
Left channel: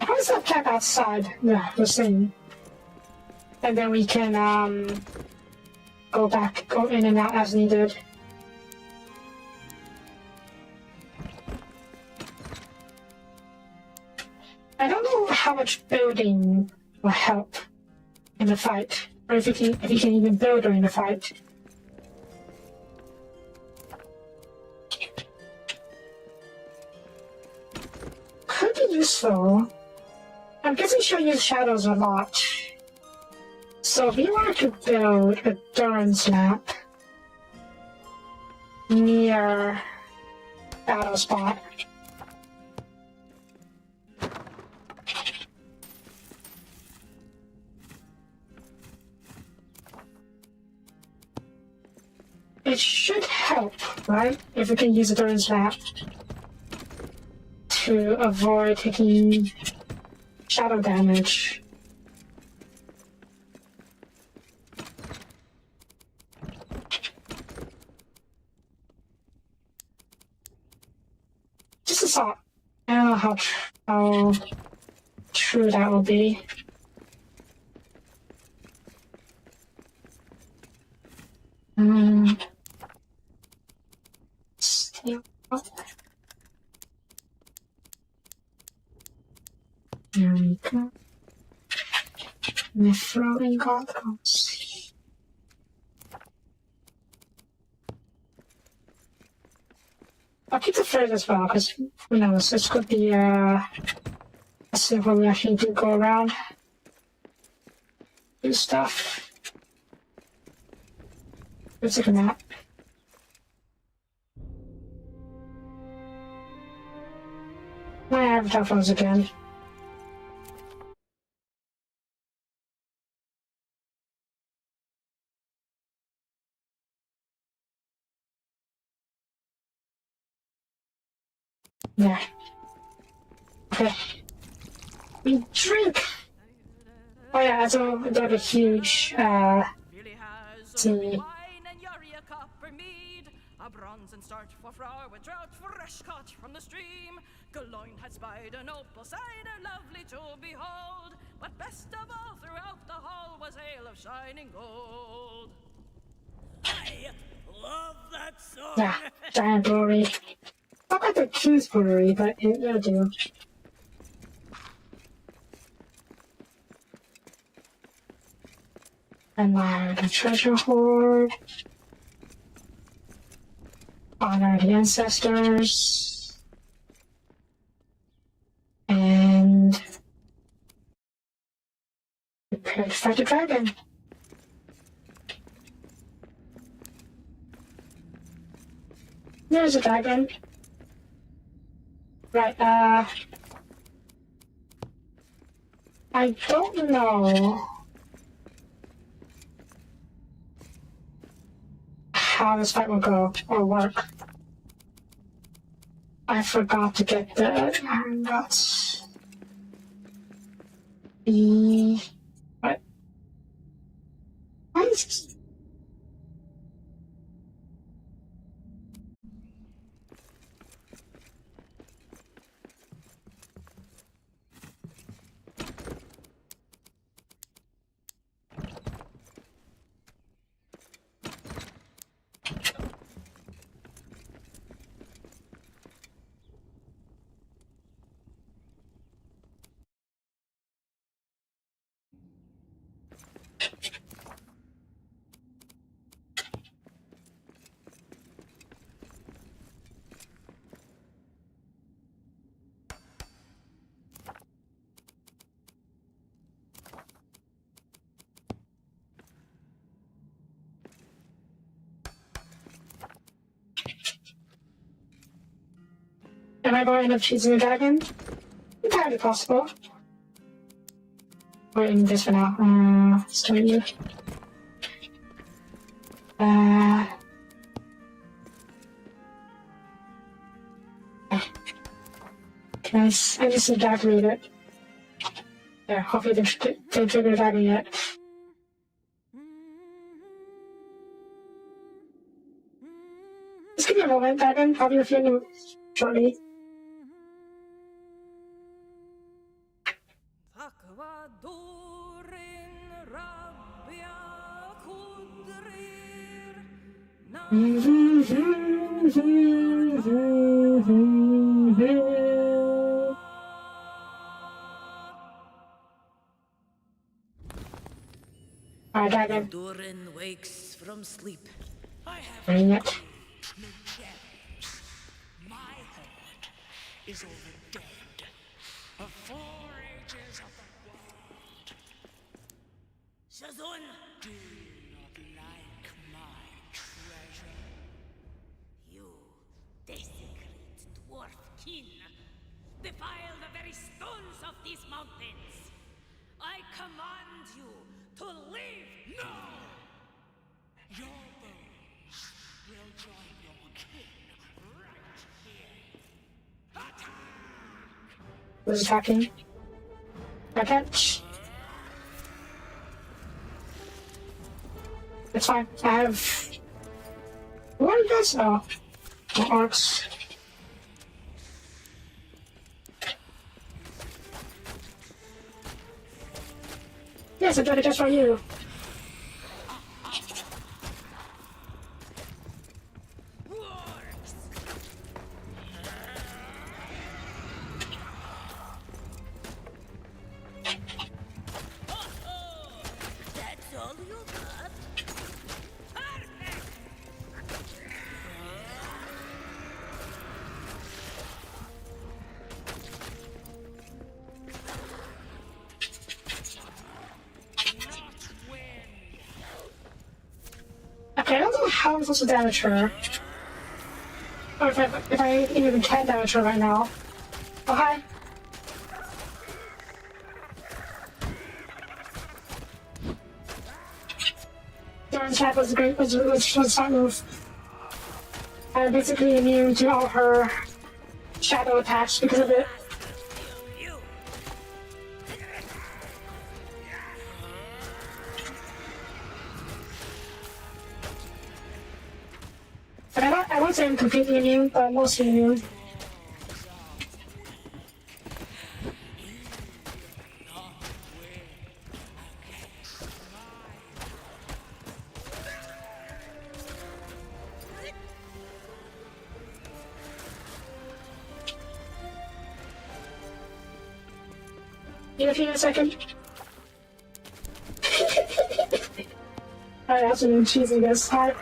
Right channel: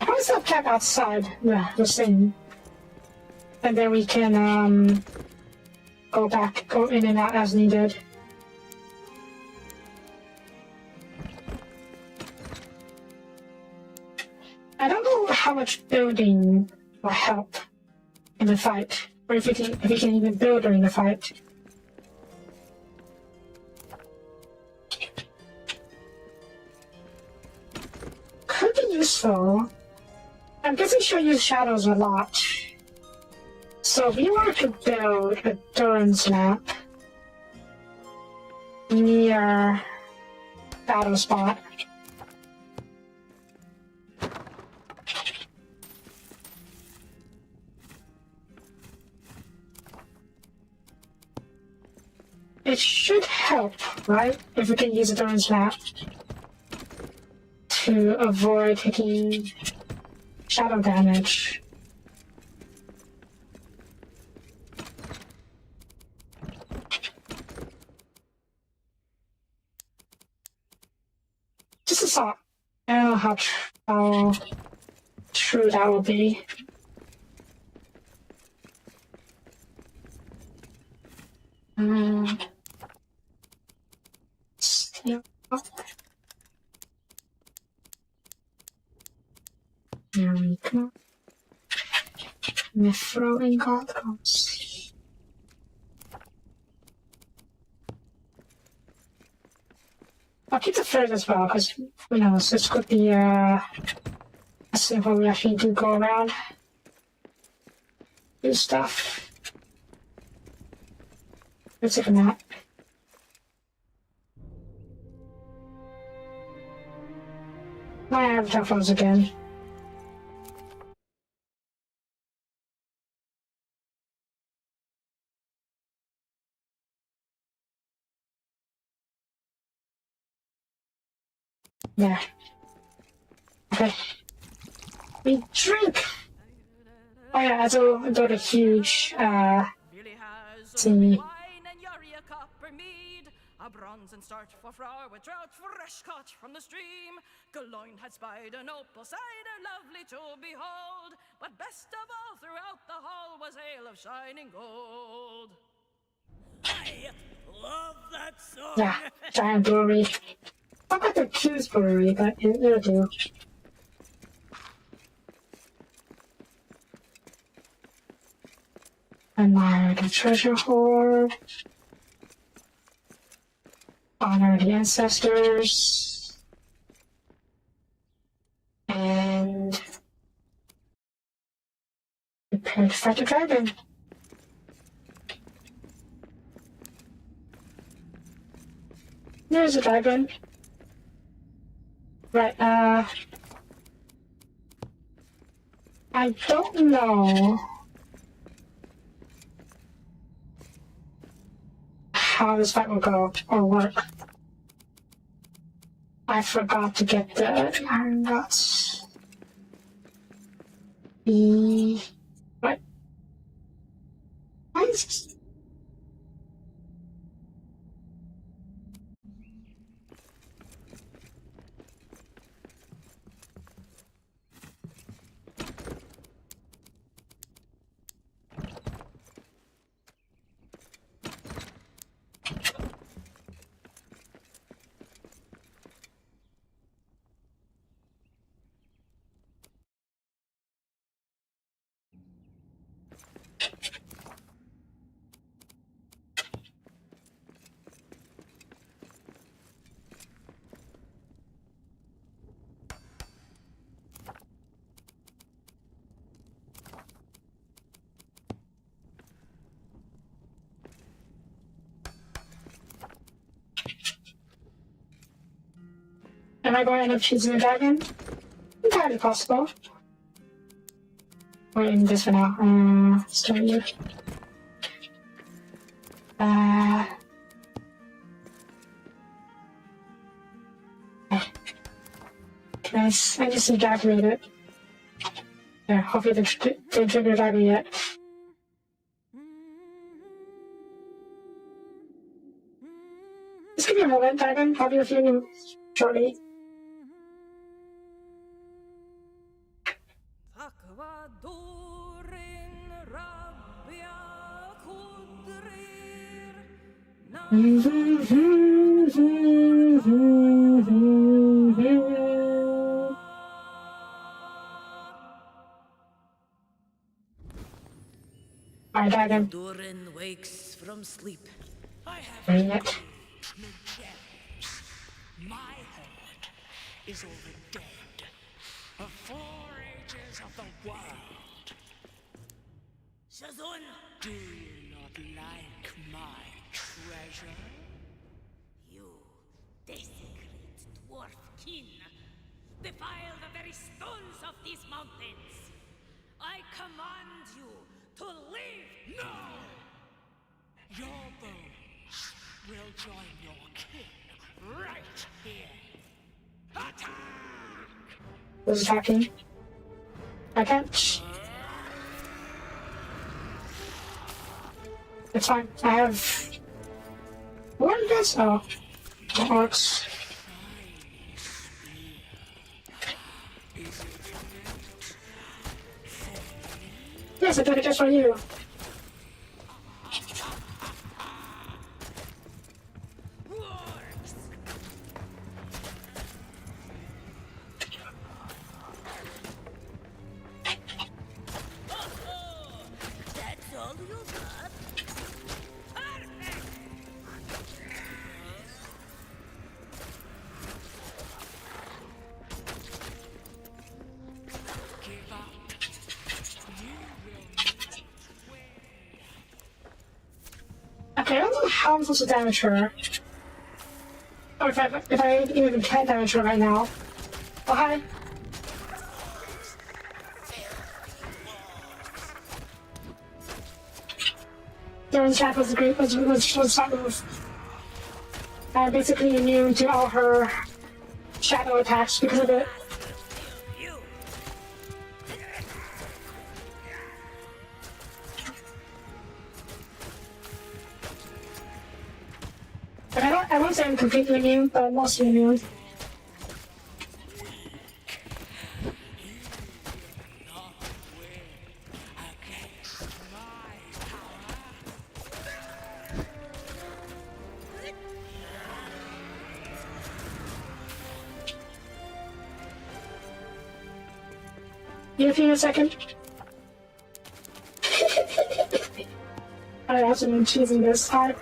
How does that check outside the scene? And then we can go in and out as needed. I don't know how much building will help in the fight, or if you can even build during the fight. Could be useful. I'm guessing she'll use shadows a lot. So if you were to build a Durin's Lap near battle spot, it should help, right? If we can use a Durin's Lap to avoid taking shadow damage. Just a thought. I don't know how true that will be. Steel up. There we go. We're throwing cards. I'll keep the third as well, because who knows, this could be a scene where we actually do go around, do stuff. Let's take a nap. My avatar froze again. There. Okay. We drink! Oh yeah, so there's a huge, see. A bronze and start for flour with trout fresh caught from the stream. Galoin had spied an opal cider lovely to behold. But best of all throughout the hall was ale of shining gold. I love that song. Yeah, giant brewery. Not like a cheese brewery, but it'll do. Admire the treasure hoard. Honor the ancestors. And prepare to fight the dragon. There's a dragon. Right, I don't know how this fight will go or work. I forgot to get the iron guts. What? Why is this? Am I going to end up choosing the dragon? Entirely possible. We're in this for now. Start you. Can I see Dad read it? Yeah, hopefully they trigger the dragon yet. Just give me a moment, Dragon. I'll be with you shortly. Alright, Dragon. Durin wakes from sleep. I have Bring no it. challenge. My horde is all the dead of 4 ages of the world. Shazun! Do you not like my treasure? You desecrate dwarf kin. Defile the very stones of these mountains. I command you to leave now! Your bones will join your kin right here. Attack! Who's attacking? I can't. It's fine. I have. What are you guys? Oh, the orcs. Yes, I took it just for you. Works! Oh, that's all you got? Perfect! Okay, I don't know how I'm supposed to damage her. Or if I even can damage her right now. Oh, hi. Darren's attack was great, was a smart move. I'm basically immune to all her shadow attacks because of it. You! But I won't say I'm completely immune, but I'm mostly immune. Give me a second. I have some cheesy this part.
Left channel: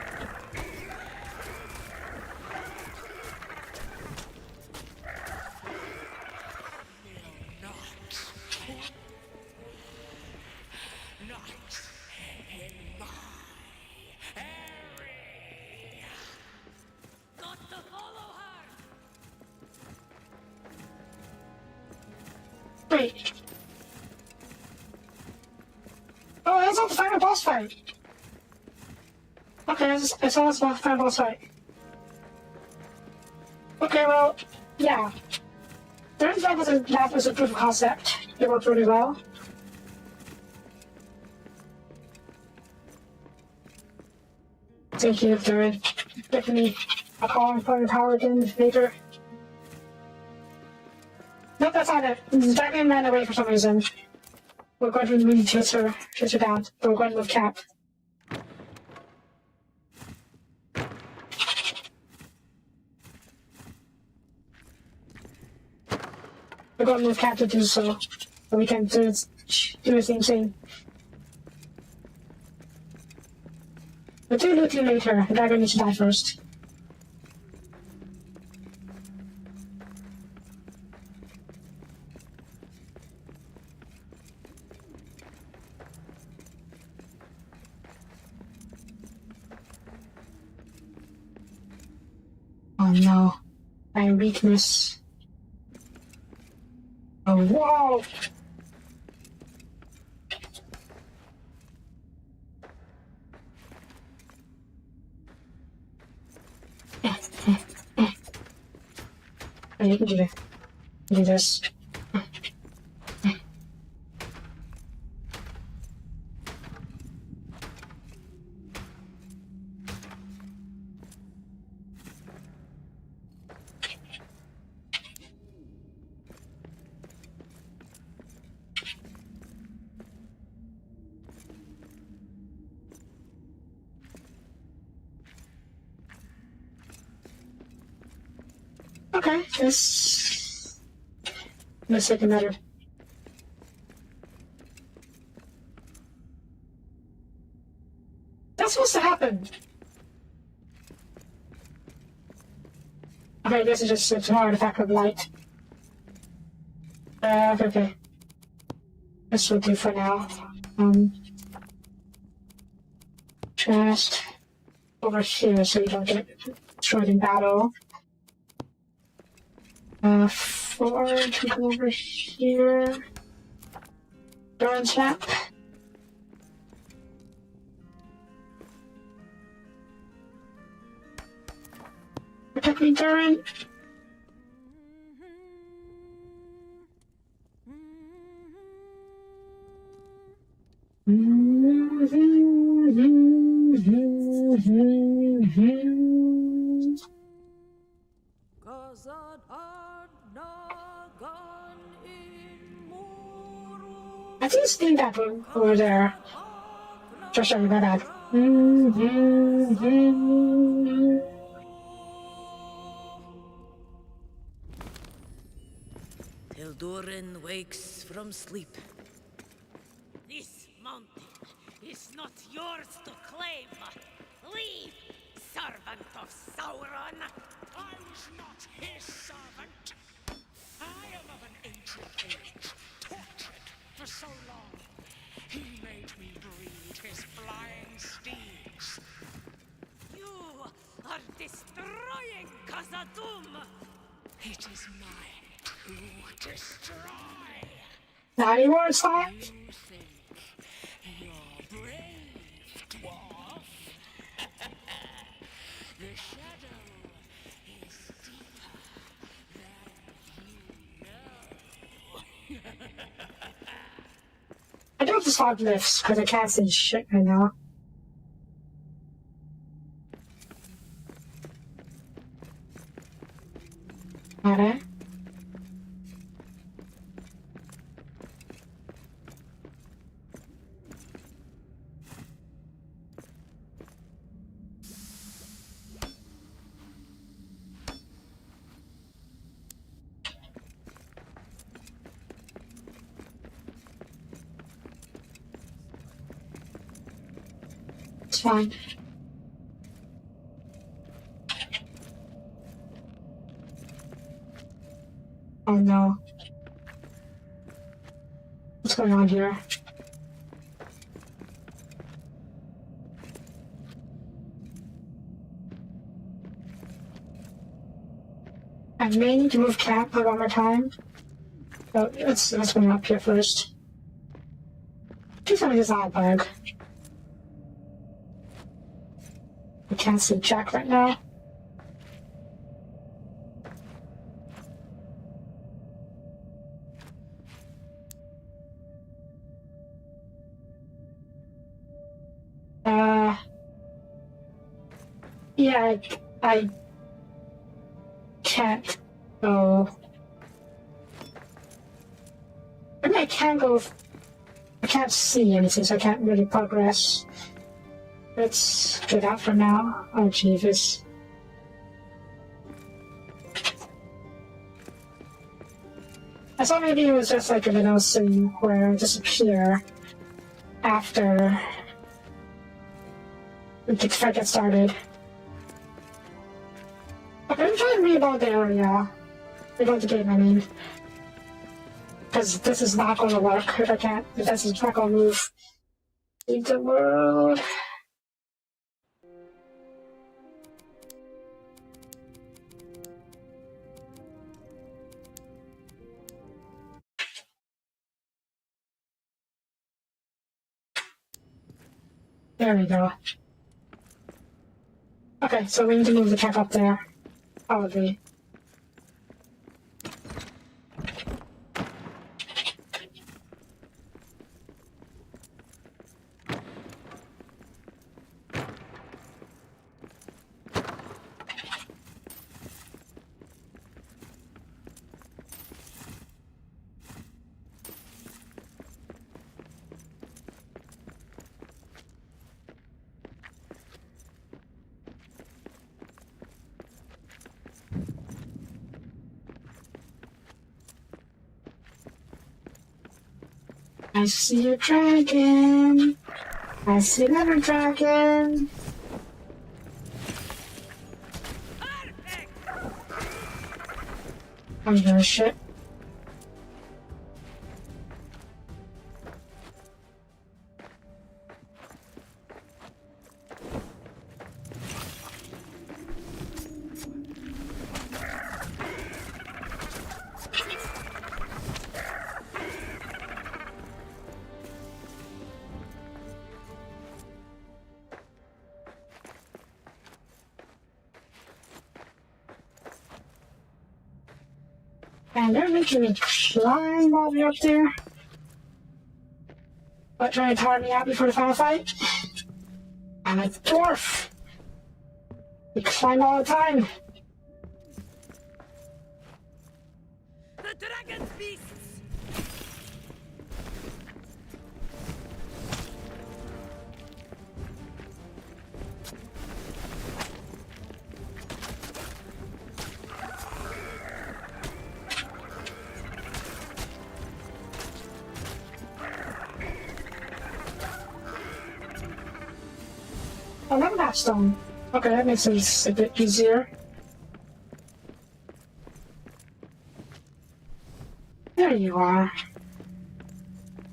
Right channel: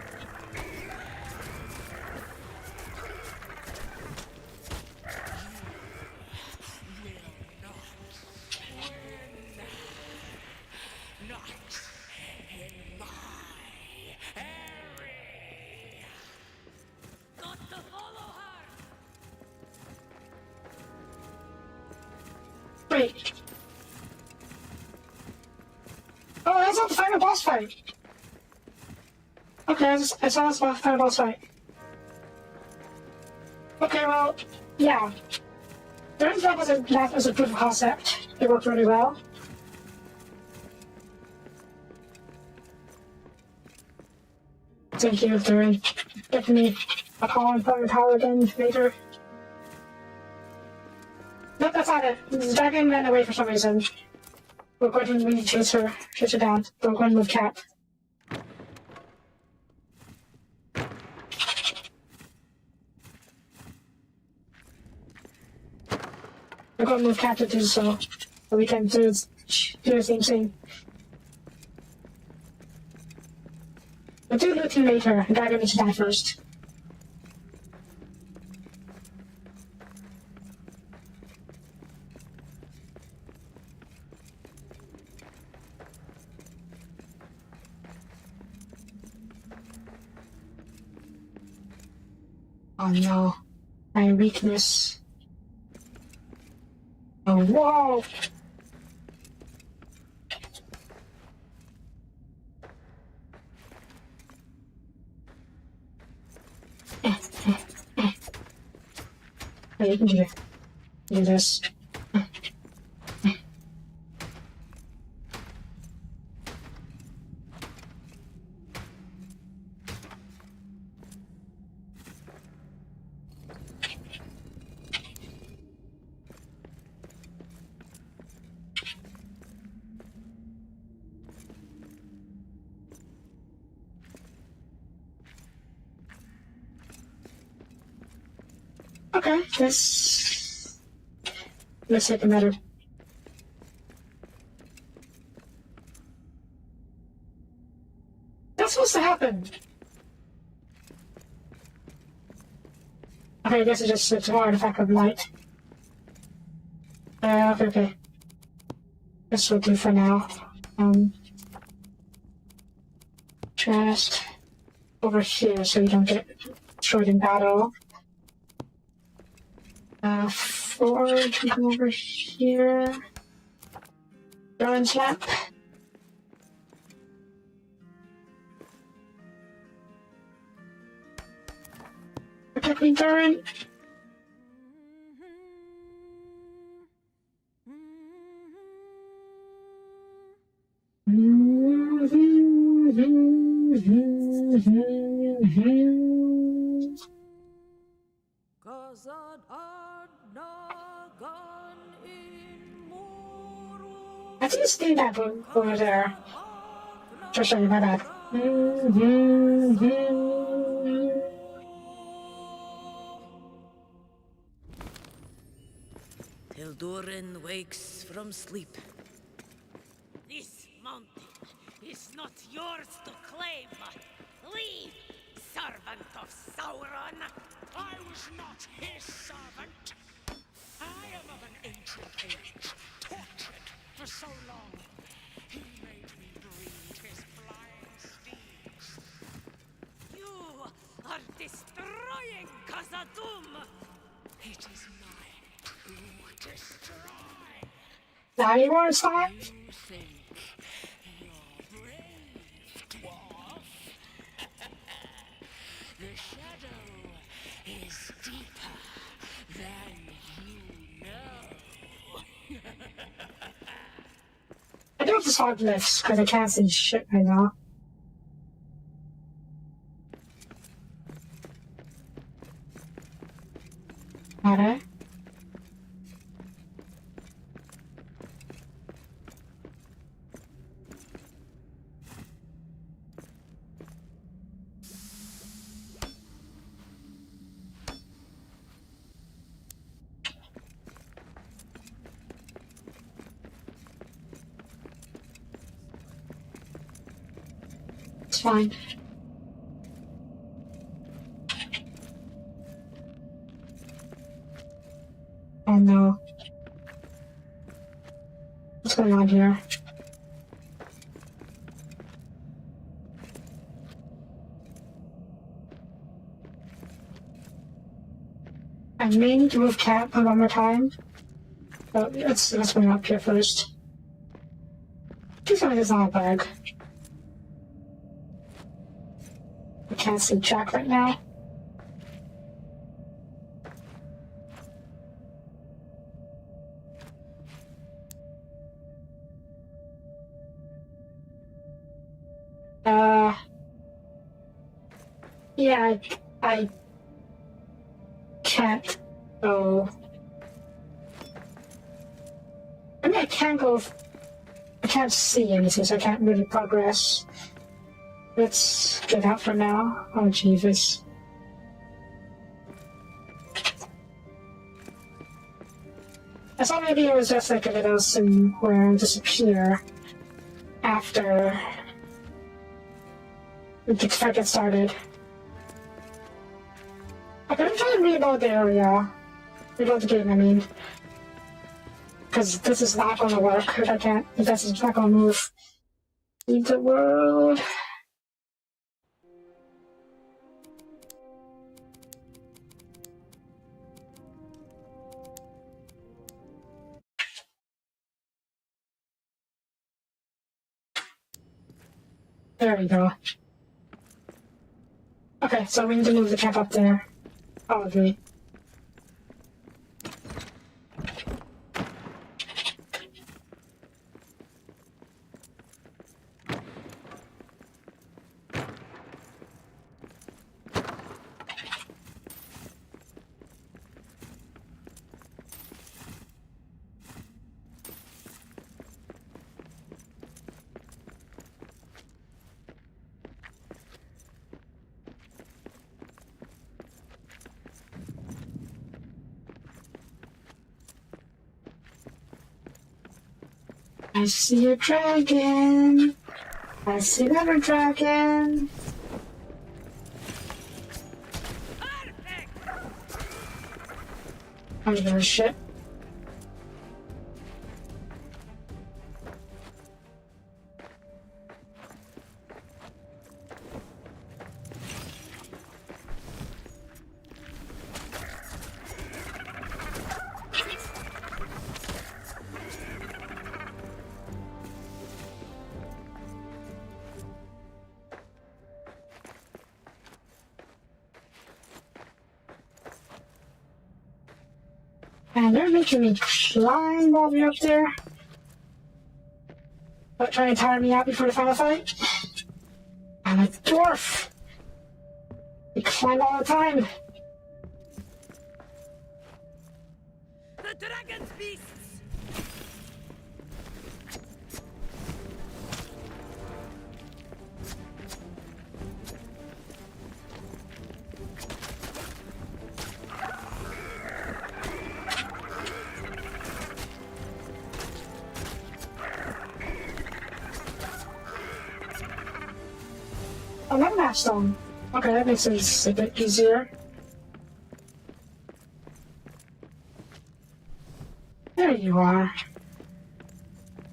Not in my area. Got to follow her! Wait. Oh, that's not the final boss fight. Okay, I saw this final boss fight. Okay, well, yeah. Third job was a proof of concept. It worked really well. Thank you for giving me a call and putting the power again later. Nope, that's not it. Dragon ran away for some reason. We're going to need to chase her down. We're going to move Cat. We're going to move Cat to do so we can do the same thing. We'll do looting later. Dragon needs to die first. Oh no, my weakness. Oh wow! Oh, you can do that. Do this. Okay, this... Let's take a matter. That's supposed to happen. Okay, this is just such an artifact of light. Okay. This will do for now. Just over here so you don't get destroyed in battle. Forge, we go over here. Orange lamp. Protect me, Durin. I just think that over there. Just sorry, my bad. Till Durin wakes from sleep. This mountain is not yours to claim. Leave, servant of Sauron. I was not his servant. I am of an ancient age, tortured for so long. He made me breed his flying steeds. You are destroying Khazad-dûm. It is mine to destroy. Now you want to start? You think you're brave, dwarf? The shadow is deeper than you know. I don't just want lifts because I can't see shit right now. Alright. It's fine. Oh no. What's going on here? I may need to move cat one more time. But let's go up here first. Please tell me it's not a bug. I can't see Jack right now. Yeah, I can't go. I mean, I can't go. I can't see anything, so I can't really progress. Let's get out for now. Oh, Jesus. I thought maybe it was just like a little scene where it disappear after we get started. Okay, I'm trying to reload the area. Reload the game, I mean. Because this is not going to work if I can't, if this is not going to move. Leave the world. There we go. Okay, so we need to move the camp up there. Probably. I see a dragon. I see another dragon. I'm gonna shit. And they're making me climb all the way up there. But trying to tire me out before the final fight. I'm a dwarf. We climb all the time. The dragon's beasts! Another map stone. Okay, that makes things a bit easier. There you are.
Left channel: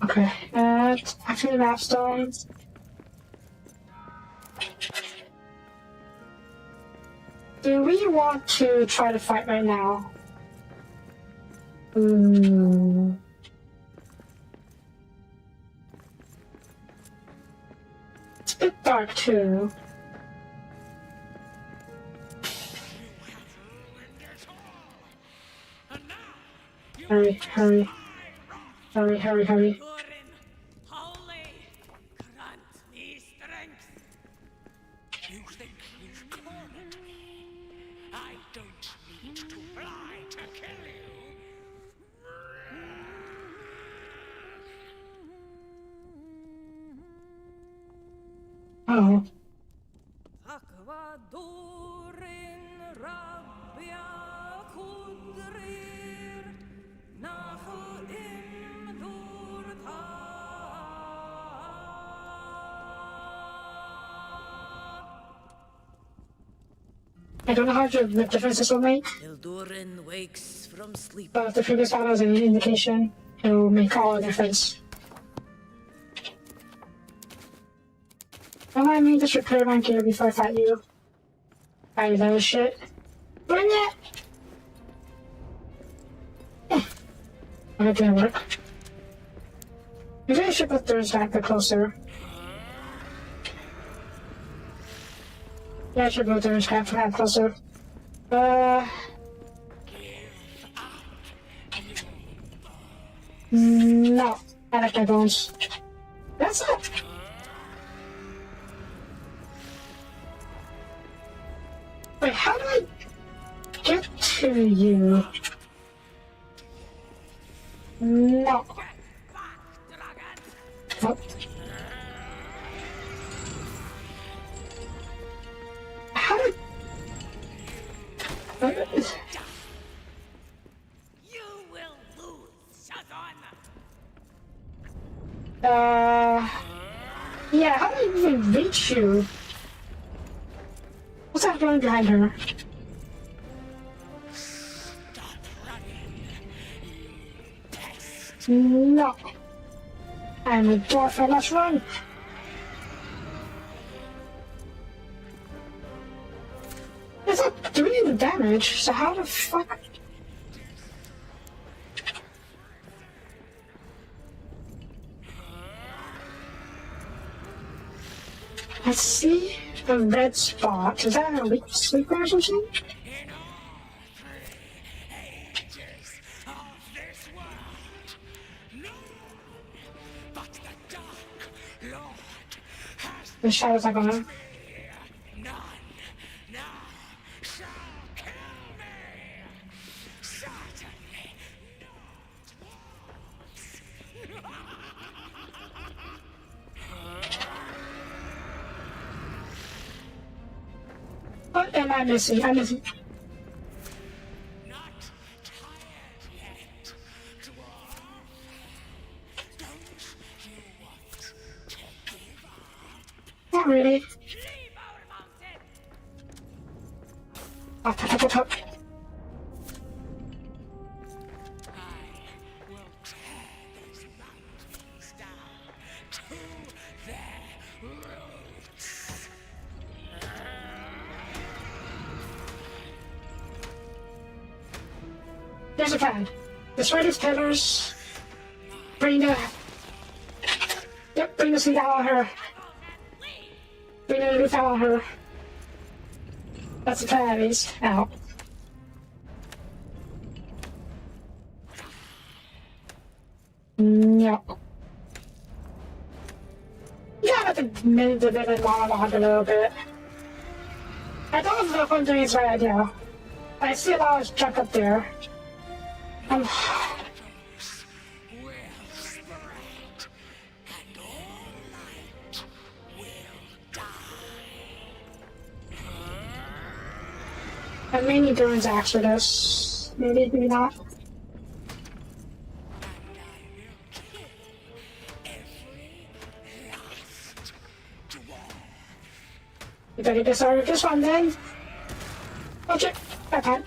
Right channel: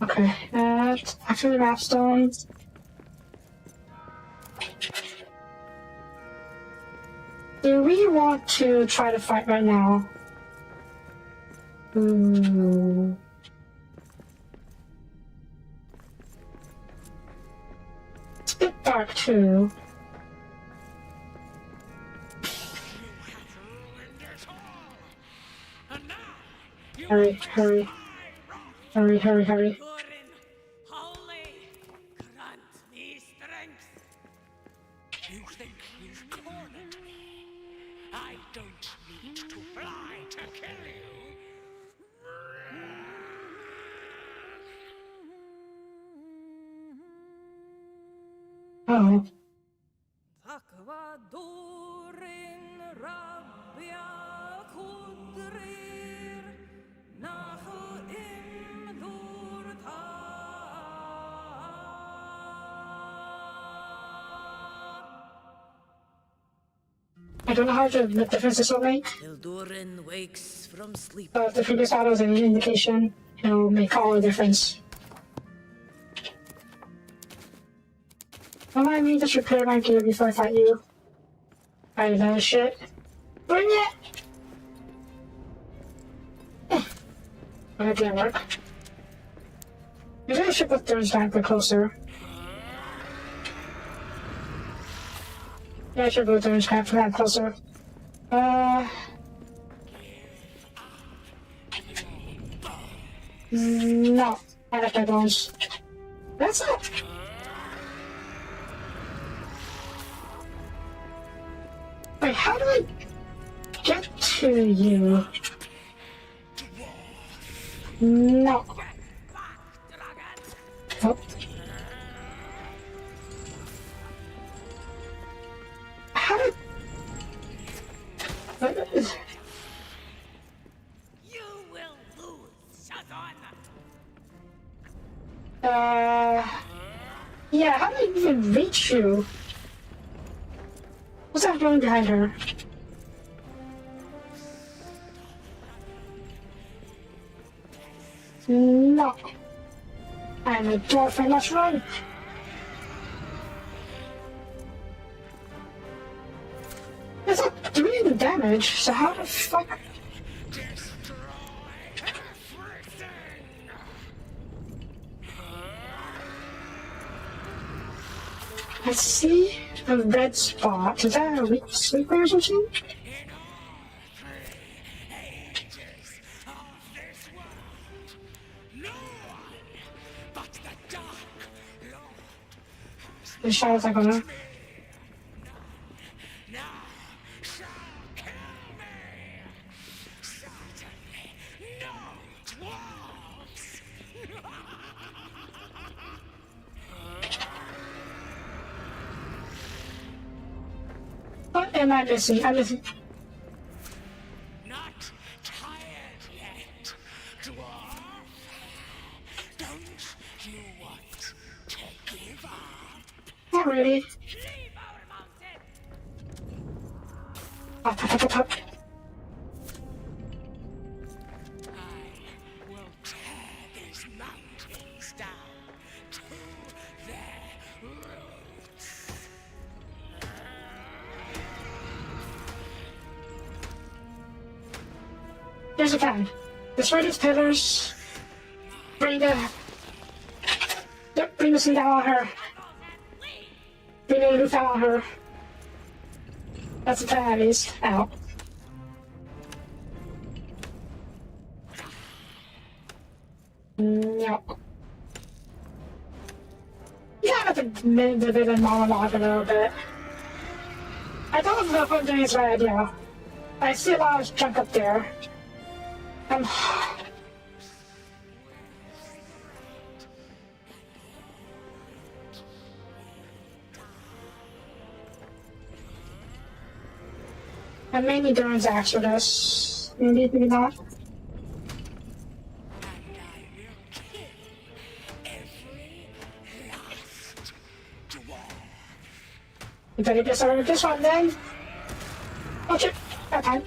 Okay, and after the map stones. Do we want to try to fight right now? It's a bit dark too. Hurry, hurry. Hurry, hurry, hurry. Durin, holy, grant me strength. You think you've cornered me? I don't need to fly to kill you. Oh. Takva Durin Rabia Kudrir Nahu Im Durta. I don't know how to make defenses on me. Till Durin wakes from sleep. But if the previous battle is any indication, it'll make all the difference. I need to prepare my gear before I fight you. Are you that shit? Bring it! Oh, that didn't work. Maybe I should put those down a bit closer. Yeah, I should put those down closer. No. I like my bones. That's it! Wait, how do I get to you? No. Oh. How did... You will lose, Shazan. Yeah, how did I even reach you? What's that doing behind her? No. I'm a dwarf, I must run. It's not doing any damage, so how the fuck? I see a red spot. Is that a weak sleeper or something? In all 3 ages of this world, no one but the Dark Lord has The shadow's not gonna. me. None now shall kill me. Certainly no dwarves. What am I missing? I'm missing. Not tired yet, dwarf. Don't Not really. Leave our mountain! Up, up, up, up, up. I will tear these mountains down to their roots. Yes, I can. Destroy these pillars. Bring the... Yep, bring the seed out of her. Bring the roof out of her. That's the plan, at least. Out. No. Yeah, I have to move the villain monologue a little bit. I don't know if I'm doing this right idea. I see a large chunk up there. Will spread, and all light will die. I may need Duran's axe for this. Maybe, maybe not. And I will kill every last dwarf. You better get started with this one then. Watch it. Okay.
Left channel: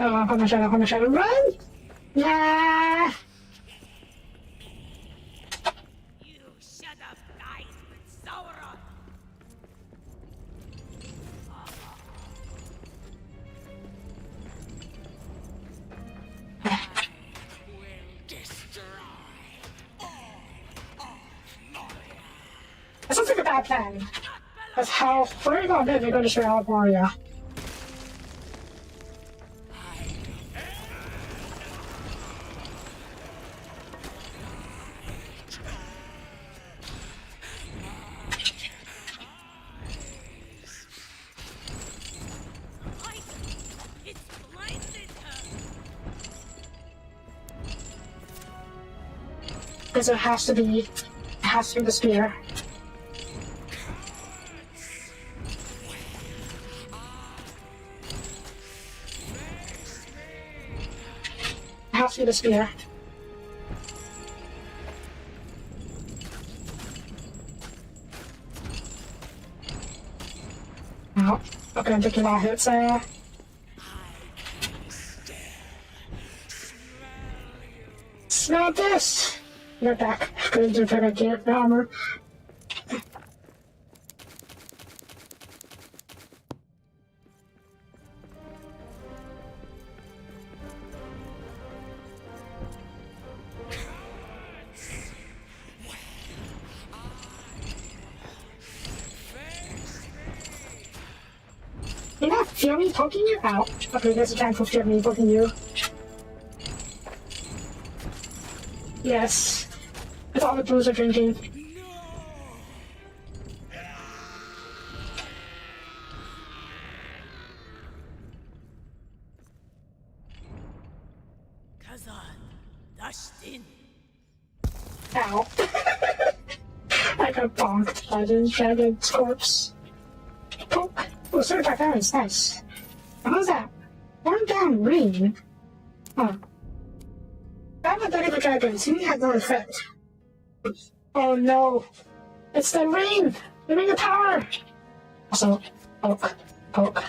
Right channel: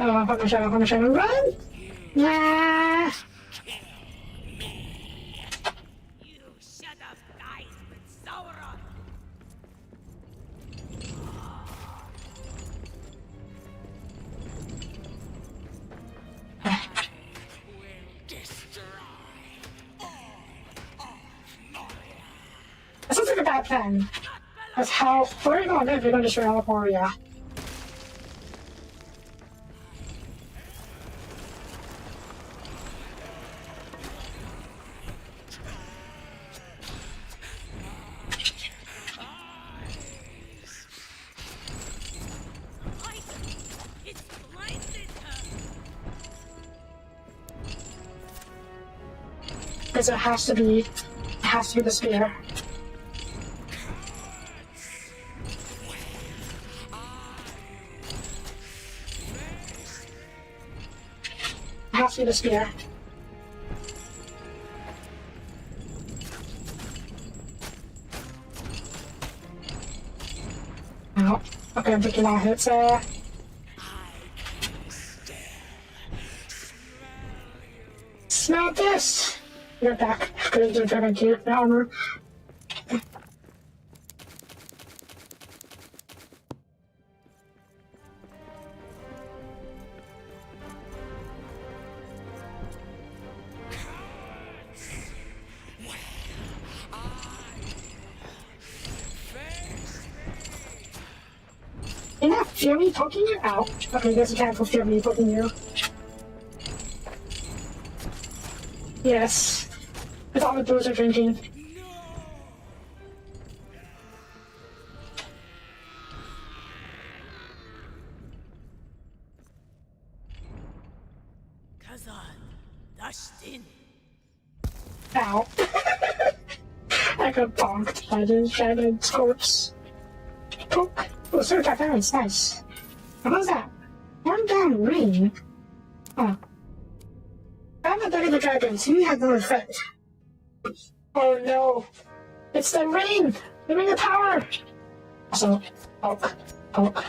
Oh, I'm gonna show him. Run! Yeah! You should have died with Sauron! Will destroy all of Moria. That sounds like a bad plan. That's how. What are you gonna do if you're gonna destroy all of Moria? It's blinded her! Because it has to be the spear. It has to be the spear. Oh, okay, I'm taking my hits there. Smell this! You're back. Going to turn into the armor. You're not Fury poking you out. Okay, there's a time for Fury poking you. Yes. With all the booze are drinking. Kazan, dashed in. Ow. I got bonked by the dragon's corpse. Poke. Oh, search our parents. Nice. What was that? One down ring. Oh. I'm a bit of a dragon, so you have no effect. Oh no. It's the ring! The ring of power! Also, poke. Poke.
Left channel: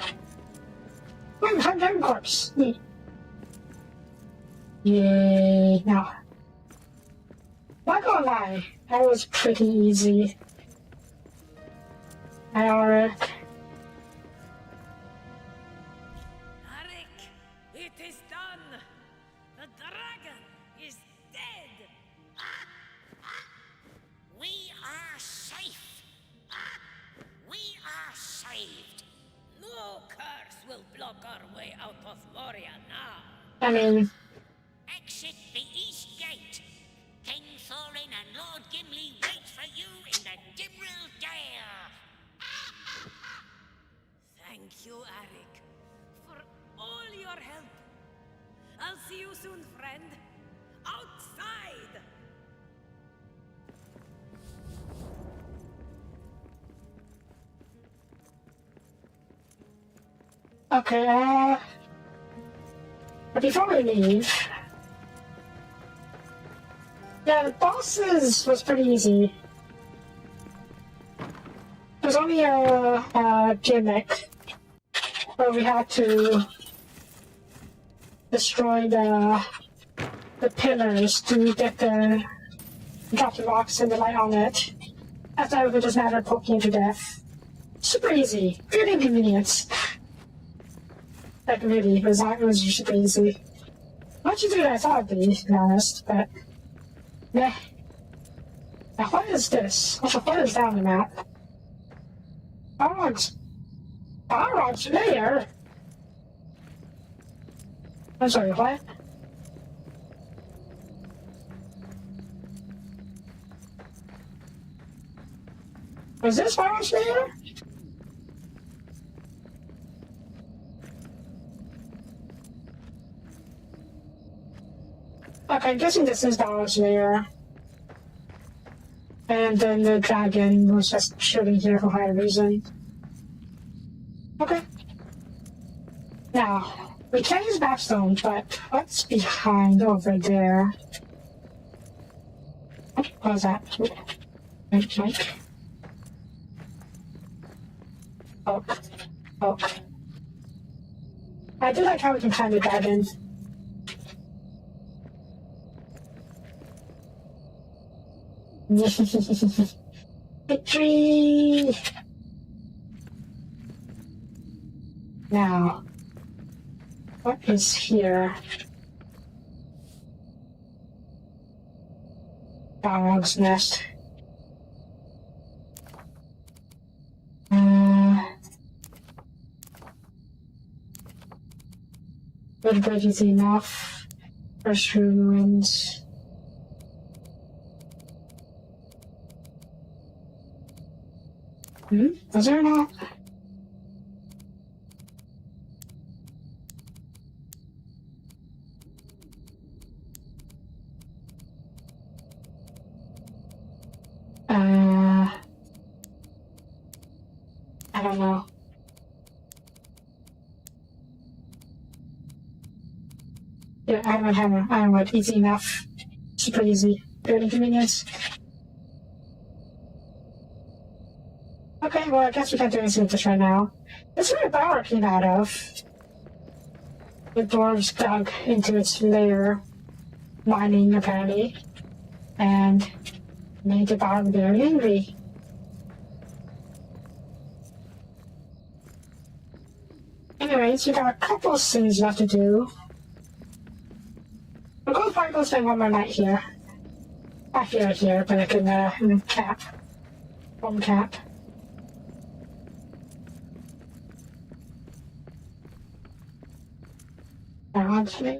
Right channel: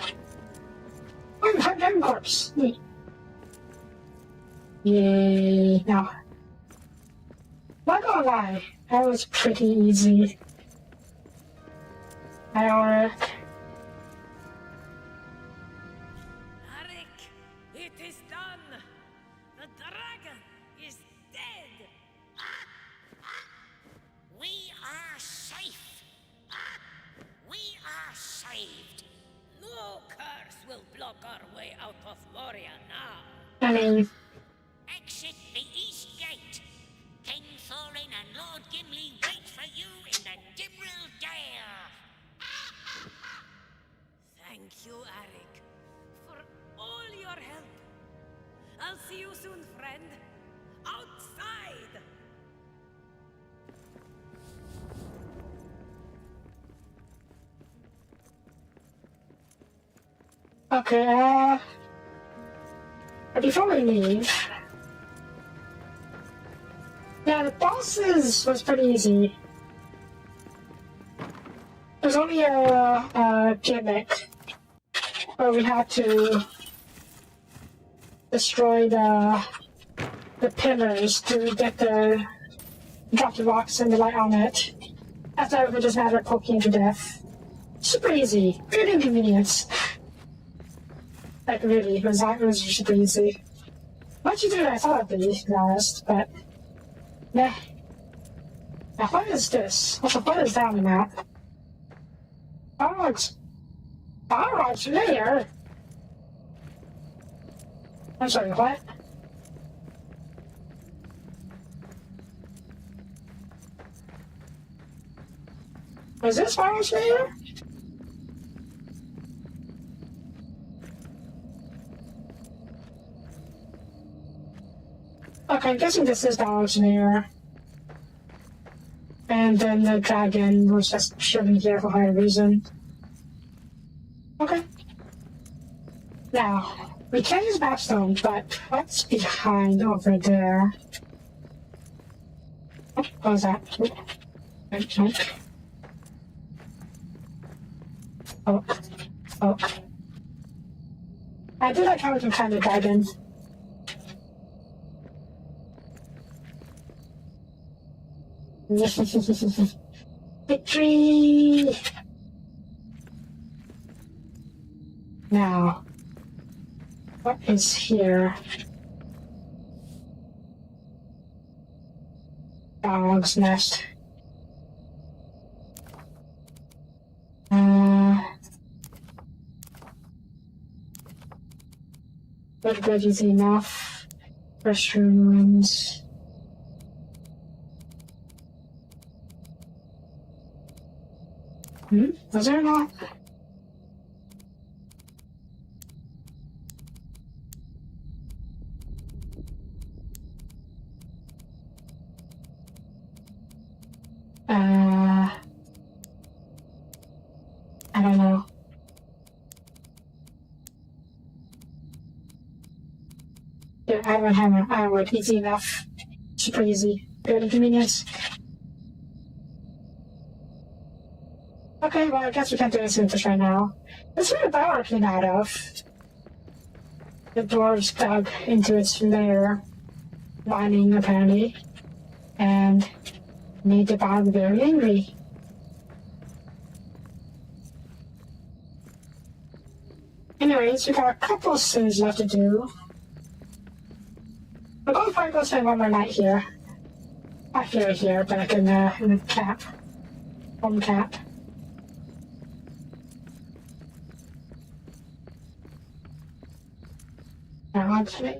Oh, I'm dragon corpse. Neat. Yeah. No. Not gonna lie, that was pretty easy. Alright. Arik, it is done! The dragon is dead! We are safe. We are saved. No curse will block our way out of Moria now. I mean, Exit the east gate. King Thorin and Lord Gimli wait for you in the Dimril Dale. Thank you, Arik, for all your help. I'll see you soon, friend. Outside! okay, but before we leave, yeah, the bosses was pretty easy. was only a gimmick where we had to destroy the pillars to get the drop the rocks and the light on it. After that, it would just matter of poking to death. Super easy, good inconvenience. Like really, it was super easy. Much easier than I thought it'd be, to be honest. But yeah. Now what is this? What is that on the map? Dogs. Dogs there. I'm sorry, what? Is this Forest there? Okay, I'm guessing this is Forest there. And then the dragon was just chilling here for high reason. Okay. Now, we can use Mapstone, but what's behind over there? What was that? Oh. Oh. I do like how we can find the dragon. Victory! Now, what is here? Dog's nest. Little bit easy enough. First ruins. Was there not? I don't know. Yeah, I would easy enough. Super easy. Good inconvenience. Okay, well, I guess we can't do anything with this right now. That's where the power came out of. The dwarves dug into its lair, mining apparently, and made the bottom very angry. Anyways, we got a couple of things left to do. We're going to probably go spend one more night here. Not here, but like in the cap. Home cap. Actually.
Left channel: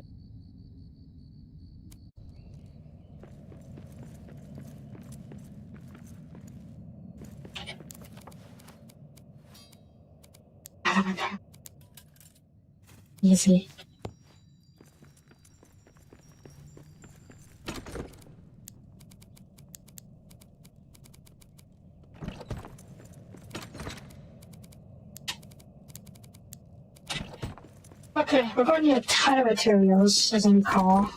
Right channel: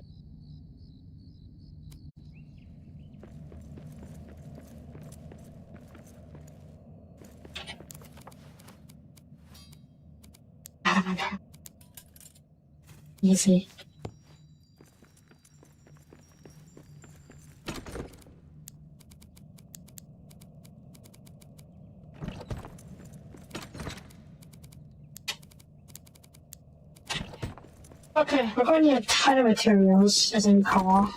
Easy. Okay, we're going to need a ton of materials, as I recall.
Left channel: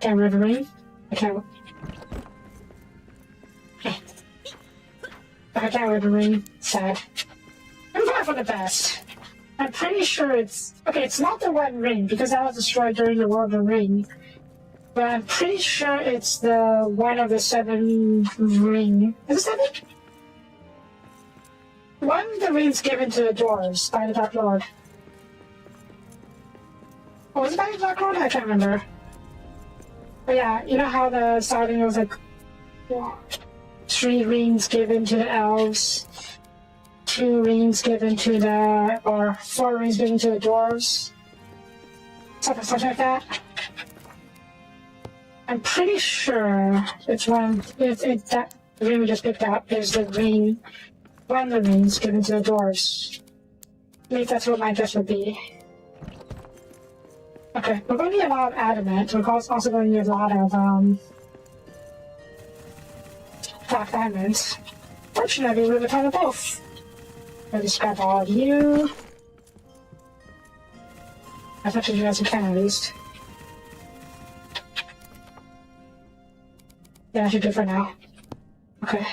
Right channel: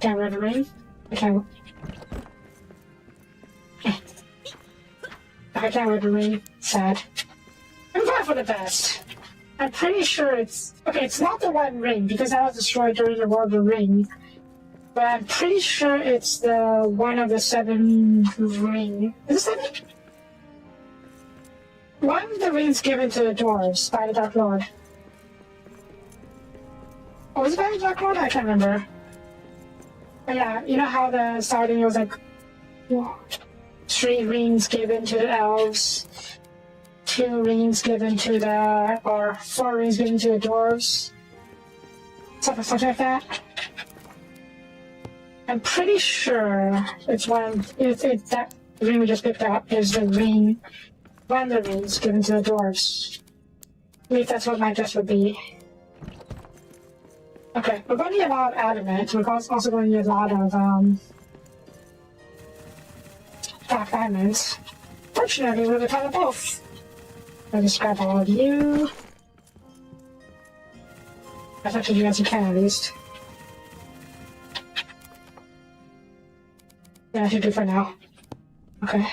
Camera to ring. Okay. I can't wear the ring. Sad. I'm glad for the best. I'm pretty sure it's... Okay, it's not the one ring, because that was destroyed during the World of the Ring. But I'm pretty sure it's the one of the 7 ring. Is it 7? One of the rings given to the dwarves by the Dark Lord. Oh, was it by the Dark Lord? I can't remember. But yeah, you know how the starting was like 3 rings given to the elves, 2 rings given to the, or 4 rings given to the dwarves? Something like that. I'm pretty sure it's one that ring we just picked up is the ring, one of the rings given to the dwarves. I believe that's what my guess would be. Okay, we're going to need a lot of adamant. We're also going to need a lot of black diamonds. Fortunately, we have a ton of both. I'll just grab all of you. As much as you guys can, at least. Yeah, I should do for now. Okay.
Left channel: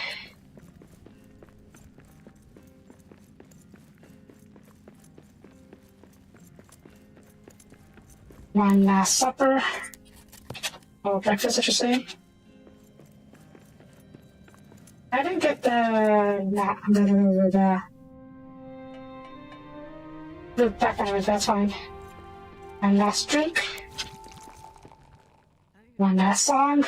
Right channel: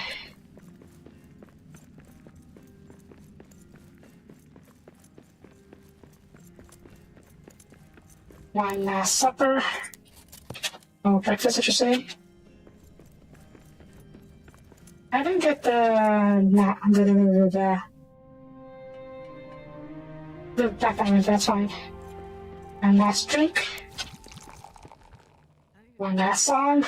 One last supper. Oh, breakfast, I should say. I didn't get the background, that's fine. One last drink. One last song.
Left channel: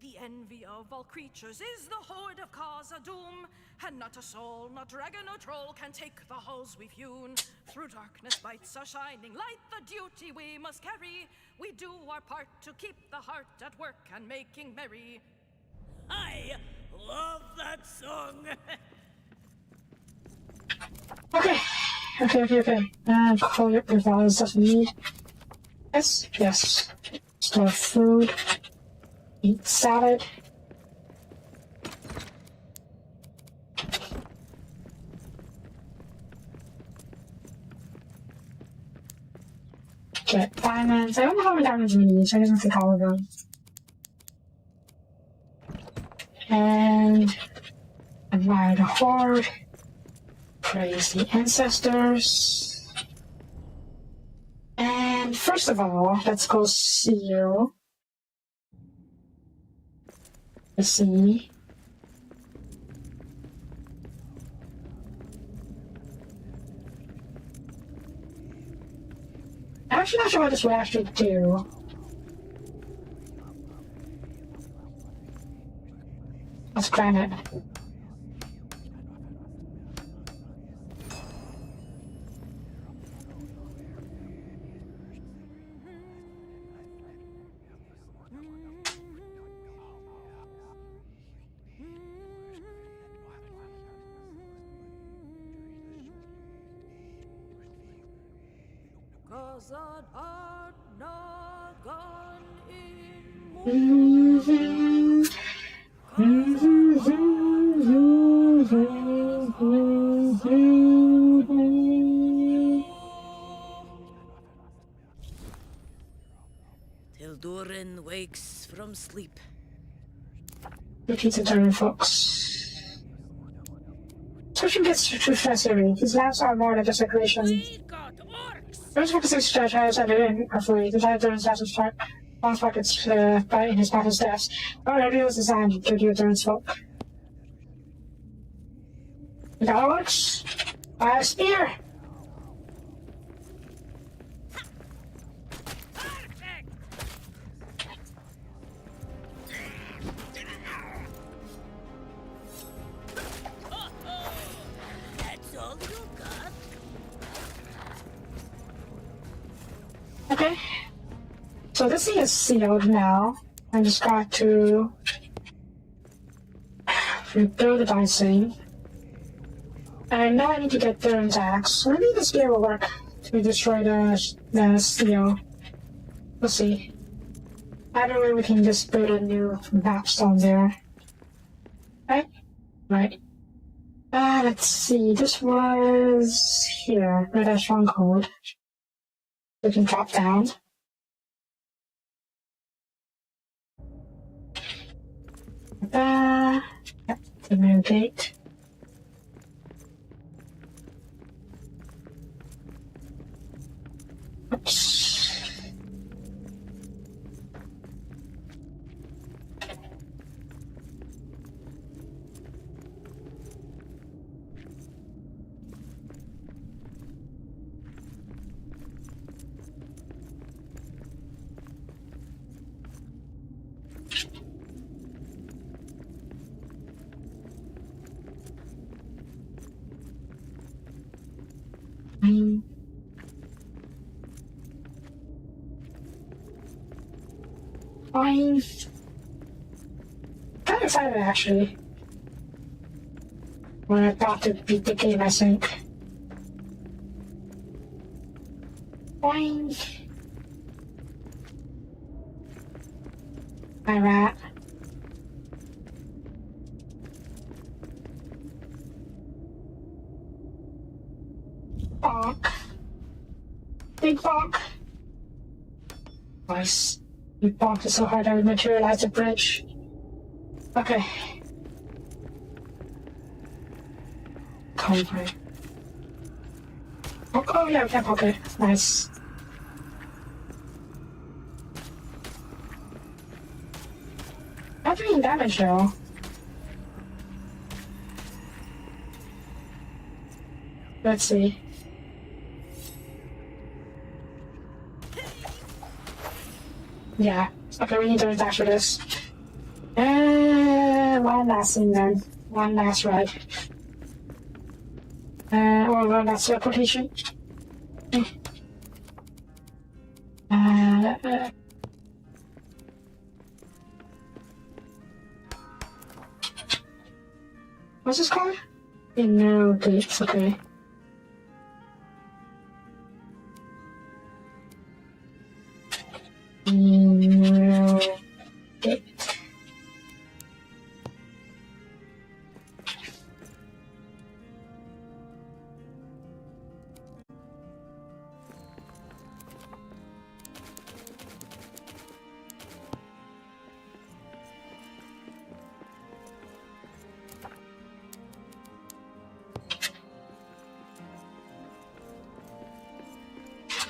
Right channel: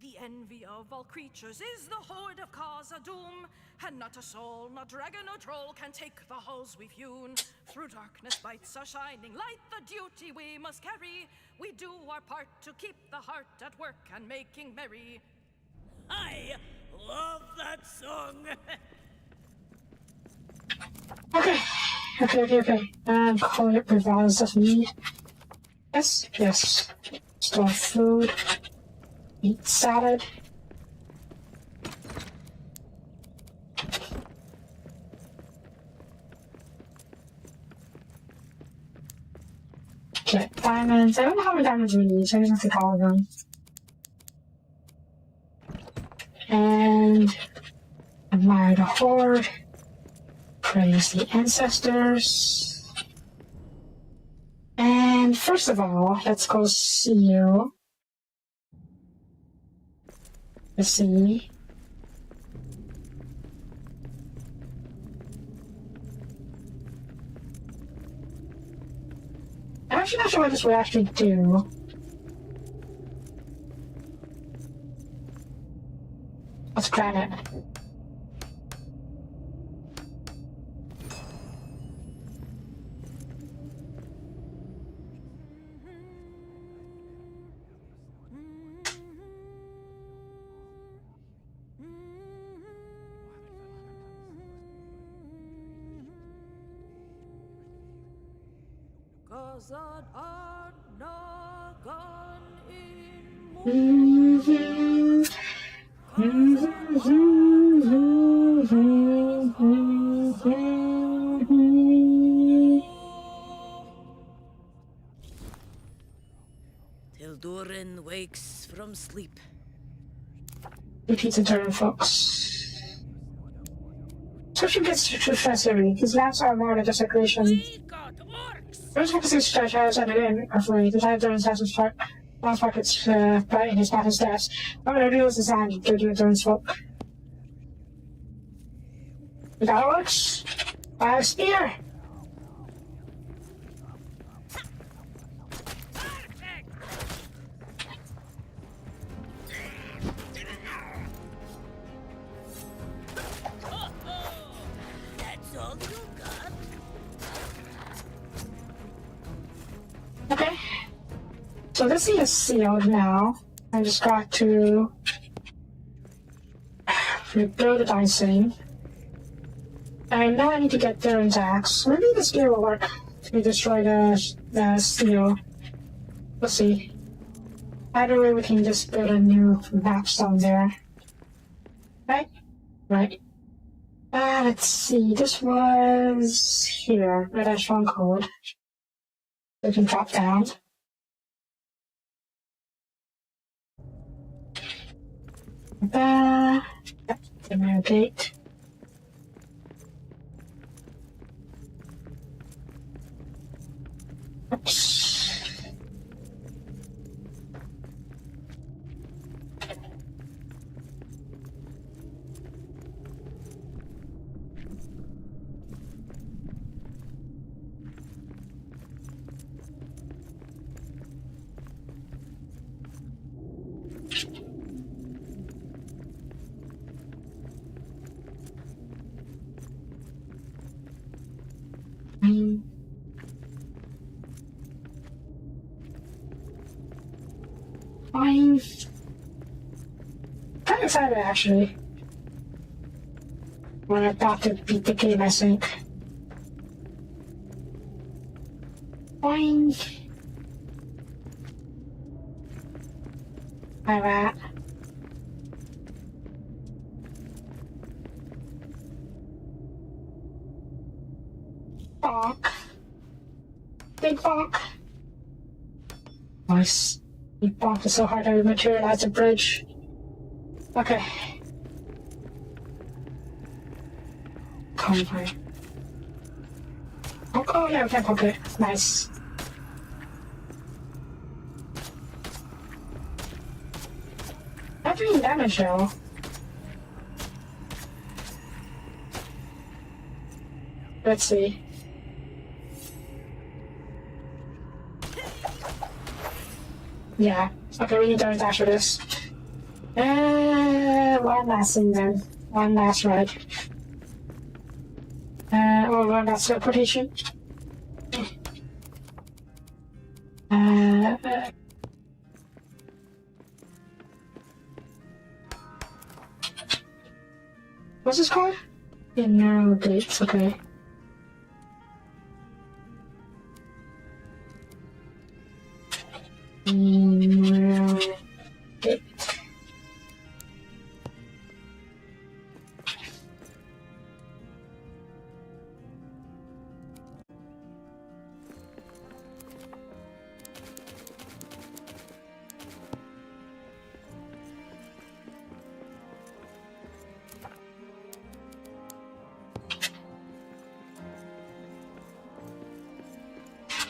The envy of all creatures is the horde of cause of doom, and not a soul, not dragon or troll can take the halls we've hewn. Through darkness bites are shining light, the duty we must carry. We do our part to keep the heart at work and making merry. I love that song. Okay. Call it with all the stuff we need. Yes. Store food. Eat salad. Get diamonds. I don't know how many diamonds we need, so I just have to call them. And admire the horde. Praise the ancestors. And first of all, let's go see you. Let's see. I'm actually not sure what this will actually do. Let's try it. Gazad art nagan in Till Durin wakes from sleep. Repeats internal folks. Switching gets to Treasury. His lamps are more like a decoration. We got orcs. First focuses to has at it in roughly. The time Durin's house is last pockets in his battle's deaths. However, reveals his hand to do Durin's folk. The orcs? I have a spear! Perfect. That's all you got? Okay. So this thing is sealed now. I just got to rebuild the dicing. And now I need to get Durin's axe. Maybe this gear will work to destroy the seal. We'll see. Either way, we can just build a new map stone there. Right? Right. Let's see. This was here. Red Eye Stronghold. We can drop down. Yep, the new gate. Oops. I'm kind of excited actually. We're about to beat the game, I think. Fine. Hi, rat. Fuck. Big bonk. Nice. We bonked it so hard I materialized a bridge. Okay. Come on. Oh, yeah, okay. Nice. Not doing damage though. Let's see. Yeah. Okay, we need to attack for this. And one last thing then. One last ride. Oh, one last teleportation. What's this called? Narrow gates, okay. Narrow gate.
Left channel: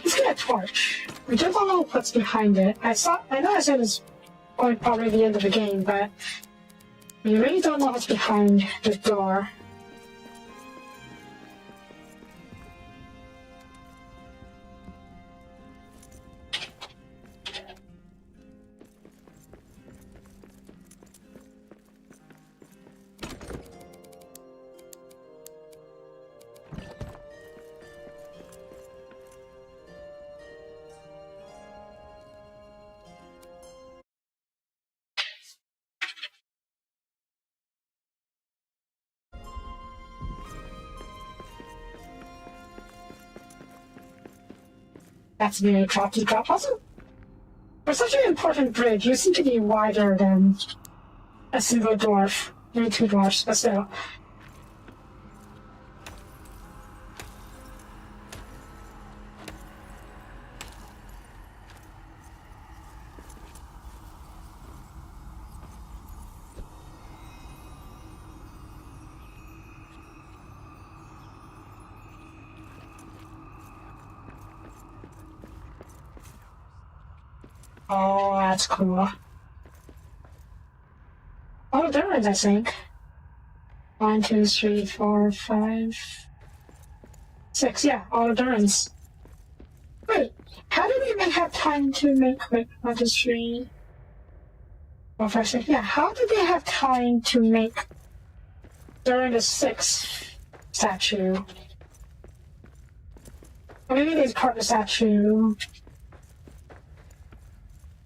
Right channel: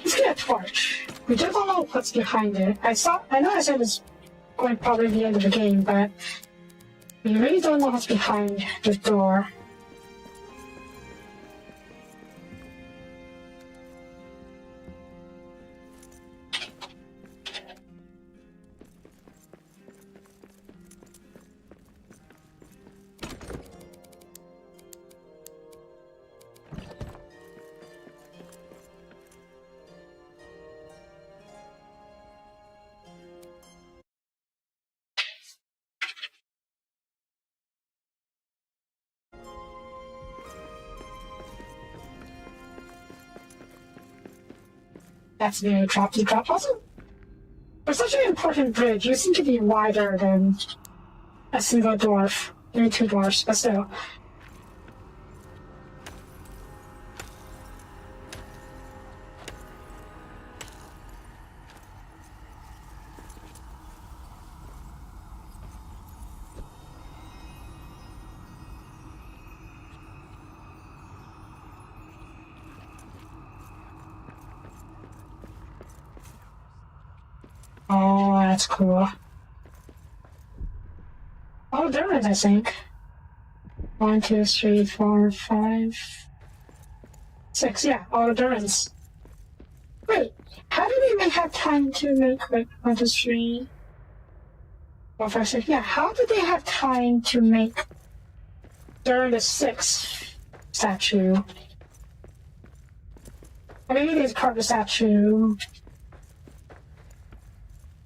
Let's get a torch. We don't know what's behind it. I know I said it's going to probably the end of the game, but we really don't know what's behind the door. That's very drop to drop. Also, for such an important bridge, you seem to be wider than a single dwarf. Maybe two dwarfs, but still. Oh, that's cool. Oh, there is, I think. 1, 2, 3, 4, 5, 6. Yeah, all endurance. Wait, how did they have time to make like 1, 2, 3, 4, 5, 6? Yeah, how did they have time to make during the 6th statue? Maybe they carved the statue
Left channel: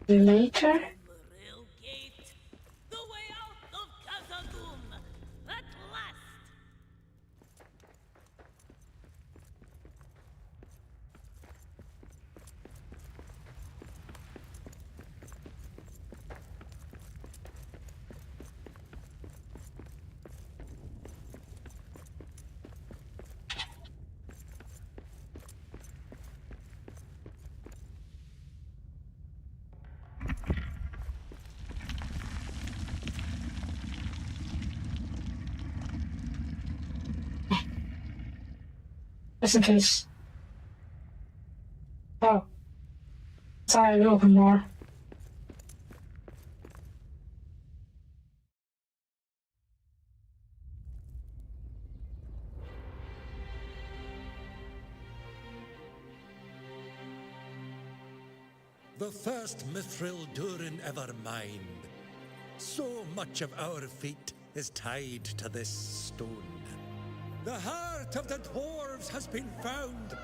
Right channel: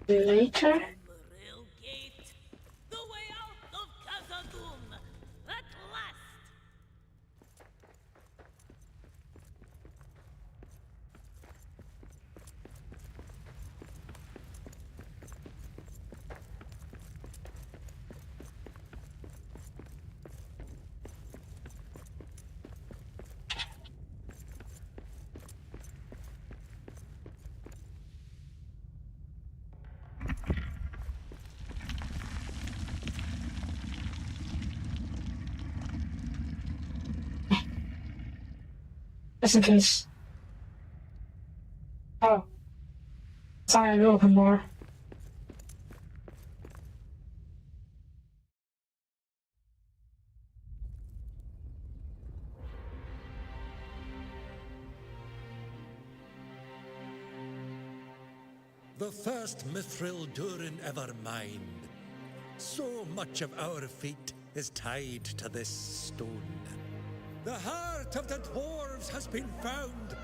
later. Real gate, the way out of Khazad-dûm, at last. Just in case. Oh. Sorry, we'll open more. The first mithril Durin ever mined. So much of our fate is tied to this stone. The heart of the dwarves has been found.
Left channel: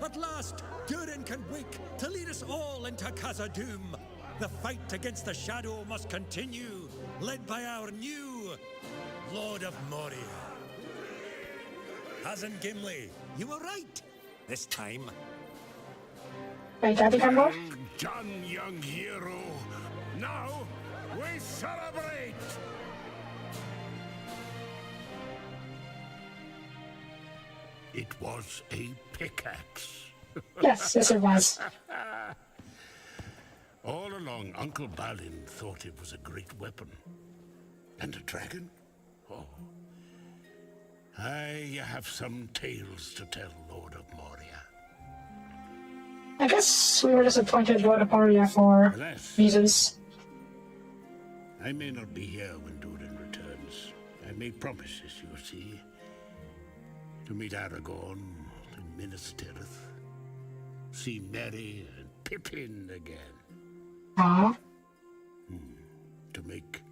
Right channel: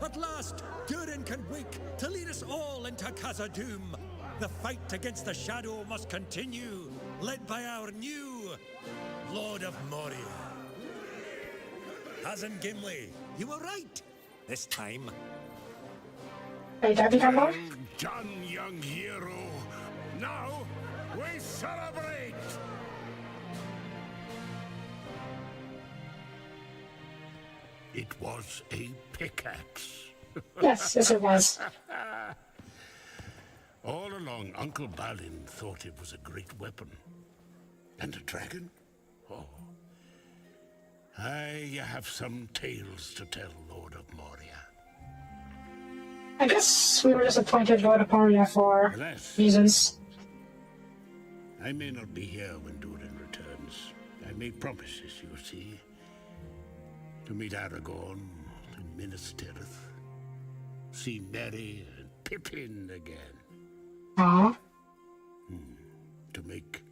At last, Durin can wake to lead us all into Khazad-dûm. The fight against the shadow must continue, led by our new Lord of Moria. Hazen Gimli, you were right this time. Wait, have you come more? Well done, young hero. Now, we celebrate! It was a pickaxe. Yes, yes it was. All along, Uncle Balin thought it was a great weapon. And a dragon? Oh. I have some tales to tell, Lord of Moria. I guess we were disappointed Lord of Moria for Alas, reasons. I may not be here when Durin returns. I made promises, you see. To meet Aragorn in Minas Tirith. See Merry and Pippin again. Aw. To make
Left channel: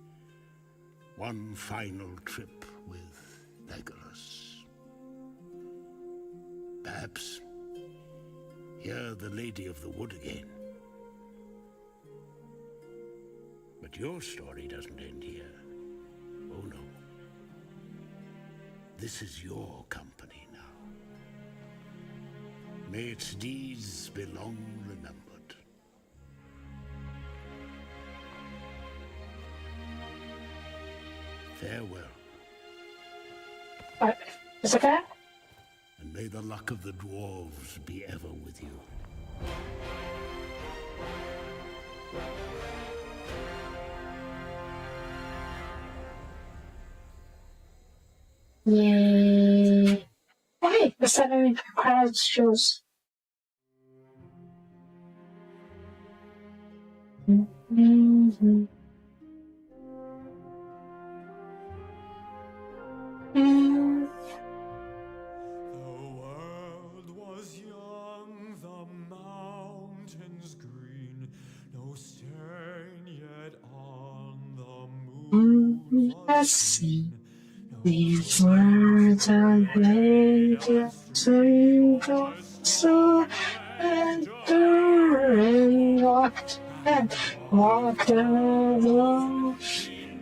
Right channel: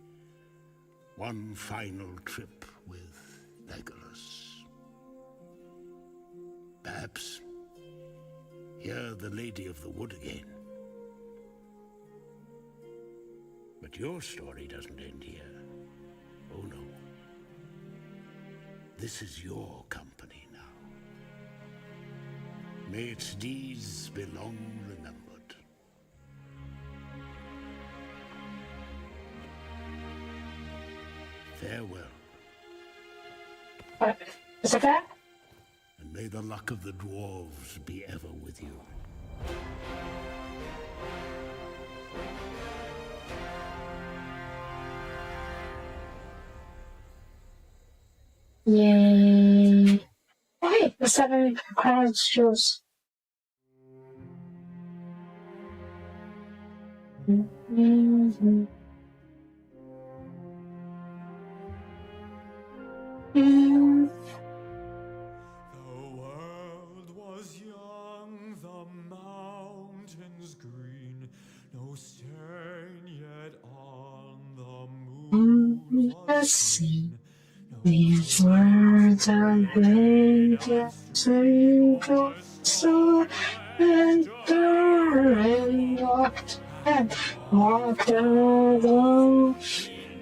one final trip with Legolas. Perhaps hear the Lady of the Wood again. But your story doesn't end here. Oh no. This is your company now. May its deeds be long remembered. Farewell, What? Is it that? and may the luck of the dwarves be ever with you. Yay. Oh, hey, the 7 crowds shows. The world was young, the mountains green, no stain yet on the moon was seen. These words are laid to the soul, and Durin walked alone,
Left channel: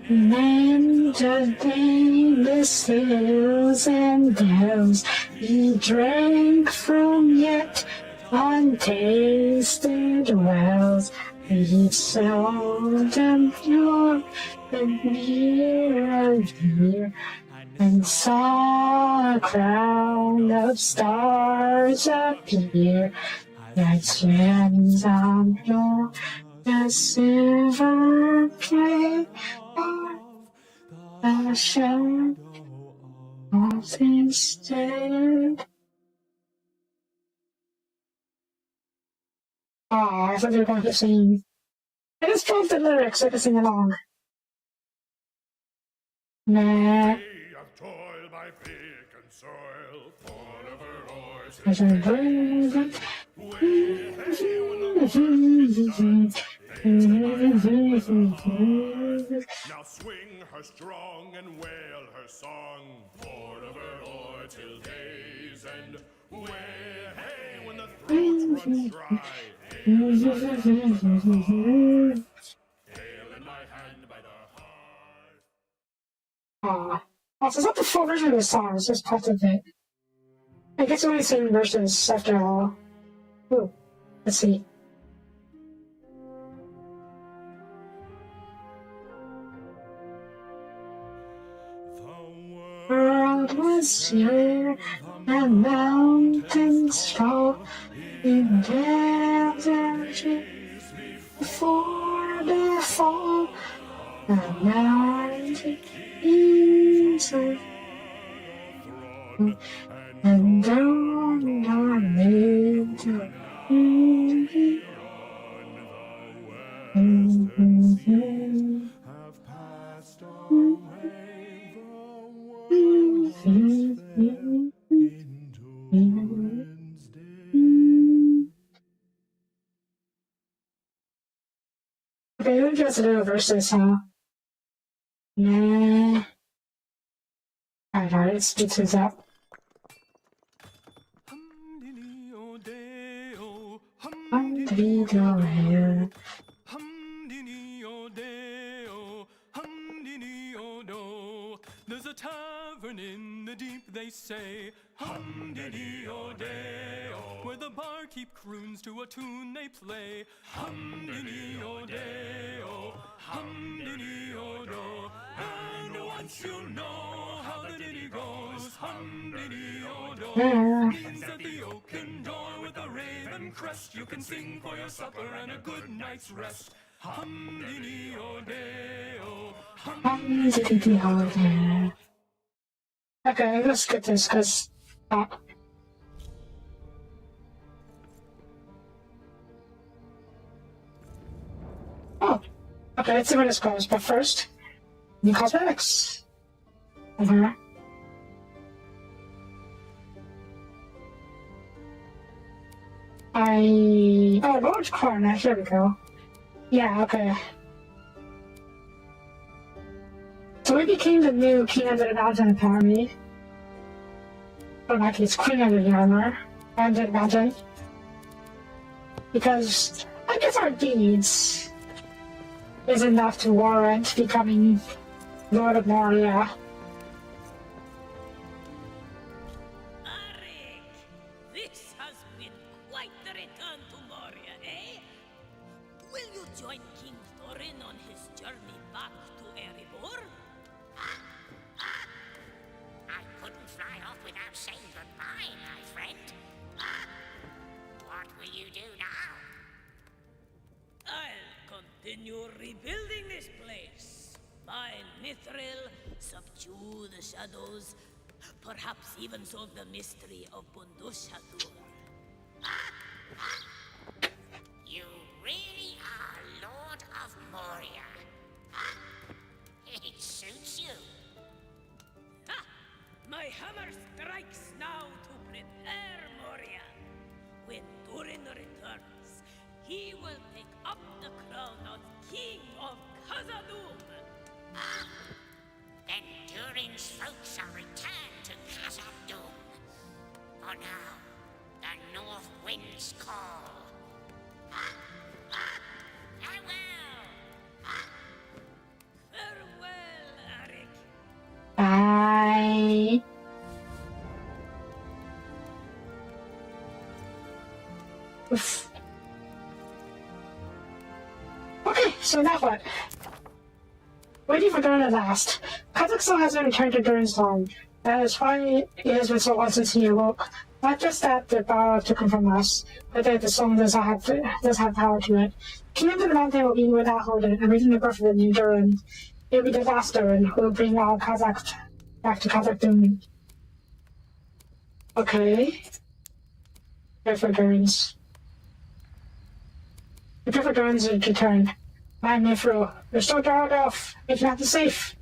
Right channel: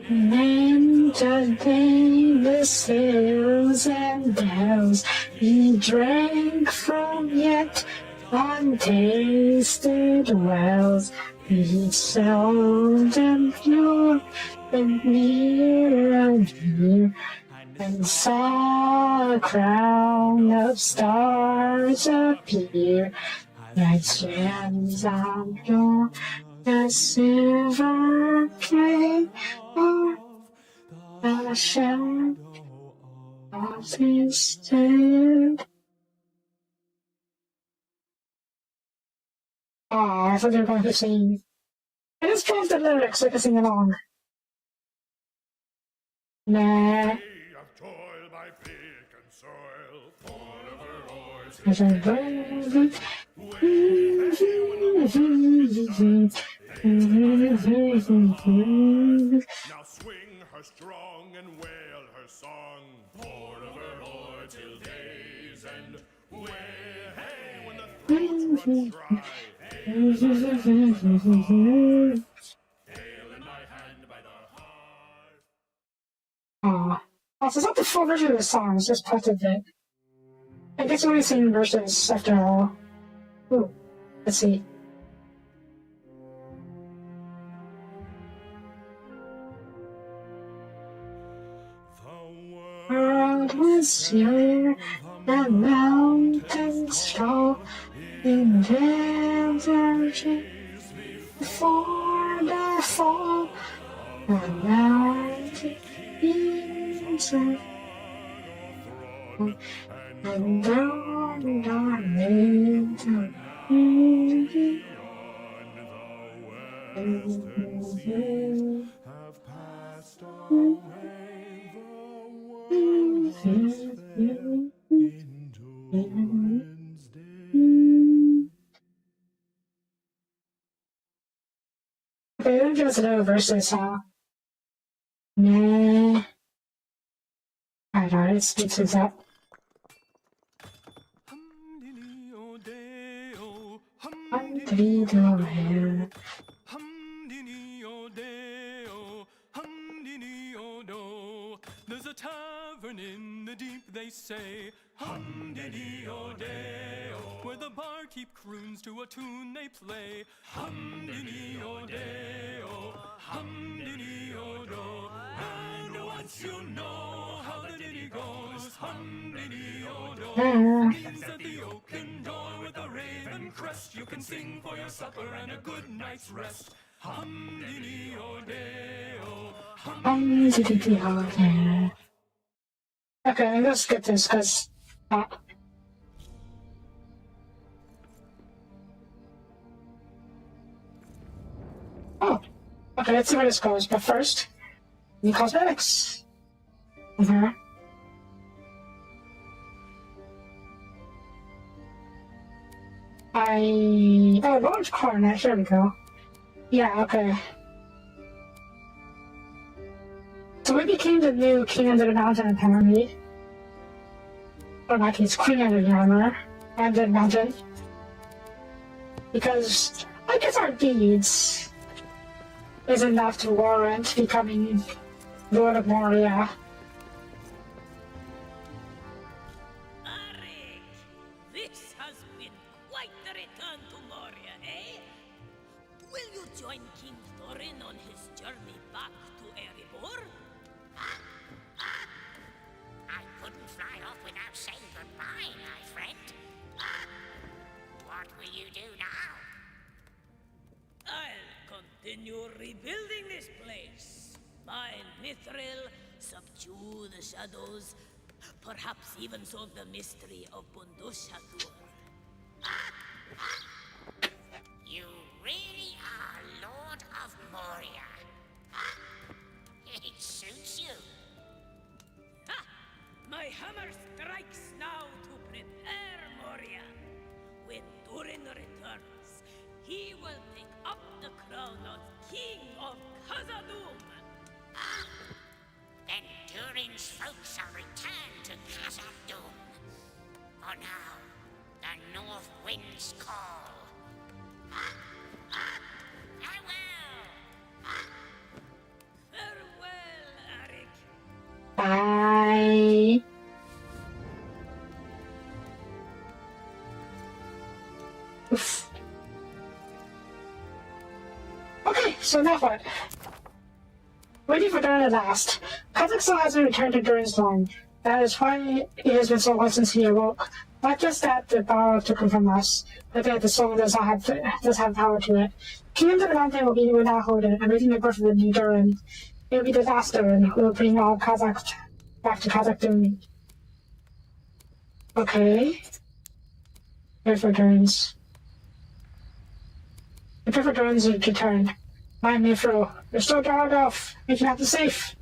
and the hills and dales. He drank from yet untasted wells. He sound and pure and near and near, and saw a crown of stars appear, that shines on your the silver plate of the shadow of his tent. Oh, I thought they were going to sing. I just changed the lyrics so I could sing along. Nah. Day of toil by pick and soil, fall of her oars, There's a bird. now swing her strong and wail her song, pour of her oar till day's end. Way, hey, when the throat runs dry, ale in my hand by the heart, ale in my hand by the heart. Oh, so it's not the full version of the song, it's just part of it. I guess only sing verses after all. Ooh, let's see. The World was young, the mountains tall, in desert before the fall. The mountain easy, and down our nature. have passed away, the world was fair in Durin's day. Okay, let me just do verses, huh? Nah. Alright, let's get this up. Hum-dee-dee-o-day-o, Hum-dee-dee-o-day-o. hum-dee-dee-o-day-o, hum-dee-dee-o-do. There's a tavern in the deep, they say, hum-dee-dee-o-day-o, where the barkeep croons to a tune they play, hum-dee-dee-o-day-o, hum-dee-dee-o-do. And once you know how the ditty goes, hum-dee-dee-o-do, means that the oaken door with the rain crest. You can sing for your supper and a good night's rest. Hum-dee-dee-o-day-o, hum-dee-dee-dee-o. Okay, let's skip this because. Oh, okay, let's see where this goes. But first, new cosmetics. Oh, orange coronet. Here we go. Yeah, okay. So we became the new king under the mountain, apparently. Or actually, it's queen under the armor. Under the mountain. Because I guess our deeds is enough to warrant becoming Lord of Moria. Arik, this has been quite the return to Moria, eh? Will you join King Thorin on his journey back to Erebor? I couldn't fly off without saying goodbye, my friend. What will you do now? I'll continue rebuilding this place. Find Mithril, subdue the shadows, perhaps even solve the mystery of Bundushatur. You really are Lord of Moria. It suits you. Ha! My hammer strikes now to prepare Moria. When Durin returns, he will take up the crown of King of Khazad-dûm. Then Durin's folk shall return to Khazad-dûm. For now, the North Winds call. Farewell! Farewell, Arik. Bye. Oof. Okay, so now what? Waiting for Durin at last. Kazakhstan has been returned to Durin's throne. That is why it has been so long since he awoke. Not just that the power took him from us, but that the soul does have power to it. King of the Mountain will be without Hoden, and raising the birth of the new Durin. It will be the last Durin who will bring all Kazakhs back to Khazad-dûm. Okay. Here for Durin's. Prepare for Durin's return. My Mithril, restore Dargoth, making out the safe.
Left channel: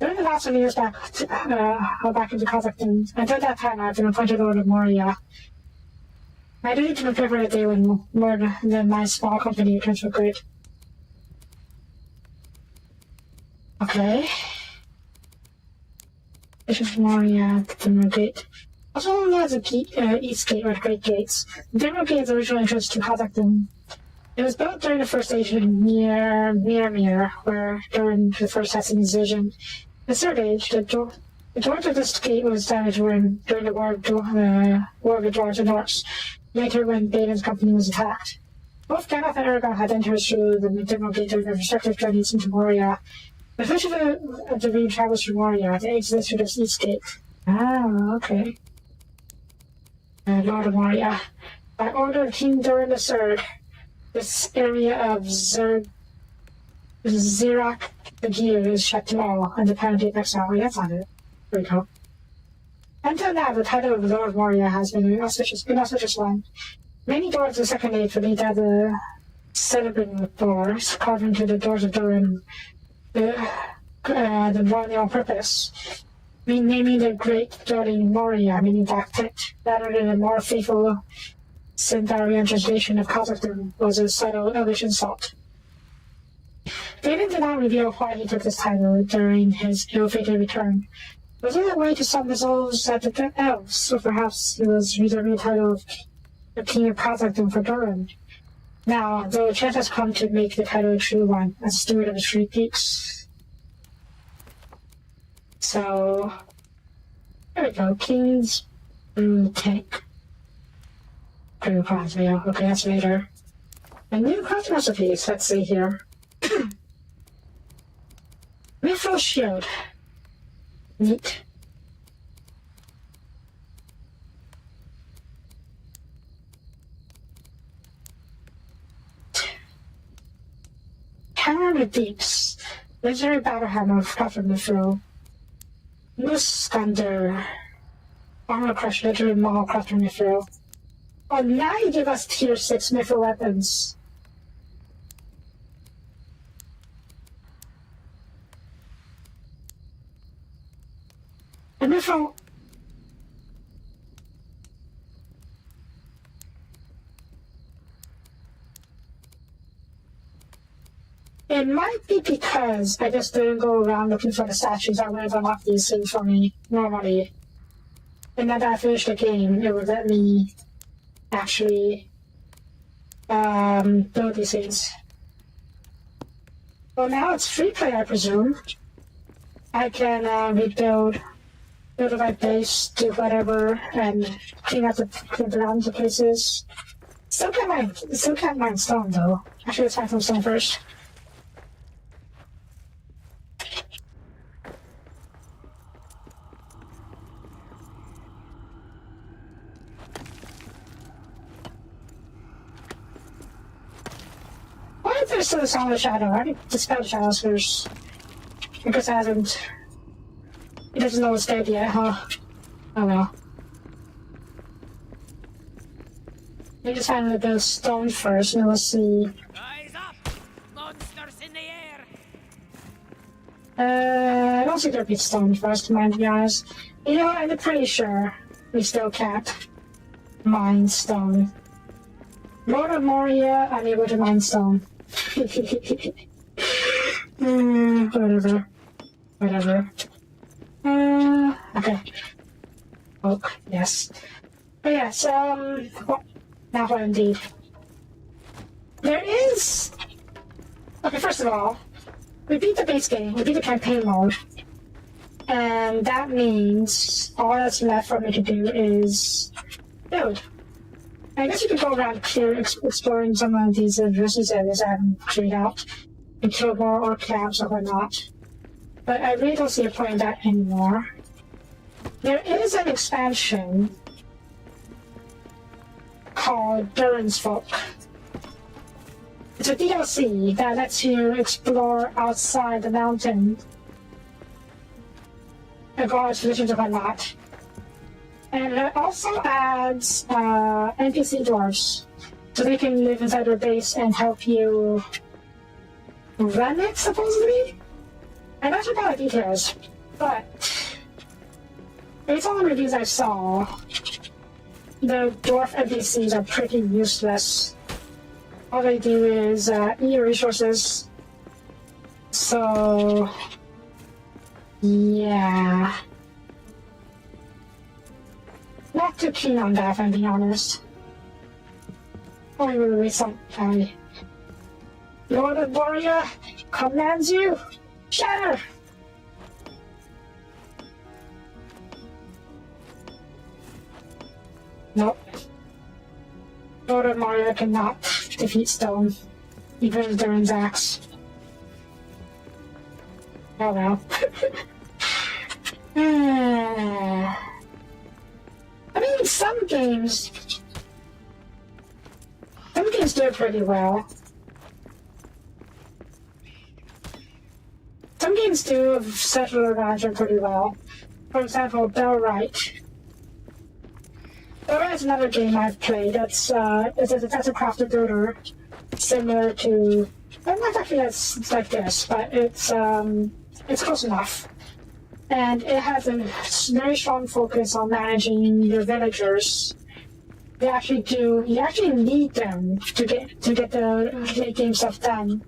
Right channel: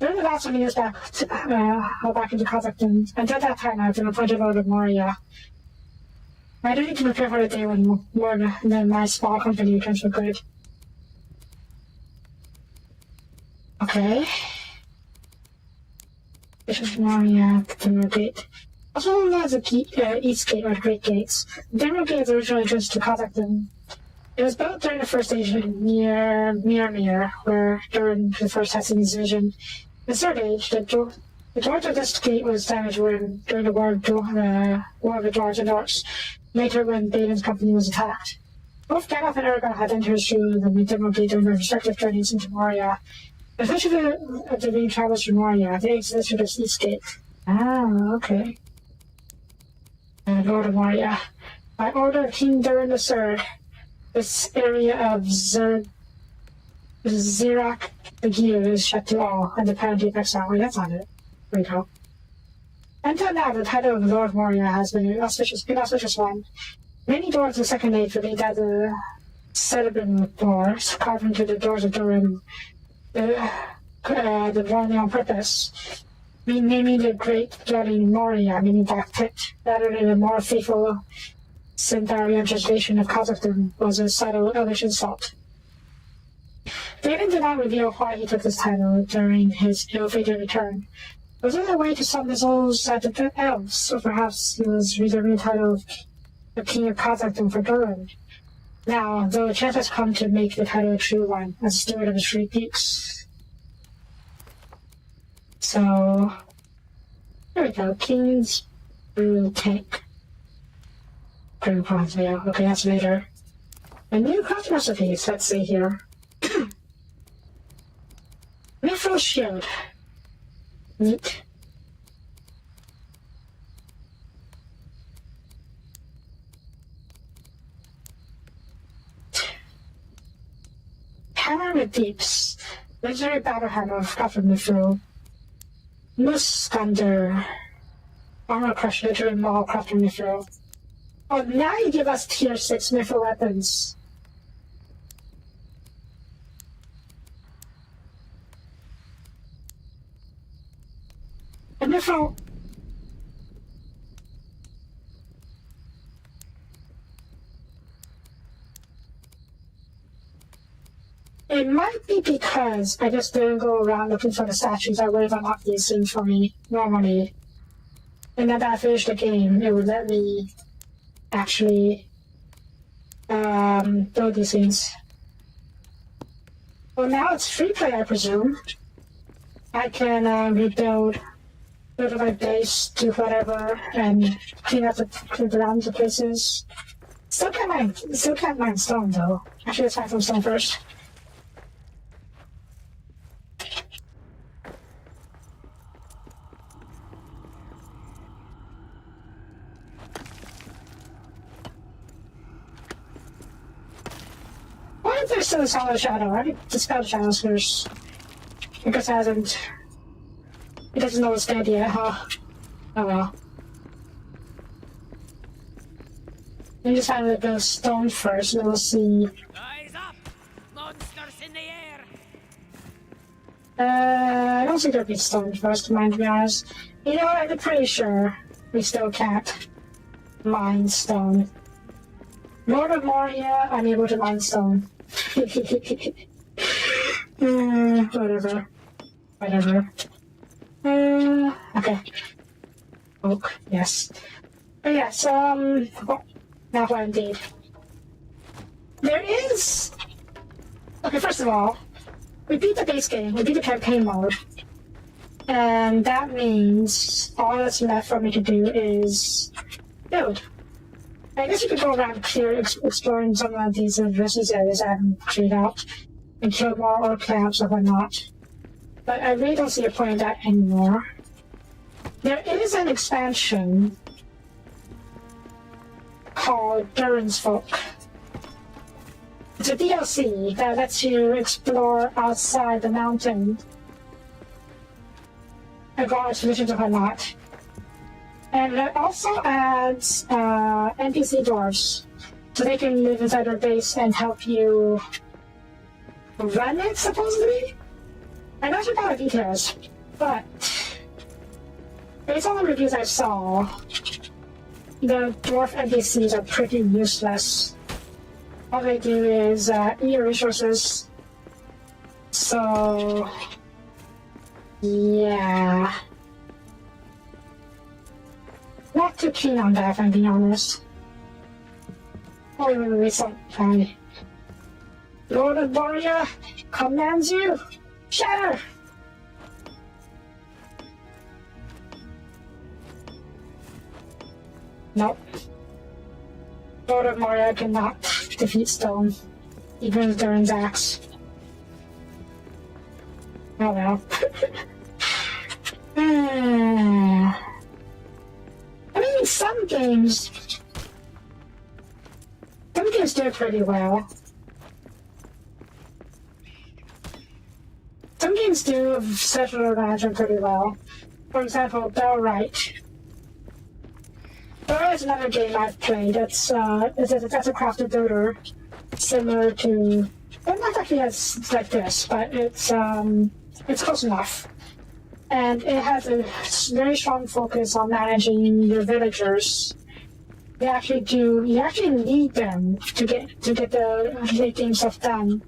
During the last 20 years back into Kazakhstan, until that time I've been appointed Lord of Moria. My duty to prepare for the day when my small company returns for good. Okay. Bishop of Moria, the Timber Gate. Also known as the East Gate or the Great Gates. The Timber Gate is the original entrance to Kazakhstan. It was built during the First Age near Mir, where Durin the First had seen his vision. In the Third Age, the doors of this gate was damaged during the War of the Dwarves and Orcs, later when Balin's company was attacked. Both Gandalf and Aragorn had entered through the Middenmoor Gate during their respective journeys into Moria. The fish of the ring travels through Moria. They exist through this East Gate. Ah, okay. Lord of Moria. By order of King Durin III, this area of Zirak the Gear is shut to all, and the penalty of exile. Wait, that's not it. There we go. Until now, the title of Lord of Moria has been an auspicious one. Many dwarves of Second Age believed that the celebrant doors carved into the doors of Durin, the dwelling on purpose, naming the great dwelling Moria, meaning Dark Pit, rather than a more faithful Centaurian translation of Kazakhstan was a subtle Elvish insult. David did not reveal why he took this title during his ill-fated return. Was it a way to summon the souls of the elves, or perhaps he was reserving the title of King of Kazakhstan for Durin? Now, though a chance has come to make the title a true one, as steward of the Three Peaks. So, here we go, King's Tank. Cream cross mail. Okay, that's later. A new craft recipes, let's see here. Mithril shield. Neat. in the Deeps. Legendary battle hammer of Prophet Mithril. Muskander. Armor Crush, Legendary Maul, Prophet Mithril. Oh, now you give us tier 6 Mithril weapons. And Mithril... It might be because I just didn't go around looking for the statues. I would have unlocked these things for me normally. And then that I finished the game, it would let me actually build these things. Well, now it's free play, I presume. I can build my base, do whatever, and clean out the grounds of places. Still can't mine stone though. Actually, let's find some stone first. Why is there still a solid shadow? I need to dispel the shadows first. Because it doesn't know it's dead yet, huh? Oh well. Let me just find the stone first, and then we'll see. Eyes up! Monsters in the air! I don't think there'll be stone first, to be honest. You know, I'm pretty sure we still can't mine stone. Lord of Moria, I'm able to mine stone. Whatever. Okay. Oak, yes. But yeah, so, oh, now what indeed. There is... Okay, first of all, we beat the base game, we beat the campaign mode. And that means all that's left for me to do is build. I guess you could go around here exploring some of these versus areas I haven't cleared out and kill more orc camps or whatnot. But I really don't see a point in that anymore. There is an expansion called Durin's Folk. It's a DLC that lets you explore outside the mountain and go on expeditions and whatnot. And it also adds NPC dwarves, so they can live inside your base and help you run it, supposedly? I'm not sure about the details, but based on the reviews I saw, the dwarf NPCs are pretty useless. All they do is eat resources, so yeah. Not too keen on that, if I'm being honest. Oh, wait, wait, sorry. Lord of Moria commands you, shatter! Nope. Lord of Moria cannot defeat stone, even with Durin's axe. Oh well. I mean, some games do pretty well. Some games do settle around pretty well. For example, Bellwright. Bellwright is another game I've played. It's a crafted builder, similar to, but not actually as like this, but it's close enough. And it has a very strong focus on managing your villagers. You actually need them to get the game stuff done.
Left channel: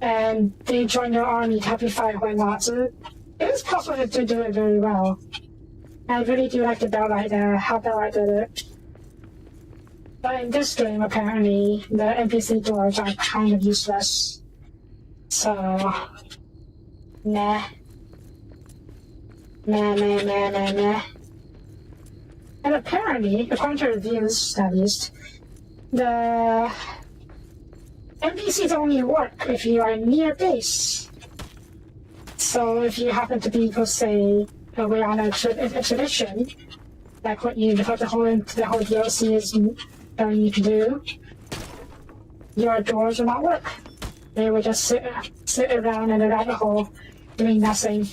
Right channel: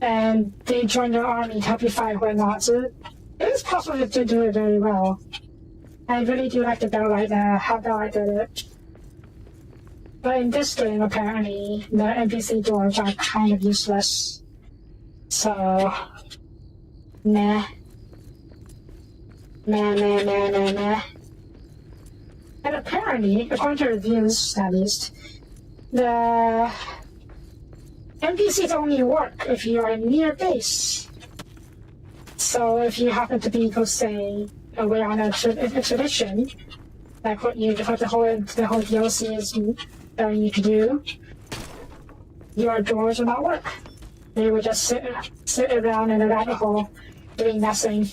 And they join their army to help you fight and whatnot. So it is possible to do it very well. I really do like the Bellwright, how Bellwright did it. But in this game, apparently, the NPC dwarves are kind of useless. So, nah. Nah. And apparently, according to reviews at least, the NPCs only work if you are near base. So if you happen to be, go say, away on a expedition, like what the whole DLC is telling you to do, your dwarves will not work. They would just sit around in a rabbit hole doing nothing.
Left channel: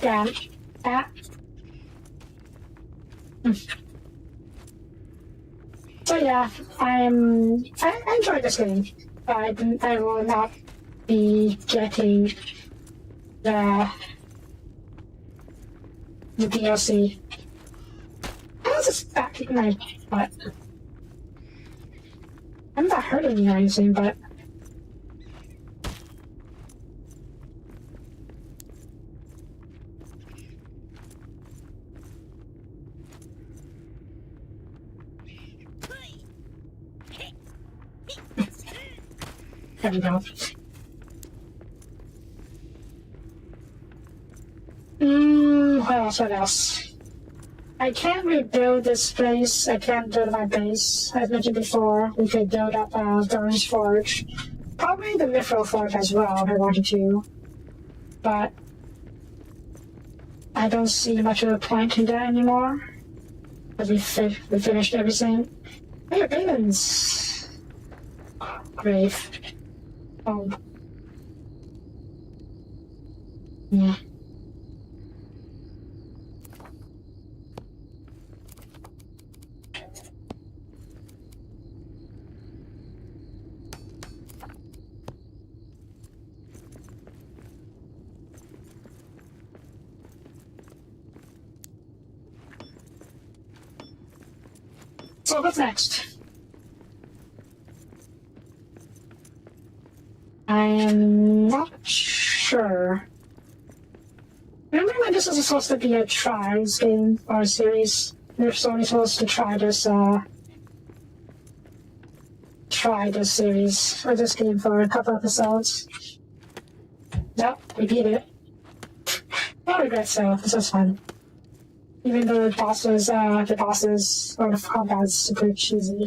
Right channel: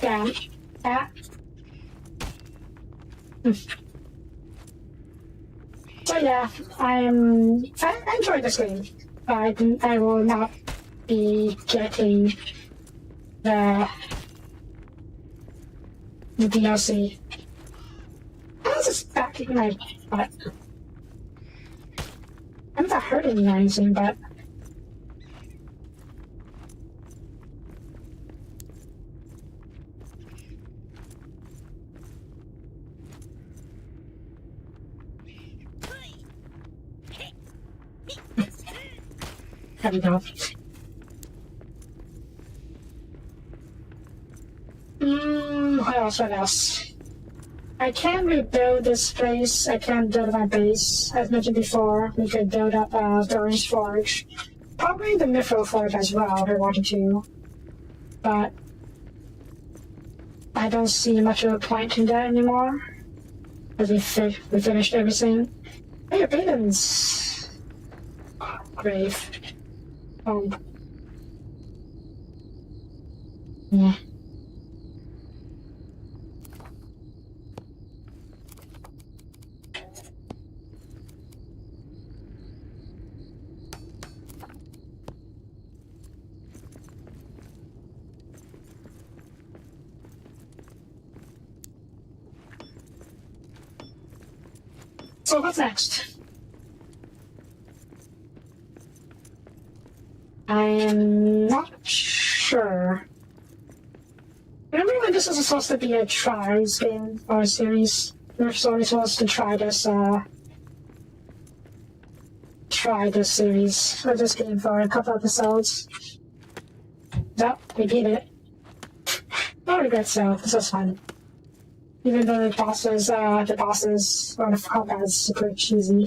Yeah. Yeah. So yeah, I enjoy this game, but I will not be getting the DLC. How's this back in my butt? I'm not hurting you or anything, but there we go. What else? I can rebuild this place. I can build my base. As mentioned before, we could build up Doran's Forge. Probably the Mithril Forge as well if I wanted to. But I don't see much of a point to that anymore. Because we finished everything. Hey, Baden's grave. Oh. Yeah. So what's next? I am not sure. Remember when this was supposed to be a Tribes game or a series? We were only supposed to try this series or this game for a couple episodes. Nope, we beat it. No regrets though, this was fun. Even though the bosses or the combat is super cheesy.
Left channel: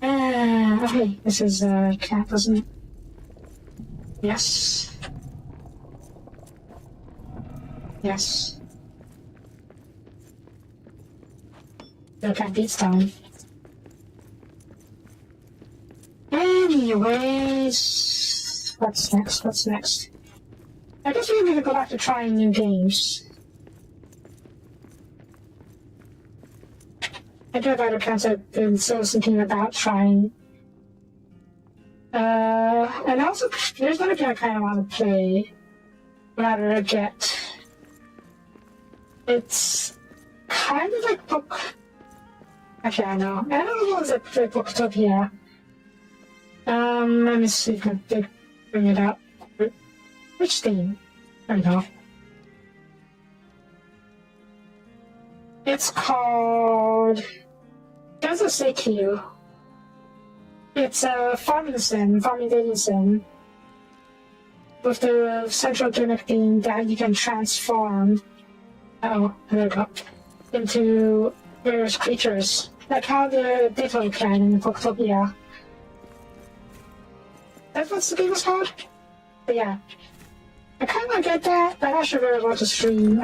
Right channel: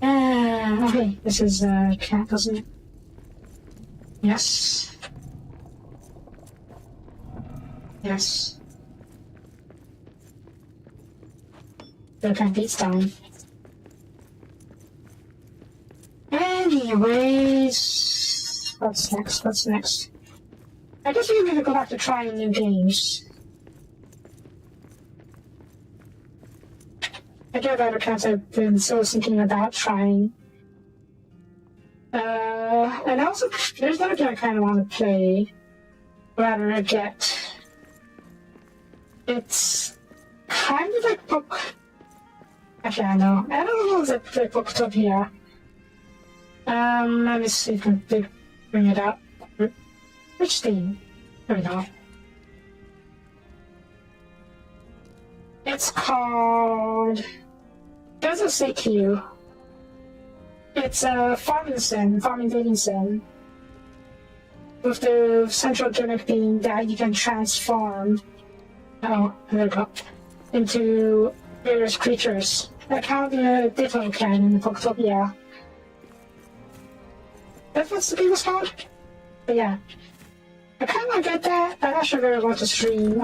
Okay, this is cat, wasn't it? Yes. Yes. The cat beats down. Anyways, what's next? What's next? I guess we need to go back to trying new games. I do have other accounts I've been sort of thinking about trying. And also, there's another game I kind of want to play. Rather get. It's kind of like book. Actually, I don't know if it's like Booktopia. Let me see if I can bring it up. Which thing? There we go. It's called... Doesn't say to you. It's a farming dating sim. With the central gimmick being that you can transform... Oh, there we go. Into various creatures. Like how the Ditto can in Booktopia. That's what the game was called? But yeah. I kind of get that. I actually really want to stream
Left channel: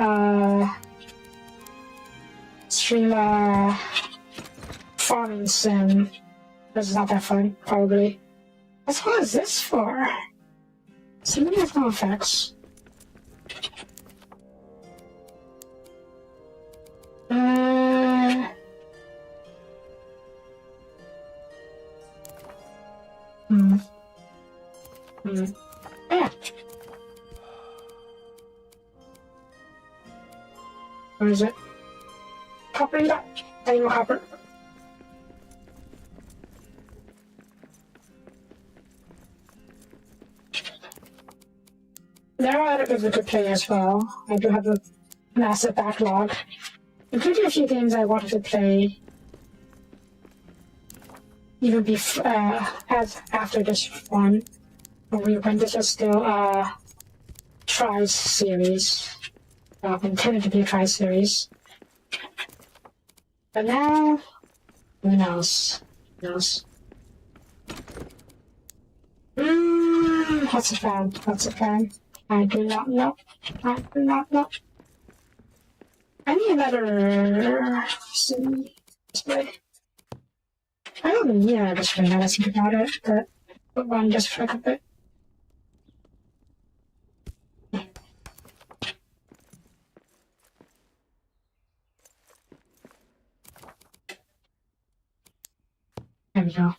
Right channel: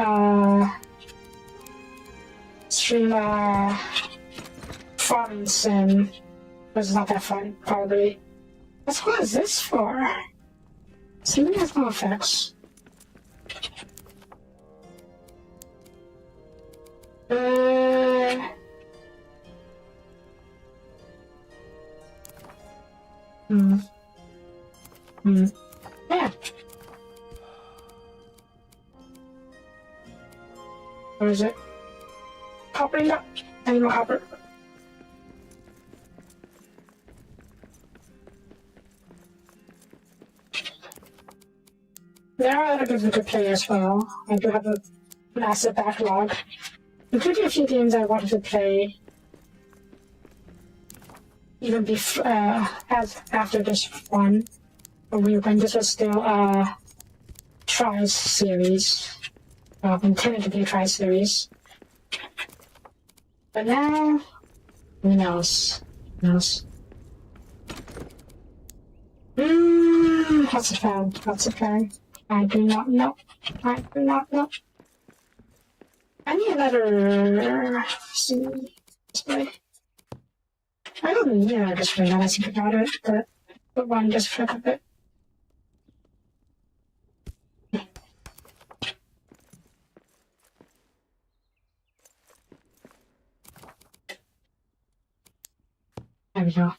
farming sim. It's not that fun, probably. What is this for? Seemingly has no effects. Yeah. Where is it? Hopper that. Animal hopper. There are other games I could play as well. I do have a massive backlog. Including a few games I wanted to play even after this one. When this was still a Tries series. Intended to be a Tries series. But now, who knows? Who knows? What's the plan? What's the plan? I do not know. I do not know. I need another display. I don't need a display now that I think about it, but put one just for a bit. There we go.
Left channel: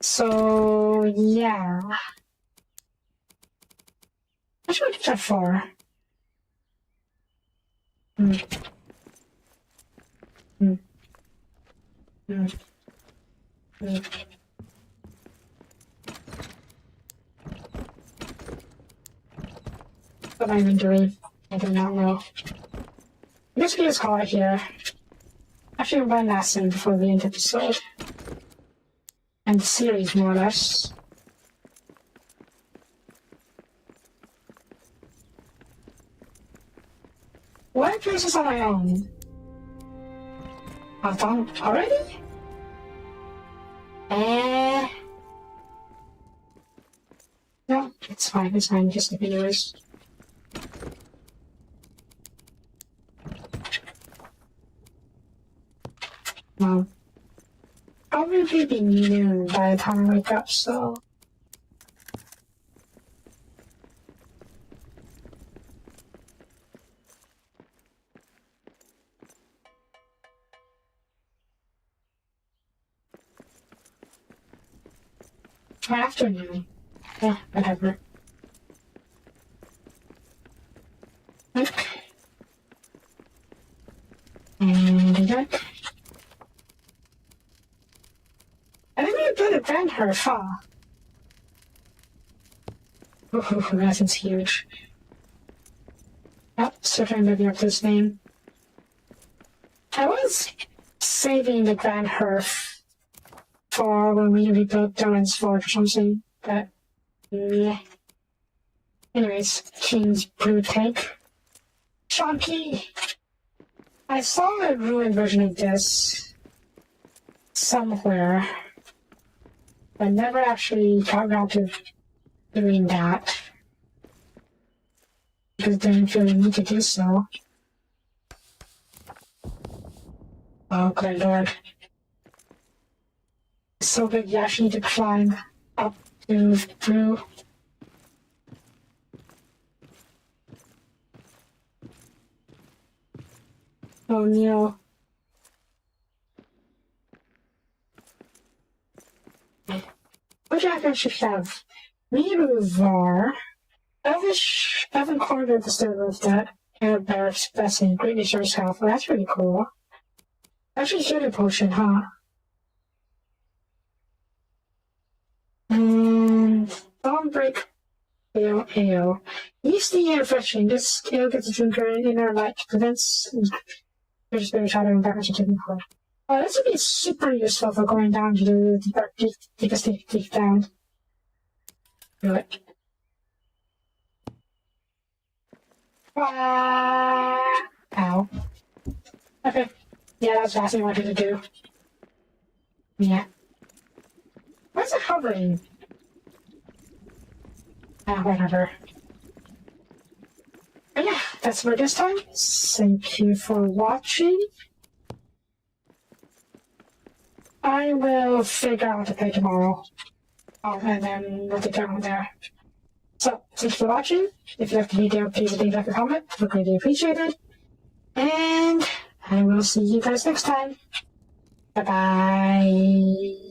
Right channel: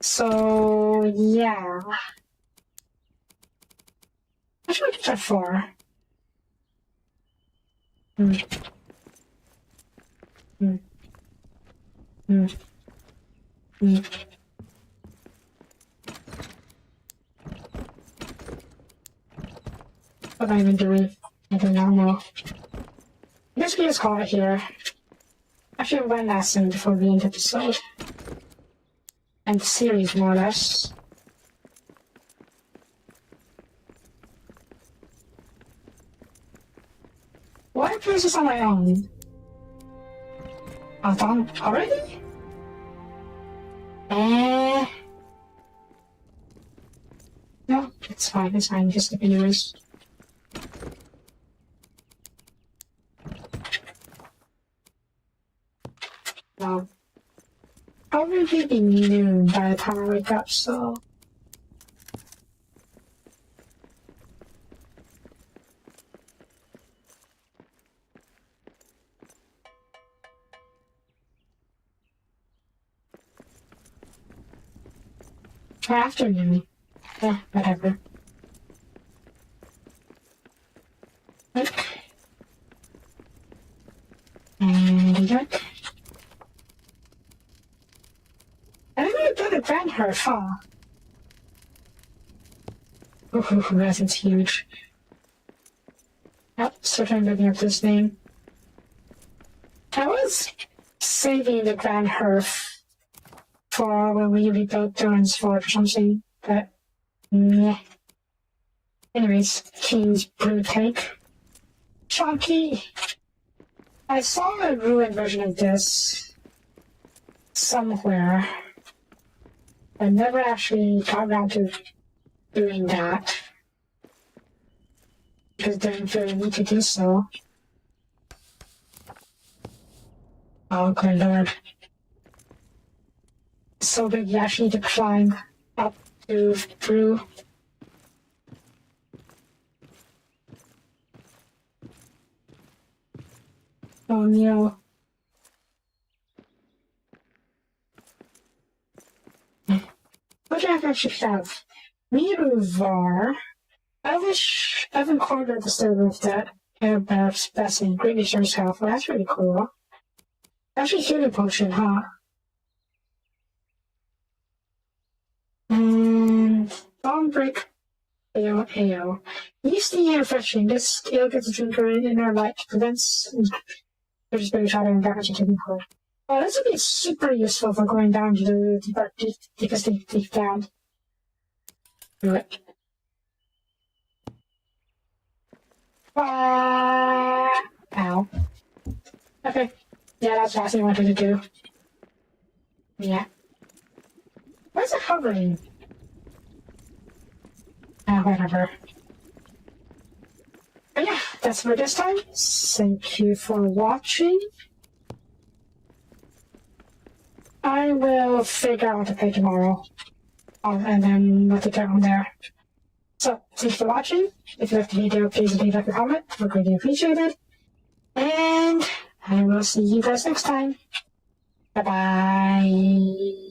So, yeah. What should I use that for? What am I even doing? I do not know. I guess we just call it here. Actually, one last thing before we end the episode. And the series, more or less. Why am I doing this on my own? I found already? No, it's fine, just the videos. Wow. I'll really be noon by the time I wake up, so... Afternoon. Yeah, whatever. Look. And look. I think we've done a band her, huh? Ooh, that is huge. Yep, certainly living up to this name. I was saving the Grand Hearth for when we rebuilt Durin's Fort or something, but yeah. Anyways, King's Blue Tank. Chunky! I saw a ruined version of this somewhere. I never actually got around to doing that. Because I didn't really need to do so. Oh, good lord. It's so big you actually need to climb up to through. Oh no. What do I actually have? We Var. I haven't cornered the state of that Barrett's best and great resource health. Well, that's really cool. Actually, healing potion, huh? And bomb break. AO. Use the air refreshing. This skill gets a drinker in our light, prevents there's better shadow and damage to taking for. Oh, this would be super useful for going down to the deep down. Do it. Ow. Okay. Yeah, that's the last thing I wanted to do. Yeah. Why is it hovering? Whatever. But yeah, that's for this time. Thank you for watching. I will figure out what to play tomorrow. And then we'll take it from there. So, thank you for watching. If you liked the video, please leave a comment. I would greatly appreciate it. And I will see you guys next time. Bye-bye.